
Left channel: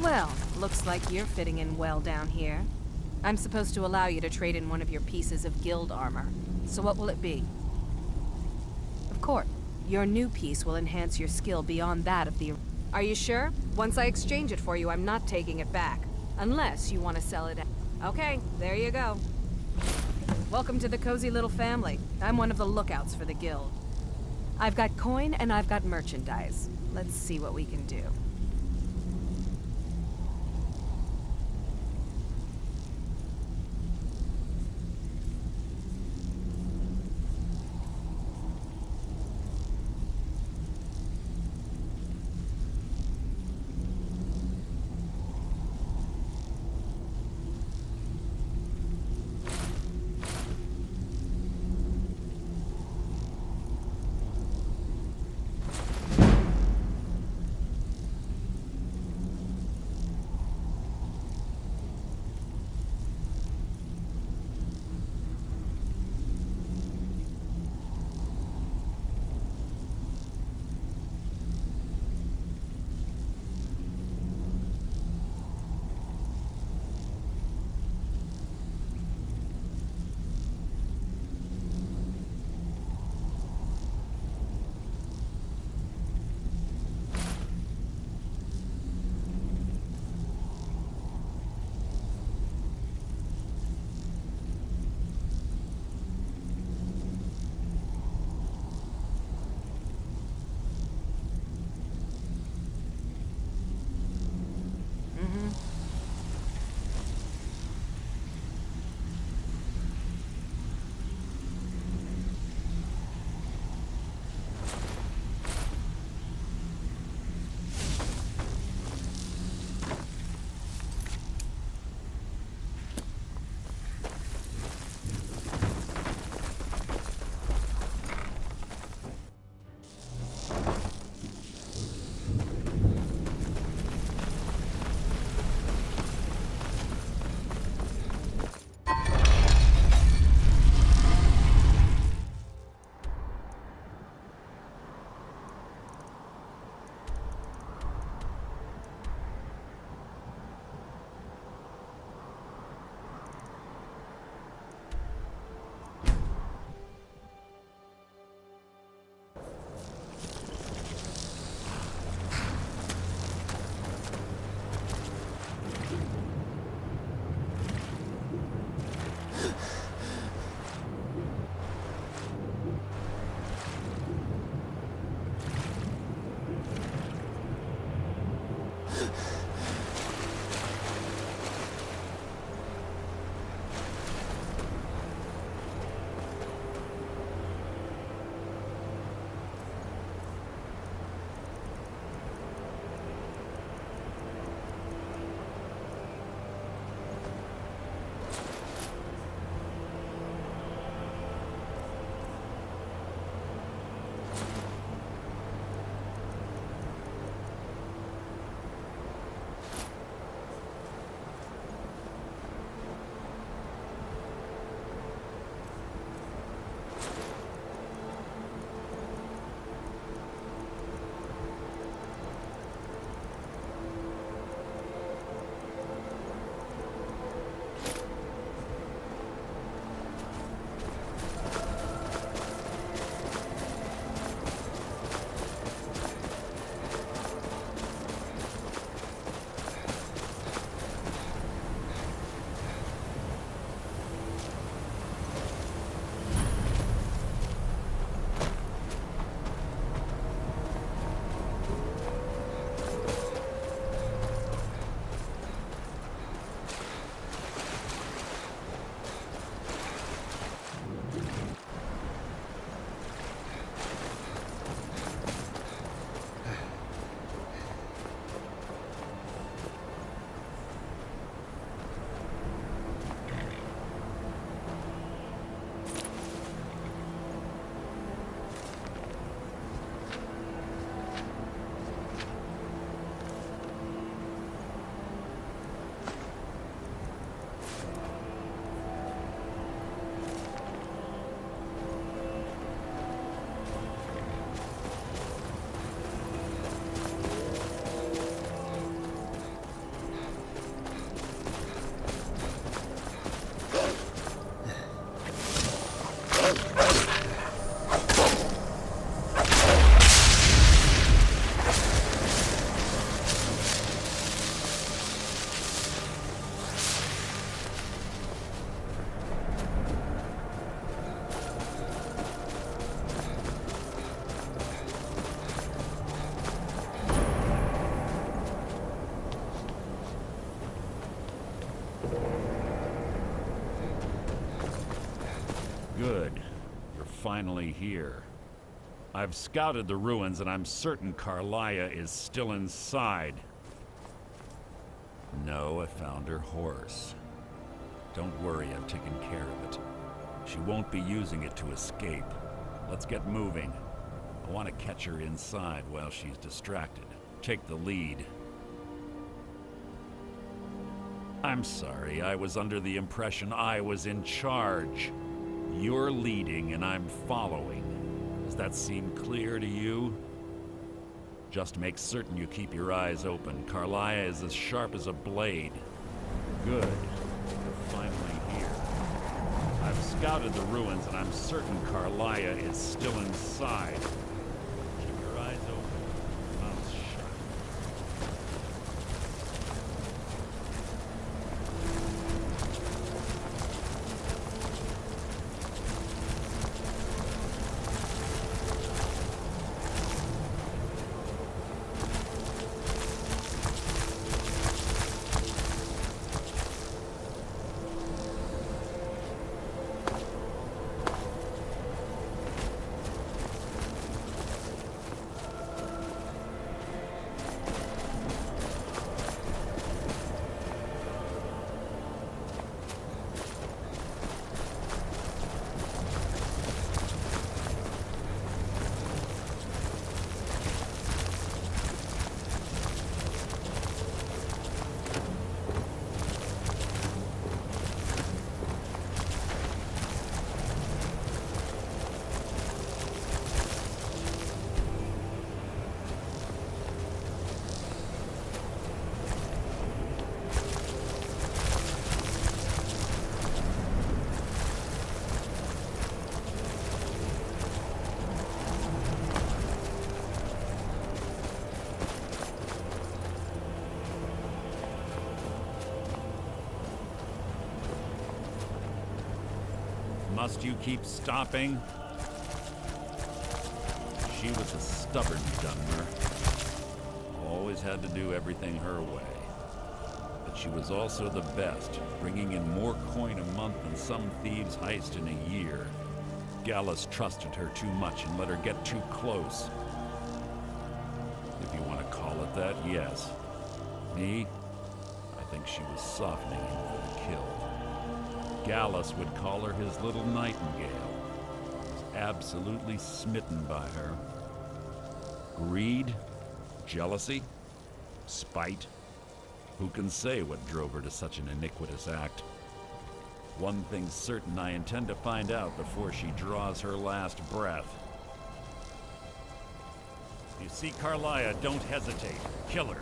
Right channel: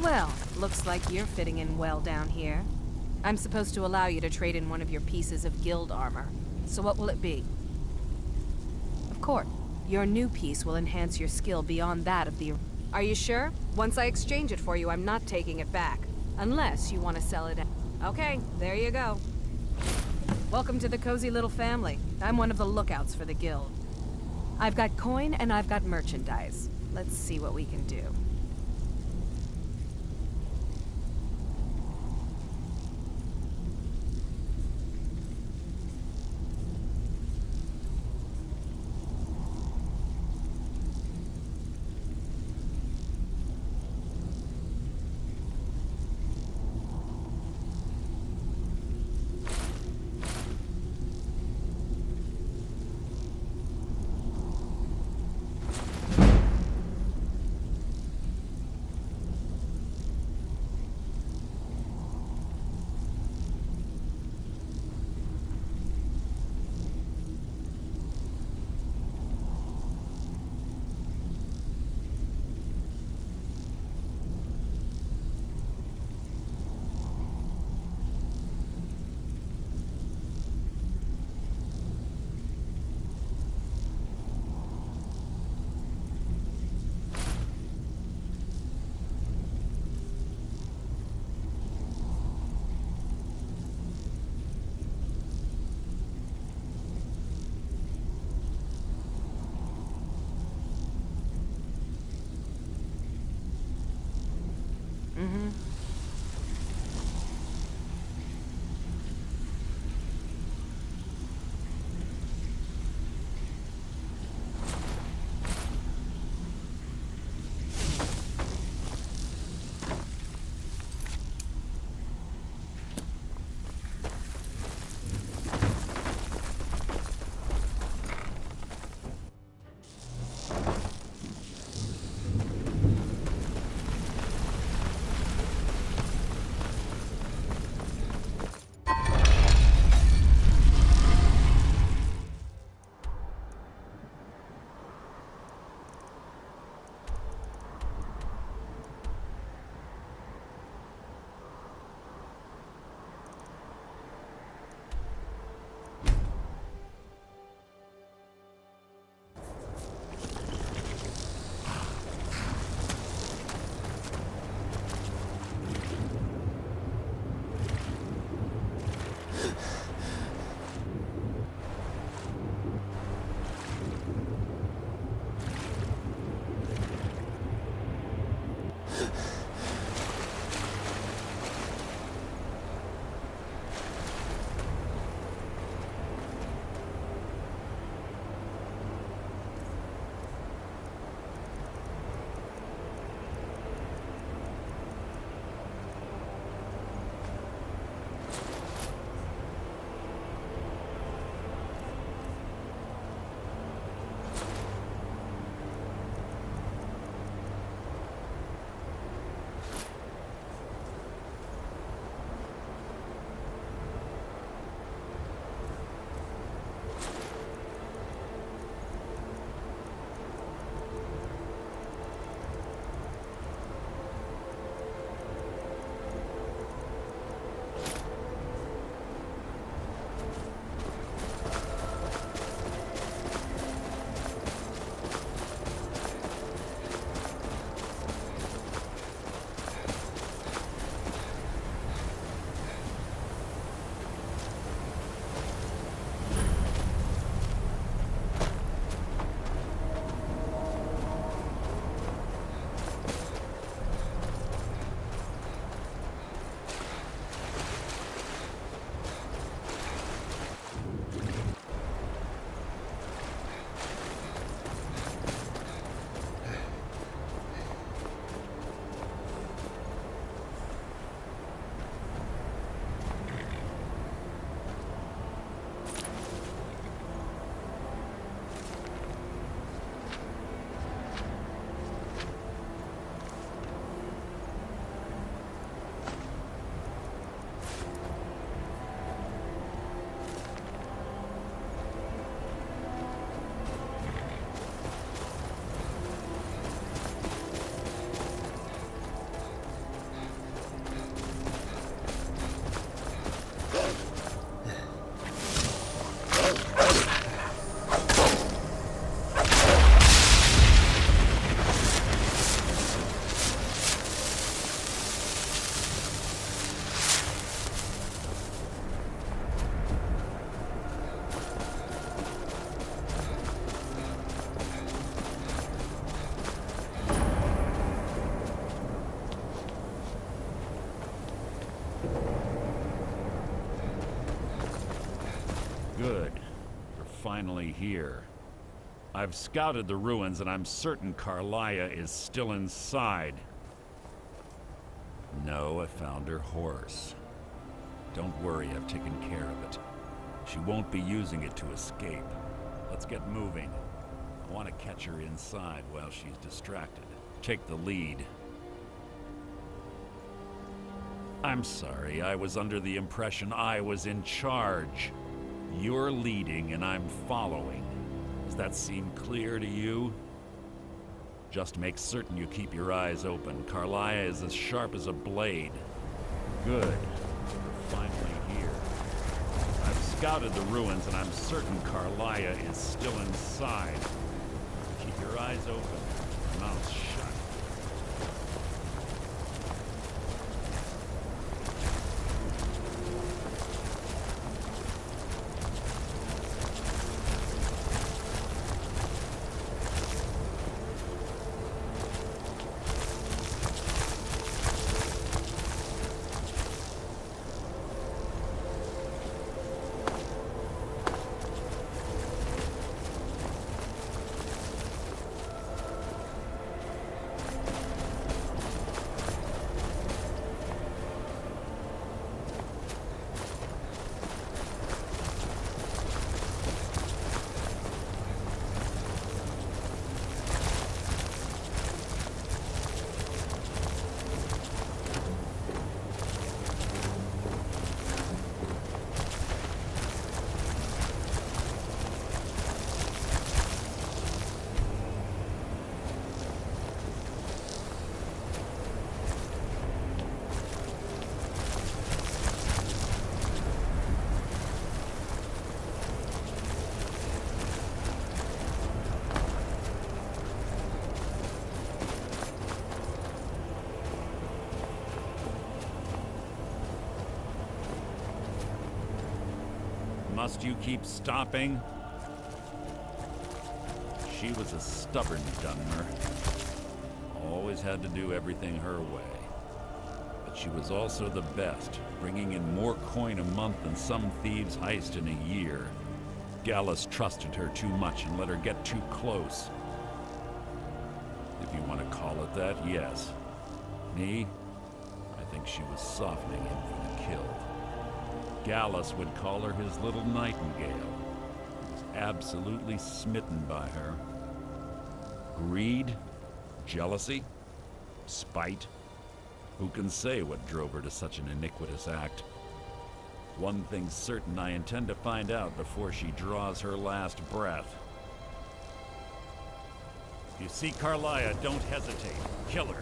Well, looks like you're fitting in well down here. I'm supposed to allow you to trade in one of your pieces of guild armor. So what will it be? Of course, your new piece will enhance your skill beyond that of the... Are you sure? Once I exchange it for you, I'm not taking it back. Unless you want to sell it... Okay, there you go. Welcome to the cozy little family. I'm one of the lookouts for the guild. I've got coin and I've got merchandise. Let's see what we can do. Good. You're finally here. I've scouted the ruins and I'm certain Carlia is still inside. No, I found her horse. Don't worry, I've taken care of it. She won't be using it to escape. Let's get moving. I want to catch her inside while she's distracted. Take the lead. I'm sorry, I was under the impression I was in charge. You're leading and I'm following. Does that seem clear to you? Just make certain you keep your eyes open. Carlia is as sharp as a blade. Good. You're finally here. I've scouted the ruins and I'm certain Carlia is still inside. Keep your eyes open, mouth shut. Must you keep stopping? She was a stubborn Dunmer. Always had to do everything her way. But she was also the best, bringing in more coin a month than some thieves heist in a year. Gallus trusted her too much and let her get too close. If you want to call it that, yes. Me? I think she was softening him for the kill. Gallus would call her his little nightingale. He was absolutely smitten by her. Greed? Jealousy? Spite? Who can say what drove her to such an iniquitous act? One thing's certain, I intend to find out before she draws her last breath. If you see Carlia, don't hesitate. Kill her.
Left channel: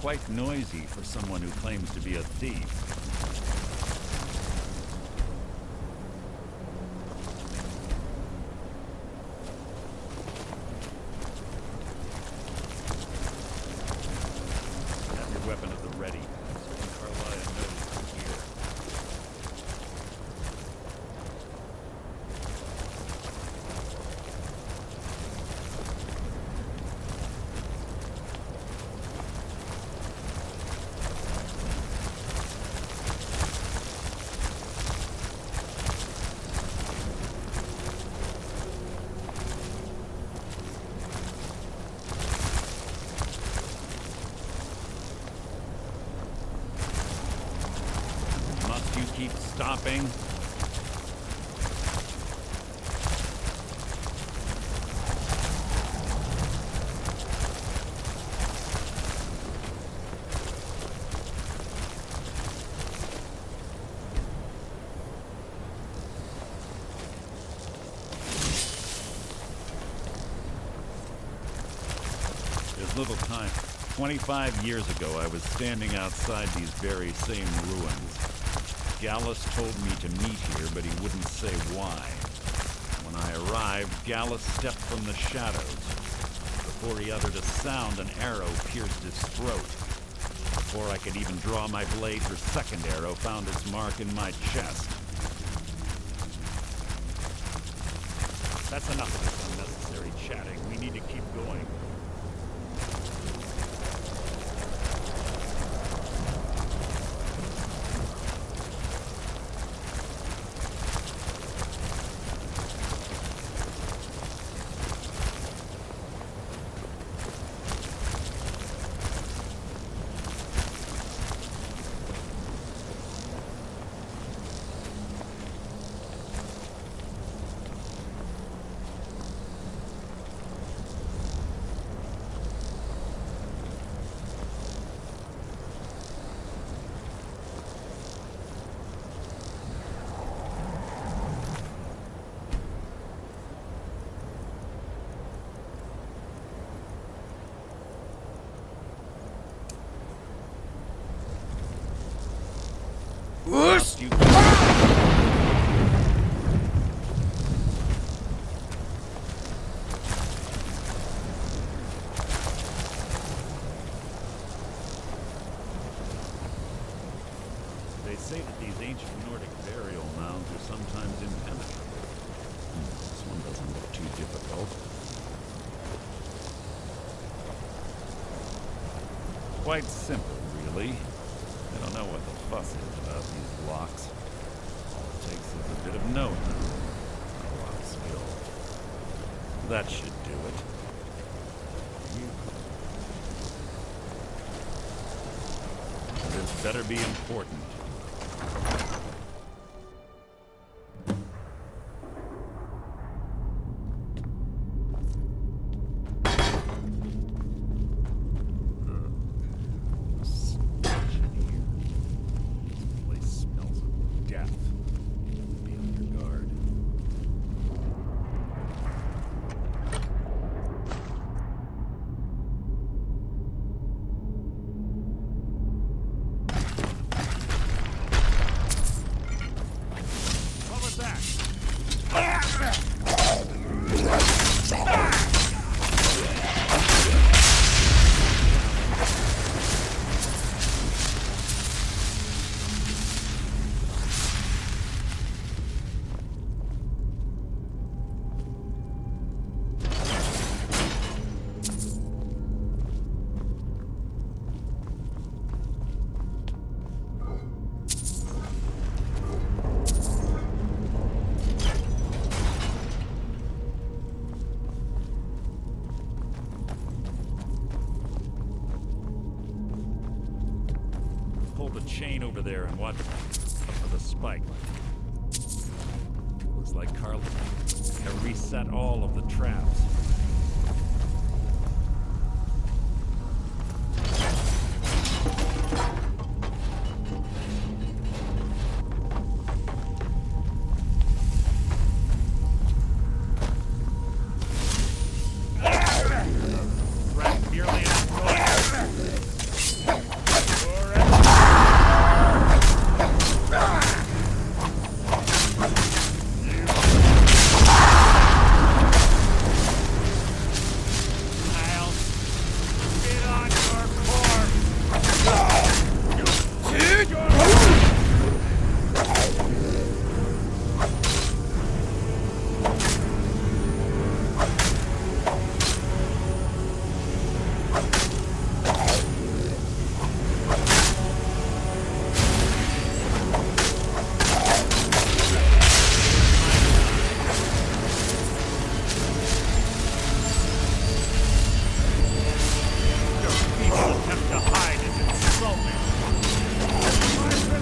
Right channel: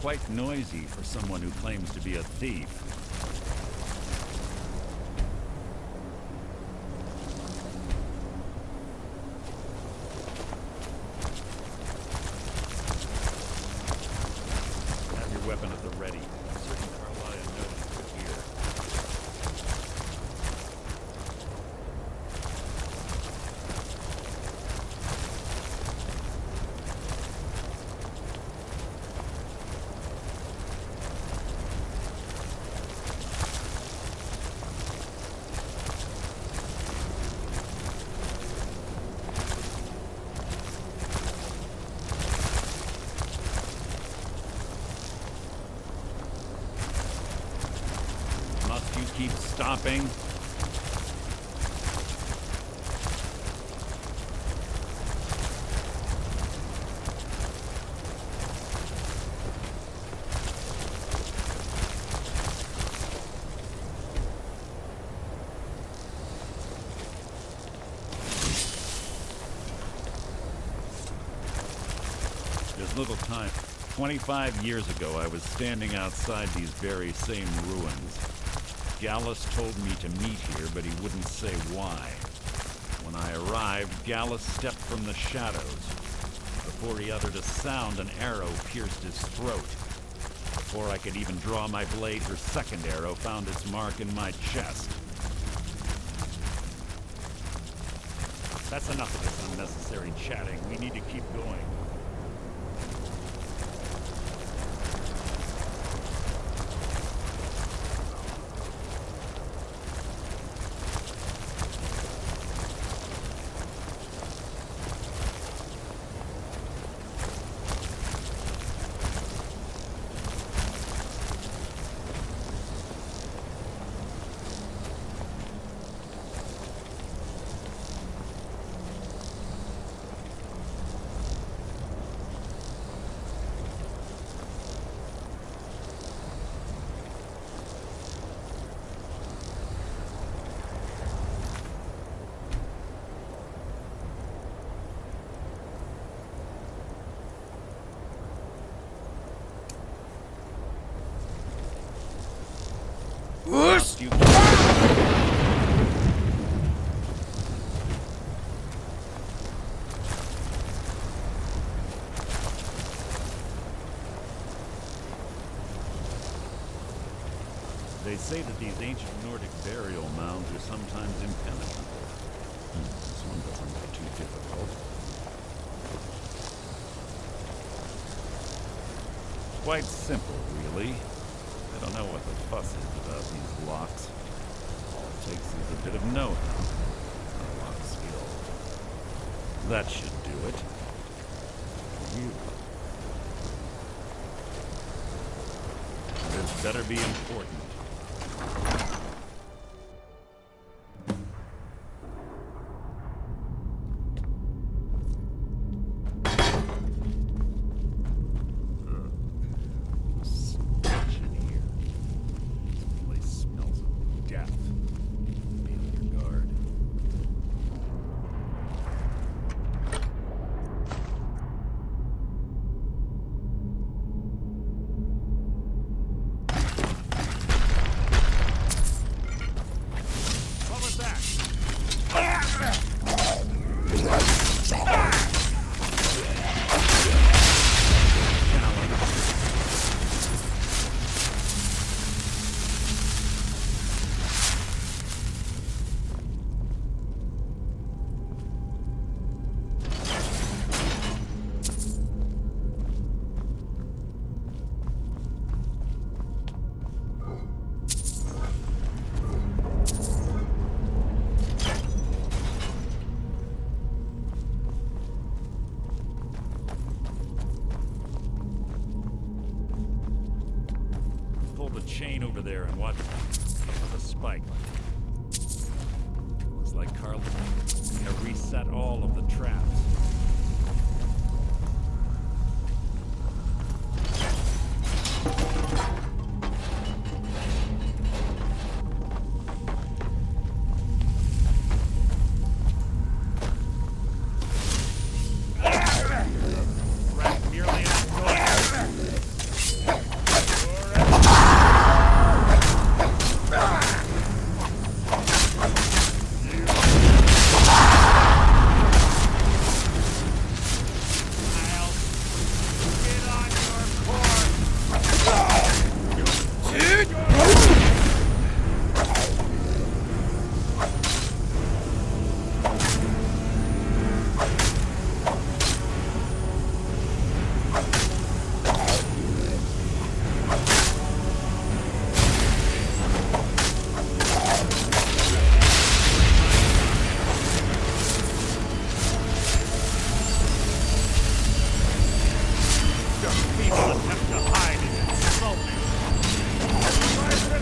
Quite noisy for someone who claims to be a thief. Have your weapon at the ready. I'm certain Carlia noticed you're here. you keep stopping? There's little time. 25 years ago, I was standing outside these very same ruins. Gallus told me to meet here, but he wouldn't say why. When I arrived, Gallus stepped from the shadows. Before he uttered a sound, an arrow pierced his throat. Before I could even draw my blade, her second arrow found its mark in my chest. That's enough of this unnecessary chatting. We need to keep going. You They say that these ancient Nordic burial mounds are sometimes impenetrable. This one doesn't look too difficult. Quite simple, really. I don't know what the fuss is about these locks. All it takes is a bit of know-how. Not a lot of skill. That should do it. This better be important. Pull the chain over there and watch for the spike. Looks like Carl reset all of the traps. People attempt to hide and insult me.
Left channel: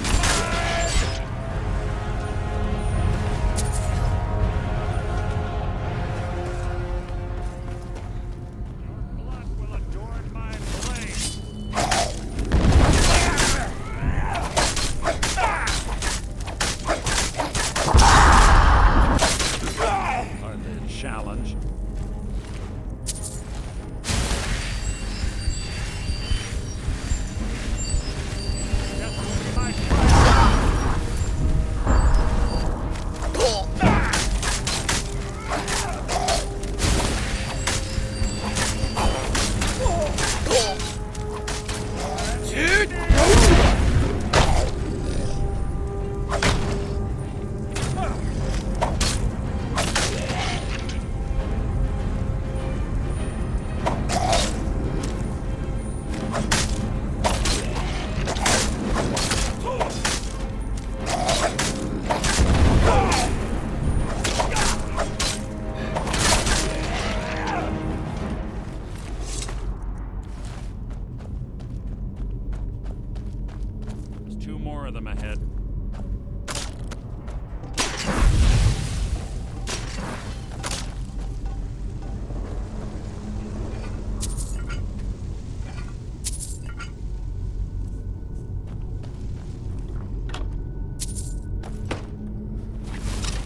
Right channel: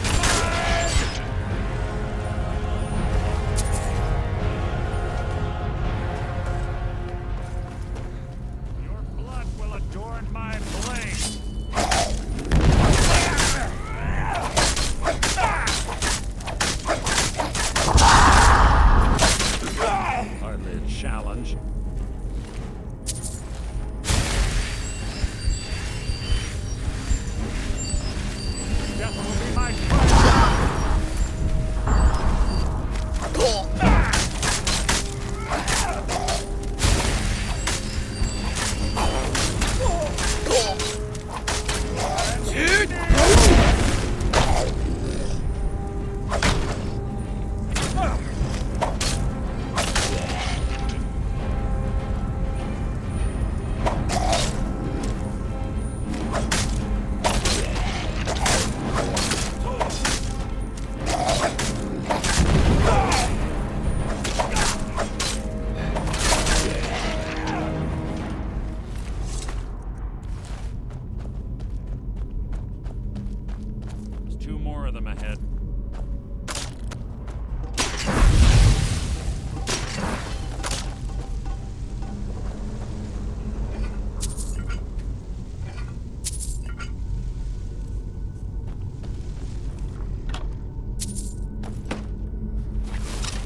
Two more of them ahead.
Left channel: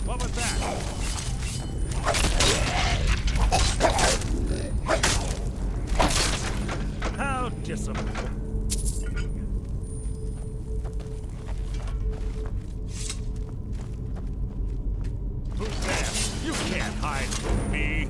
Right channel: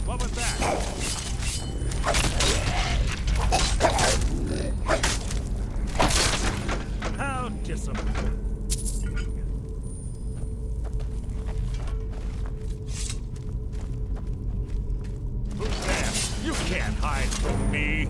What was that? How disappointing. You can't hide from me.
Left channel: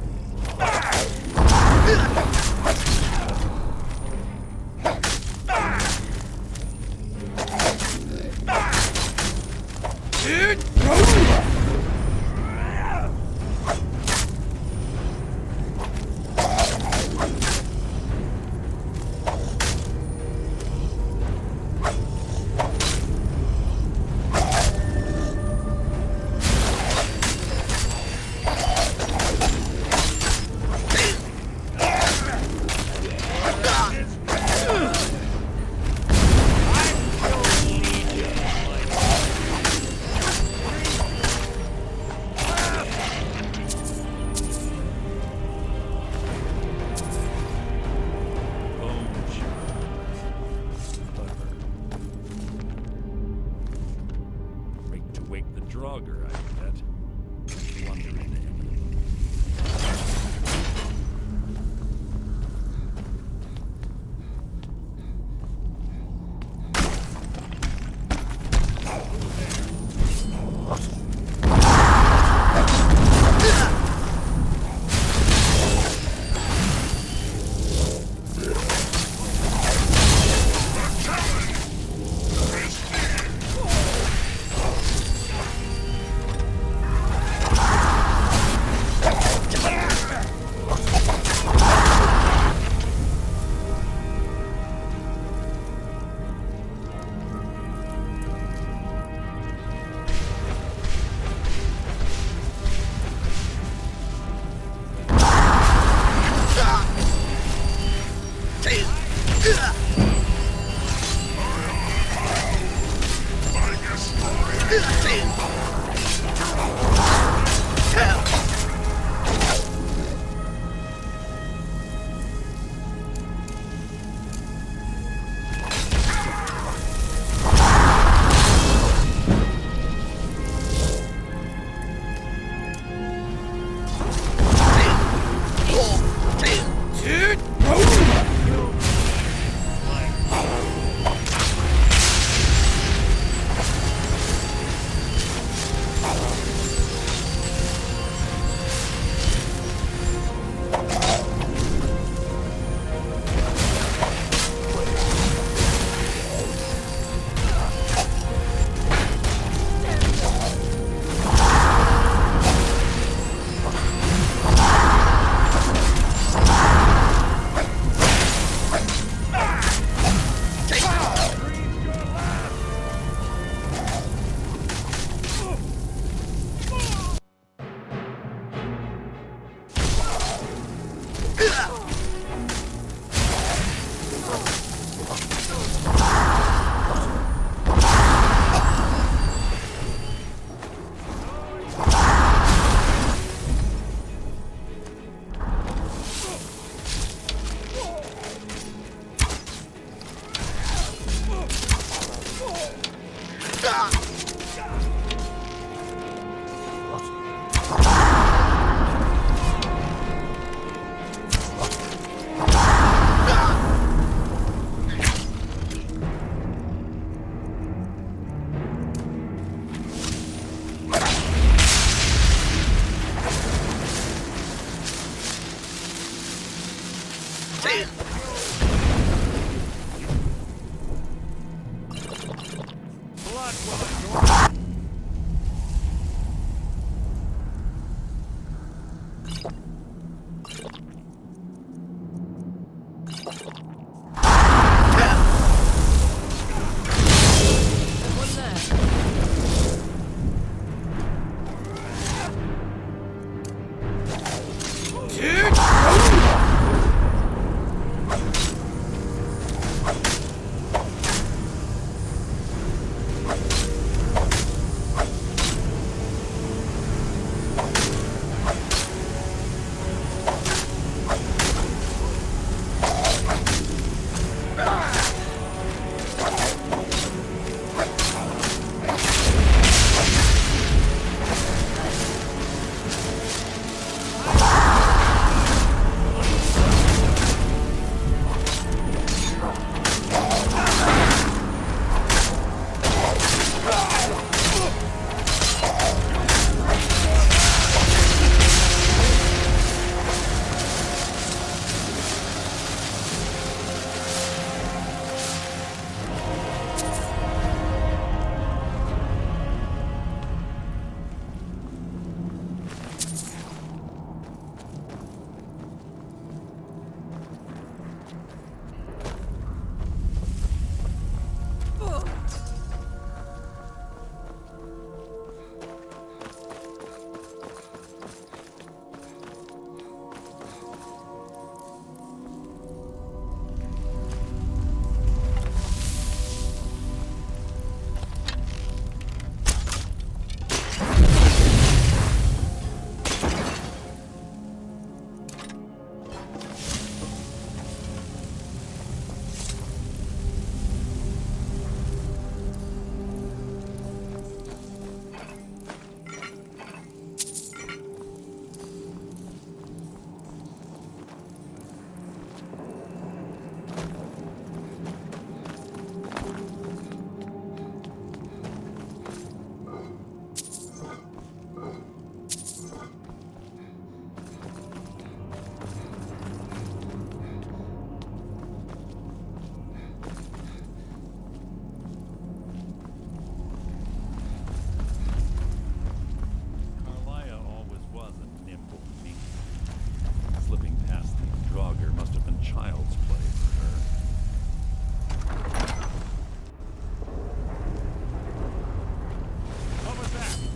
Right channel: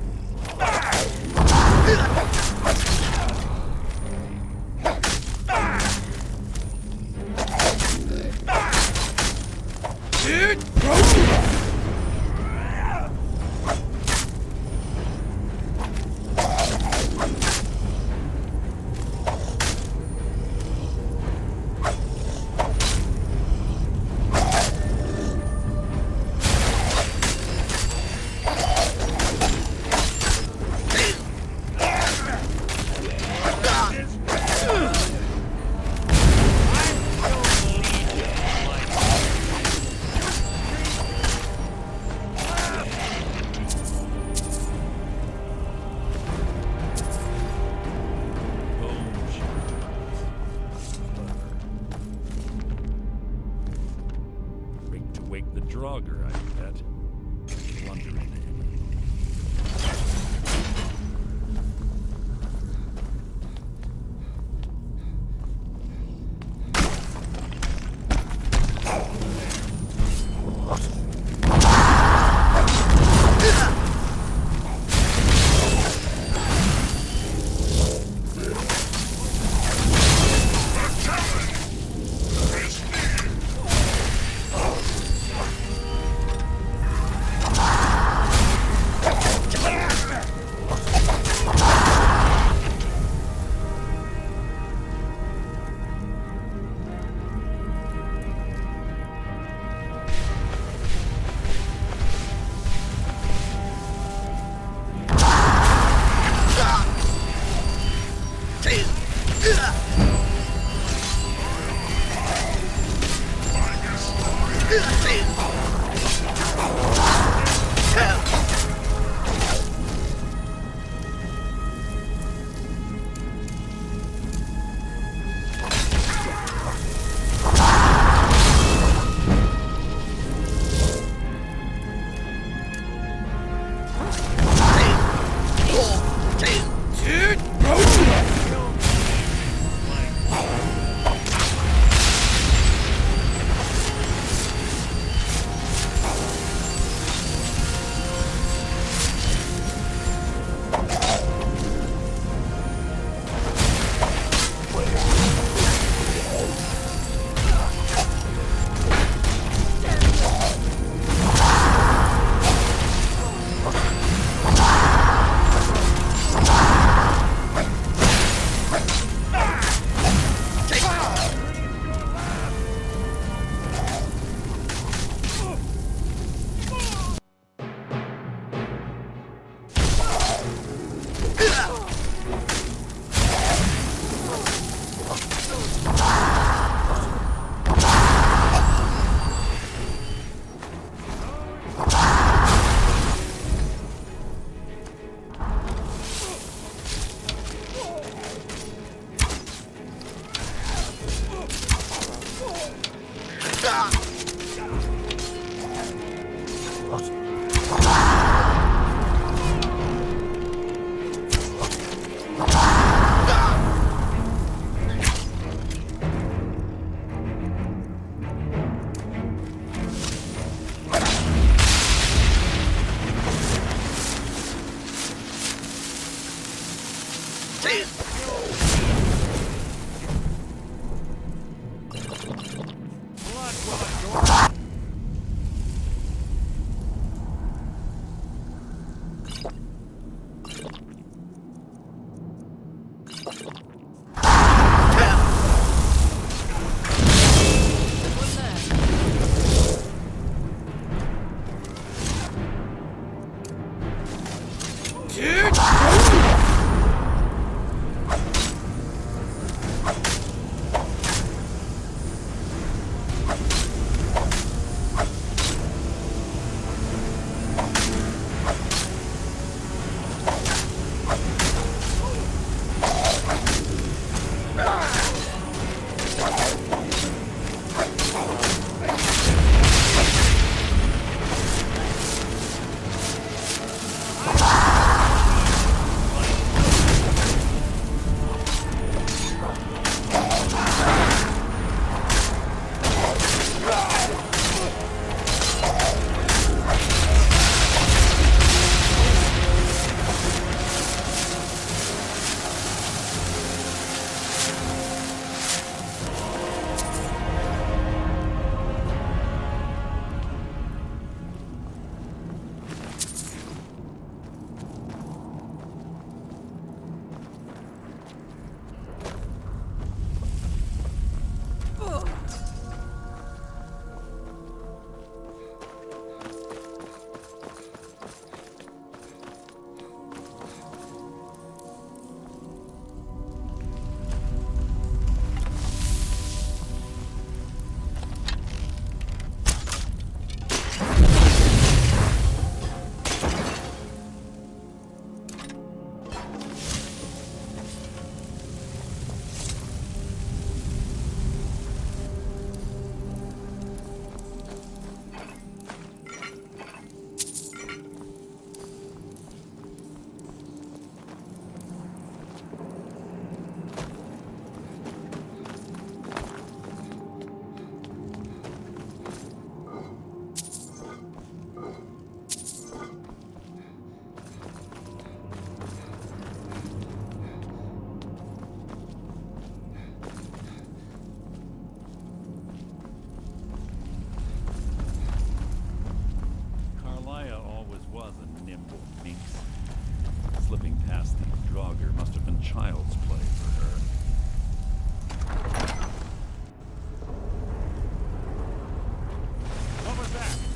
Wake the Draugr, I bet. Blunder into any of them. Slipping past these Draugr must have been child's play for her. What was that?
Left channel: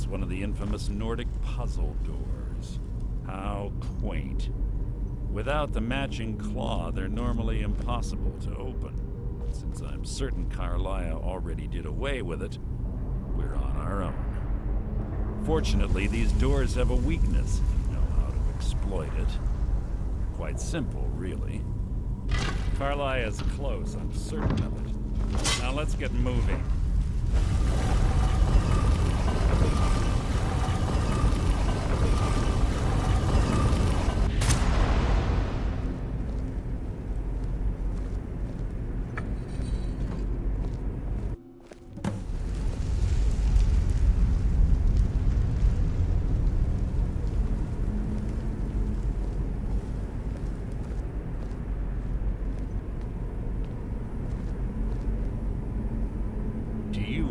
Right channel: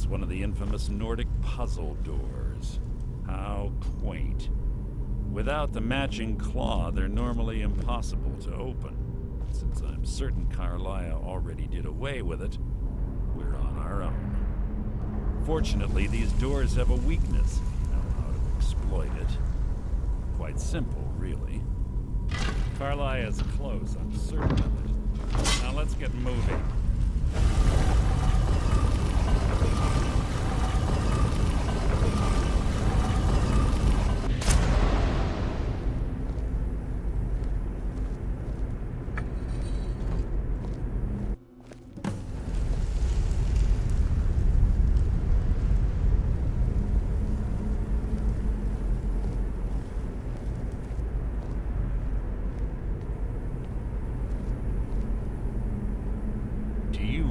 It's one of the infamous Nordic puzzle doors. How quaint. Without the matching claw, they're normally impossible to open. Since I'm certain Carlia already did away with it, we're on our own. Fortunately, these doors have a weakness if you know how to exploit it. Quite simple, really. Carlia's close, I'm certain of it. Now let's get moving.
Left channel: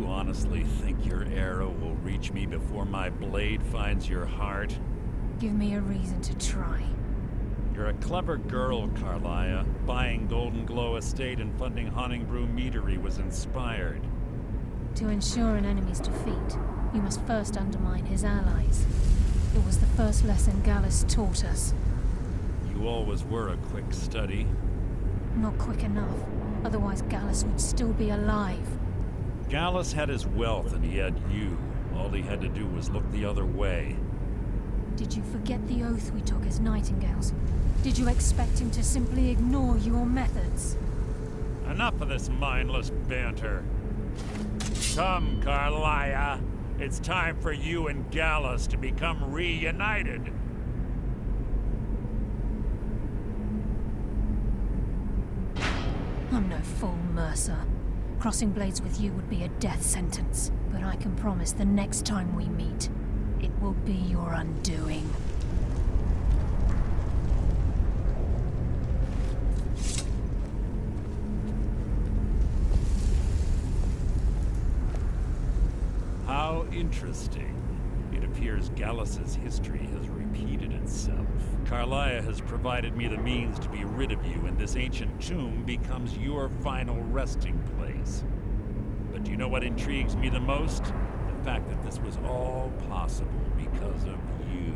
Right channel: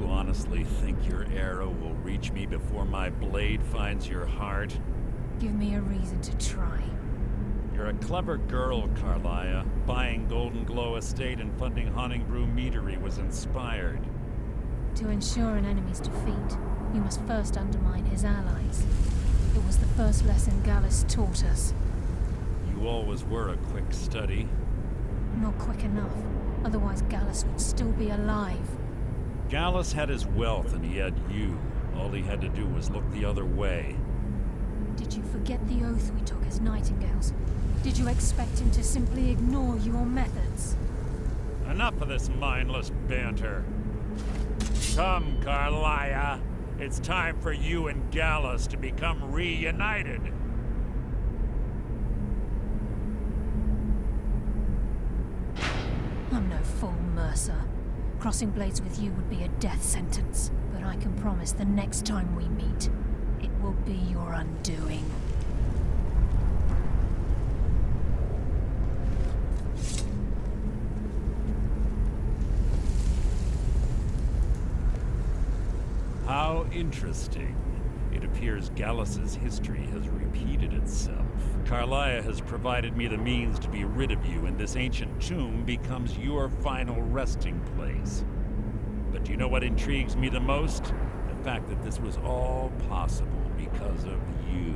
Honestly think your arrow will reach me before my blade finds your heart? Give me a reason to try. You're a clever girl, Carlia. Buying Golden Glow Estate and funding Haunting Brew Meadery was inspired. To ensure an enemy's defeat, you must first undermine his allies. It was the first lesson Gallus taught us. You always were a quick study. Not quick enough. Otherwise Gallus would still be alive. Gallus had his wealth and he had you. All he had to do was look the other way. Did you forget the oath we took as Nightingales? Did you expect him to simply ignore your methods? Enough of this mindless banter. Come, Carlia. It's time for you and Gallus to become reunited. I'm no fool, Mercer. Crossing blades with you would be a death sentence, but I can promise the next time we meet, it will be your undoing. How interesting. It appears Gallus's history has repeated itself. Carlia has provided me the means to be rid of you, and this ancient tomb becomes your final resting place. But do you know what intrigues me the most? The fact that this was all possible because of you.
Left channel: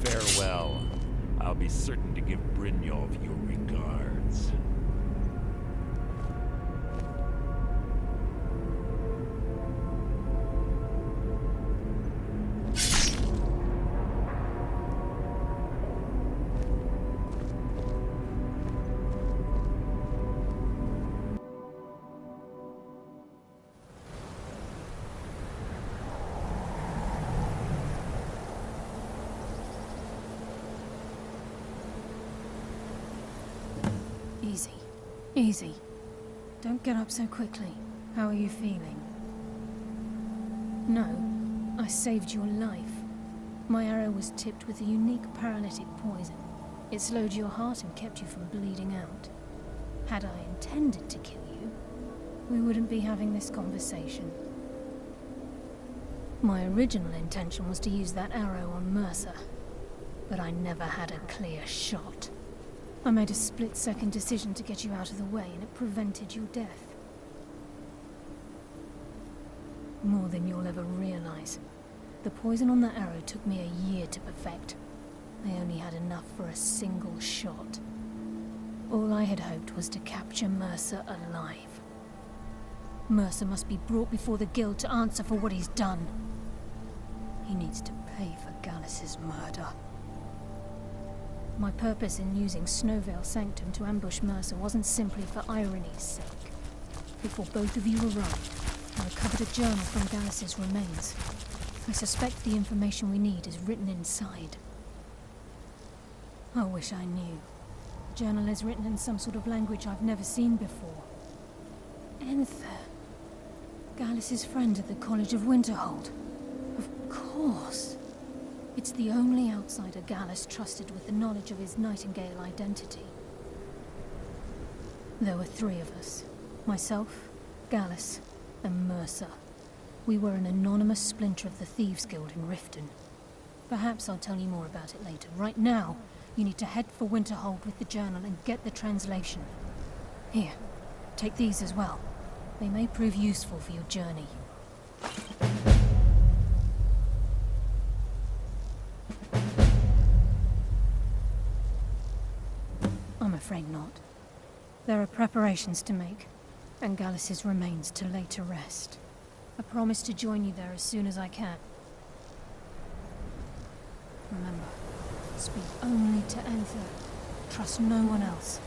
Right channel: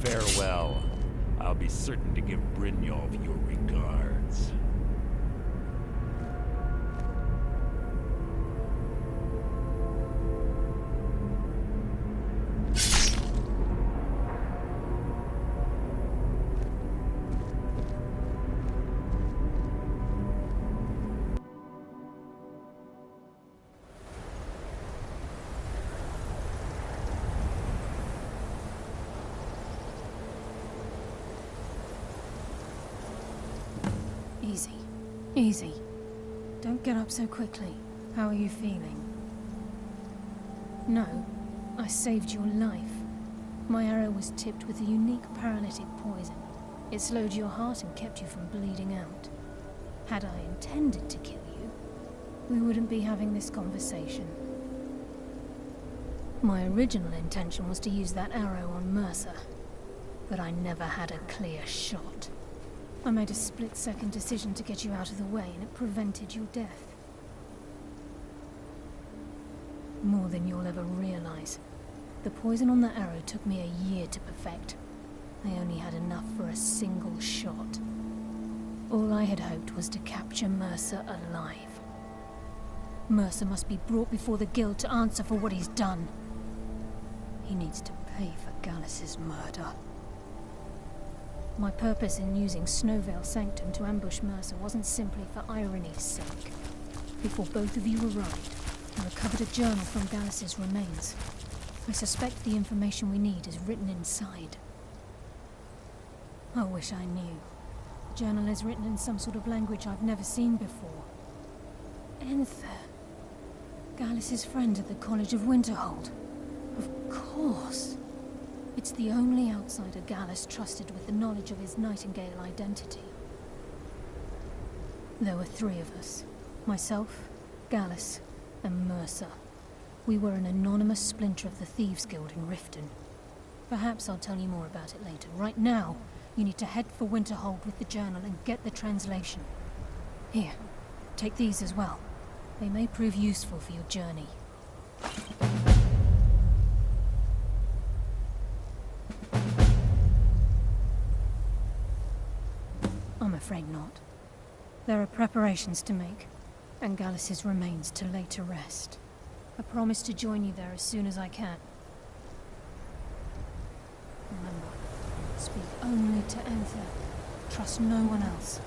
Farewell. I'll be certain to give Brynjolf your regards. Easy. Easy. Don't get up so quickly. How are you feeling? No, I saved your life. My arrow was tipped with a unique paralytic poison. It slowed your heart and kept you from bleeding out. Had I intended to kill you, we wouldn't be having this conversation. My original intention was to use that arrow on Mercer, but I never had a clear shot. I made a split-second decision to get you out of the way, and it prevented your death. More than you'll ever realize. The poison on that arrow took me a year to perfect. I only had enough for a single shot. All I had hoped was to capture Mercer alive. Mercer must be brought before the Guild to answer for what he's done. He needs to pay for Gallus's murder. My purpose in using Snowvale Sanctum to ambush Mercer wasn't simply for irony's sake. Before both of you arrived, I recovered a journal from Gallus's remains. I suspect the information we need is written inside. I wish I knew. The journal is written in some sort of language I've never seen before. Enther. Gallus's friend at the College of Winterhold. Of course. It's the only outsider Gallus trusted with the knowledge of his Nightingale identity. There were 3 of us. Myself, Gallus, and Mercer. We were an anonymous splinter of the Thieves Guild in Riften. Perhaps I'll tell you more about it later. Right now, you need to head for Winterhold with the journal and get the translation. Here, take these as well. They may prove useful for your journey. I'm afraid not. There are preparations to make, and Gallus's remains to lay to rest. I promise to join you there as soon as I can. Remember, speak only to Anther. Trust no one else.